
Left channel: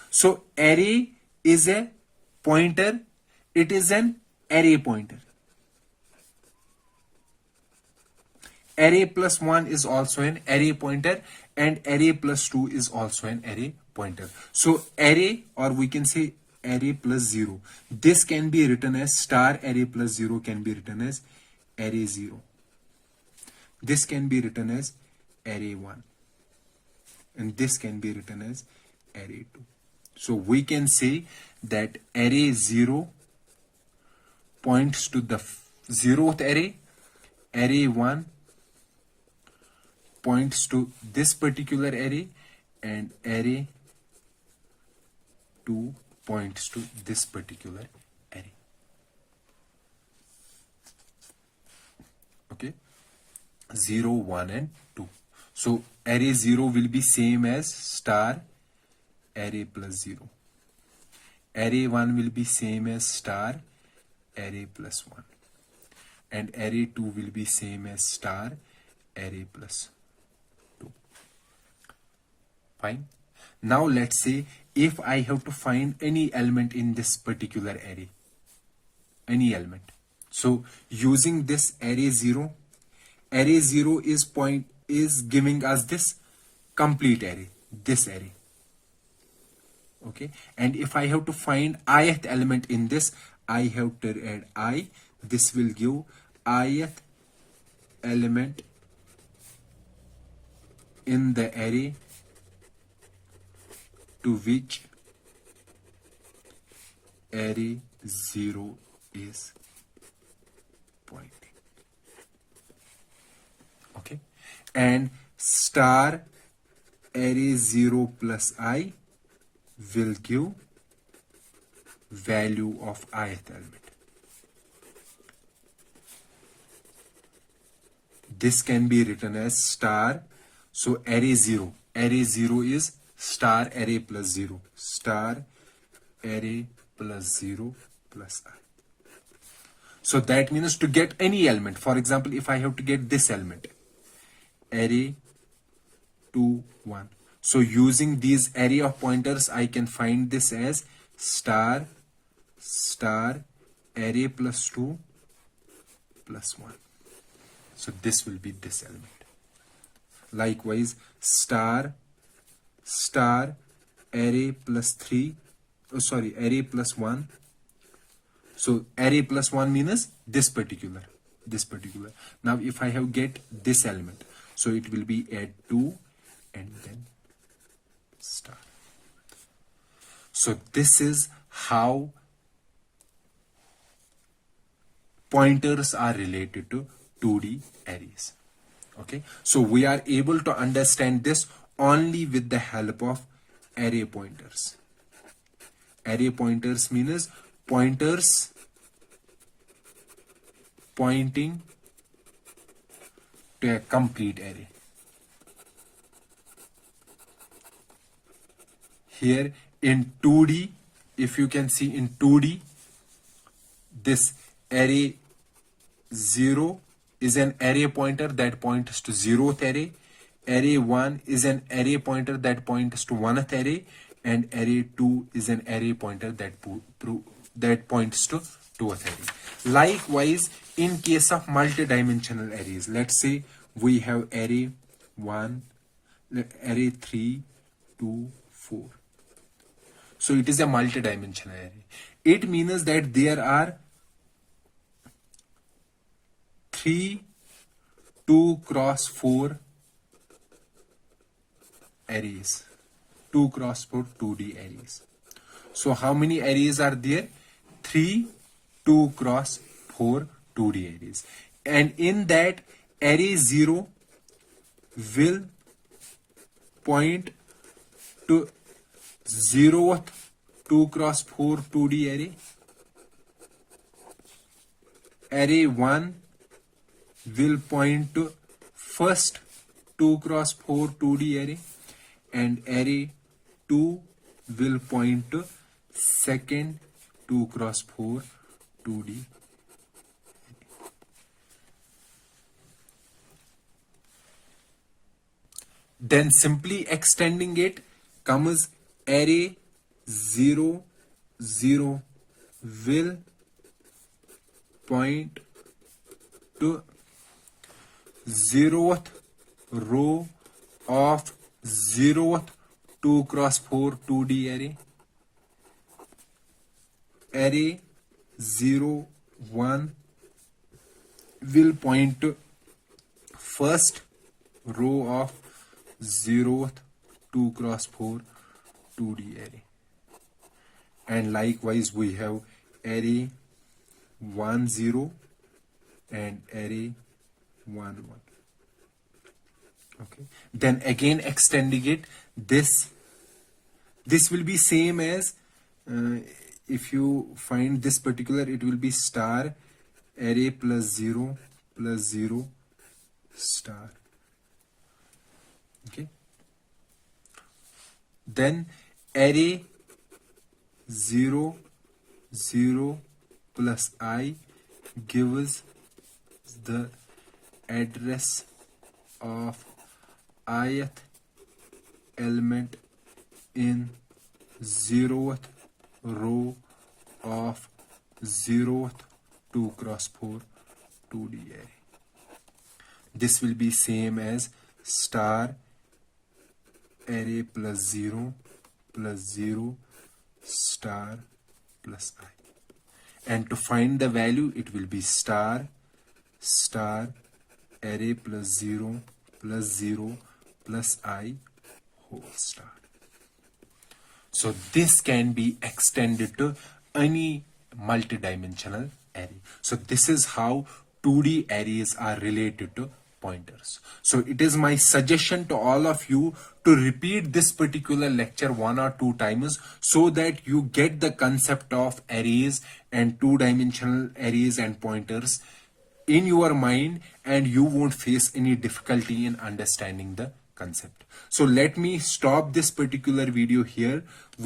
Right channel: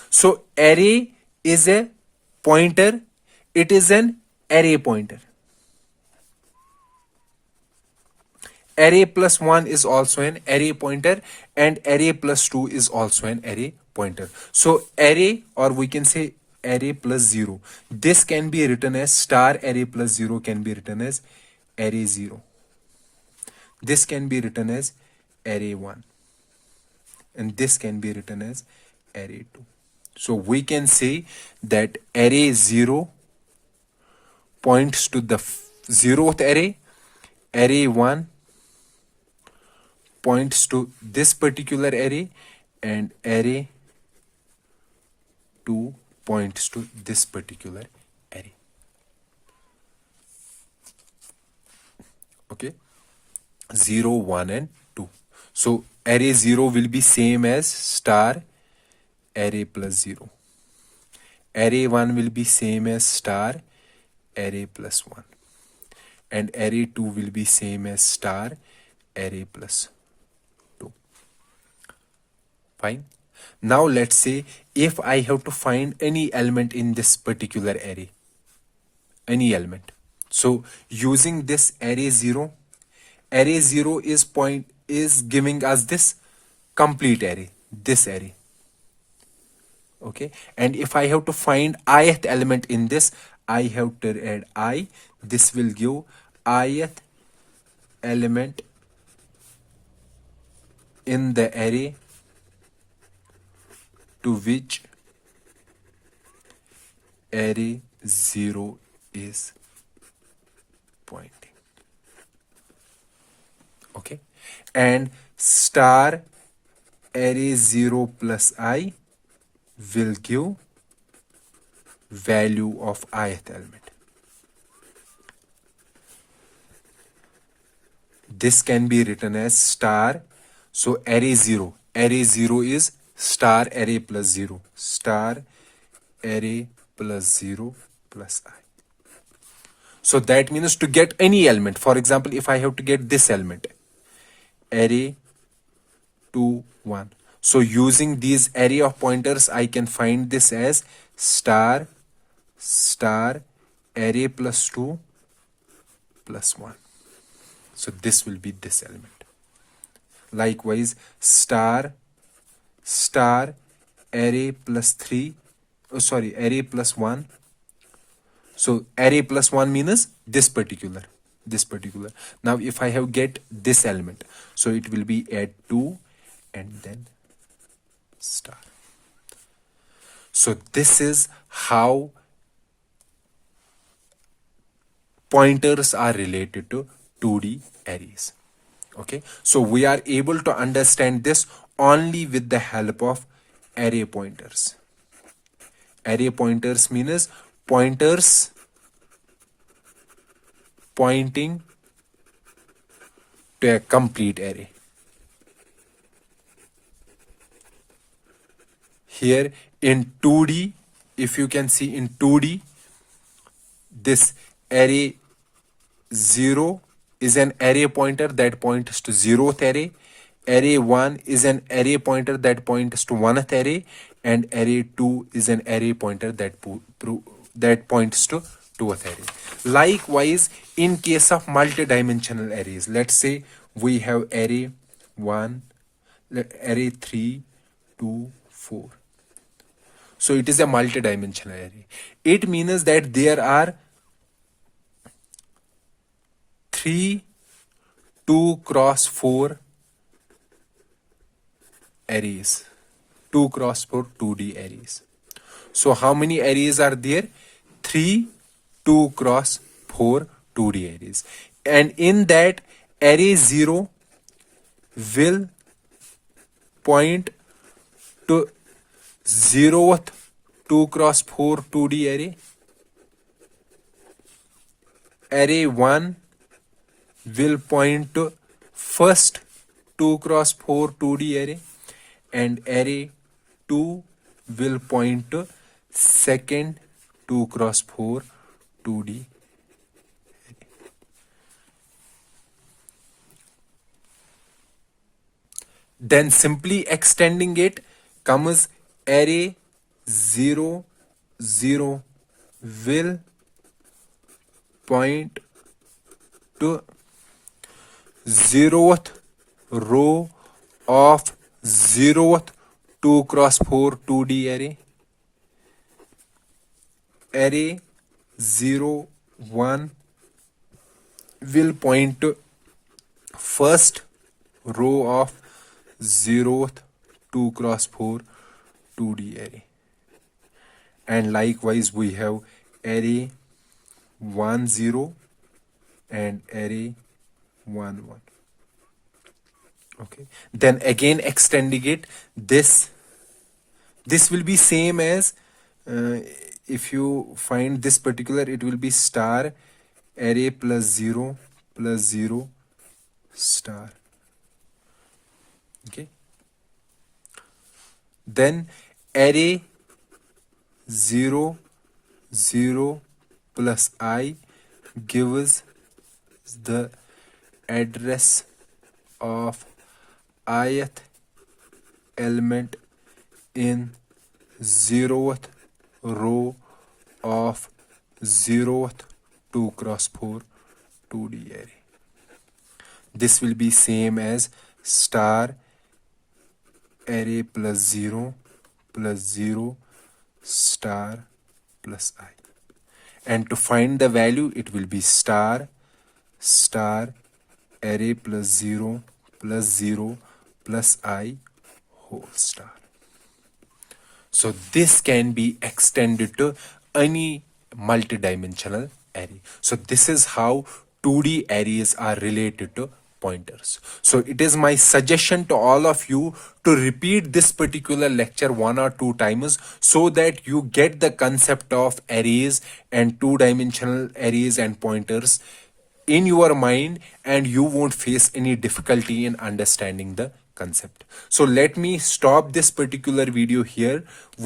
So array is a pointer. It is an array pointer. Array plus 1 is also an array pointer, and array plus 2 is also an array pointer. So array, or we can say array plus 0, this can be written as star array plus 0 can be written as array 0. This can be written as array 1, and this can be written as array 2. So we can say that array 0 points to the 0th array, array 1 points to this particular array, and array 2 points to this particular array. Okay, 0, 1 and 2. So array 0 will be same as star array plus 0. Array 1 will be same as star array plus 1. And array 2 will be same as star array plus 2. Fine. Now let's say if I have to find any element in this particular array, any element. So using this array 0 is giving us this complete array, this array. Okay, and if I have to find ith element in this, I have to add I. This will give ith element in the array to which array 0 is pointing. Okay, and star array 0 plus I will give value of ith element. This can be written as star, so array 0, array 0 is star array plus 0. Star array plus 0 plus I. So that means to get any element. For example, if I have to get this element, array 2, 1. So using these array of pointers, I can find this as star array plus 2 plus 1. So this will be this element. Likewise, star array plus 3, array plus 1. So array plus 1 means this particular. Now if I have get this element, so it will be add 2 and then star. So this is how pointers are related to 2D arrays. Okay, so we are able to understand this only with the help of array pointers. Array pointers means pointers pointing to a complete array. Here in 2D, if you can see in 2D, this array 0 is an array pointer that points to 0th array. Array 1 is an array pointer that points to 1th array, and array 2 is an array pointer that points to 2th array. Likewise, in case of multidimensional arrays, let's say we have array 1, array 3, 2, 4. So it is a multidimensional array. It means that there are 3 2 cross 4 arrays, 2 cross 4 2D arrays. So how many arrays are there? 3 2 cross 4 2D arrays. And in that, array 0 will point to 0th 2 cross 4 2D array. Array 1 will point to first 2 cross 4 2D array, and array 2 will point to second 2 cross 4 2D array. Then simply extending it comes array 0 0 will point to 0th row of 0th 2 cross 4 2D array. Array 0 1 will point to first row of 0th 2 cross 4 2D array. And likewise we have array 1 0 and array 1 1. Okay, then again extending it, this will be same as if you find this particular, it will be star array plus 0 star. Okay, then array 0 0 plus I gives the address of ith element in 0th row of 0th 2 cross 4 2D array. This will be same as star array plus 0 star plus I. And to find the value, it will be star array plus 0 plus I whole star. So this can be extended to any multidimensional array. So this is how 2D arrays are related to pointers. So it is my suggestion to all of you to repeat this particular lecture 1 or 2 times so that you get the concept of arrays and 2-dimensional arrays and pointers in your mind, and you won't face any difficulty in understanding the concept. So let me stop this particular video here.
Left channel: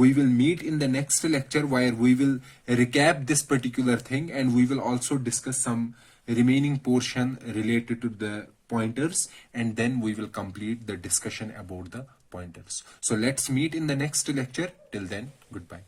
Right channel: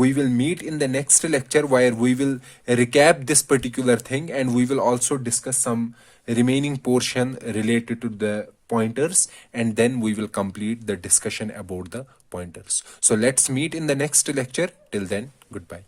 We will meet in the next lecture where we will recap this particular thing, and we will also discuss some remaining portion related to the pointers, and then we will complete the discussion about the pointers. So let's meet in the next lecture. Till then, goodbye.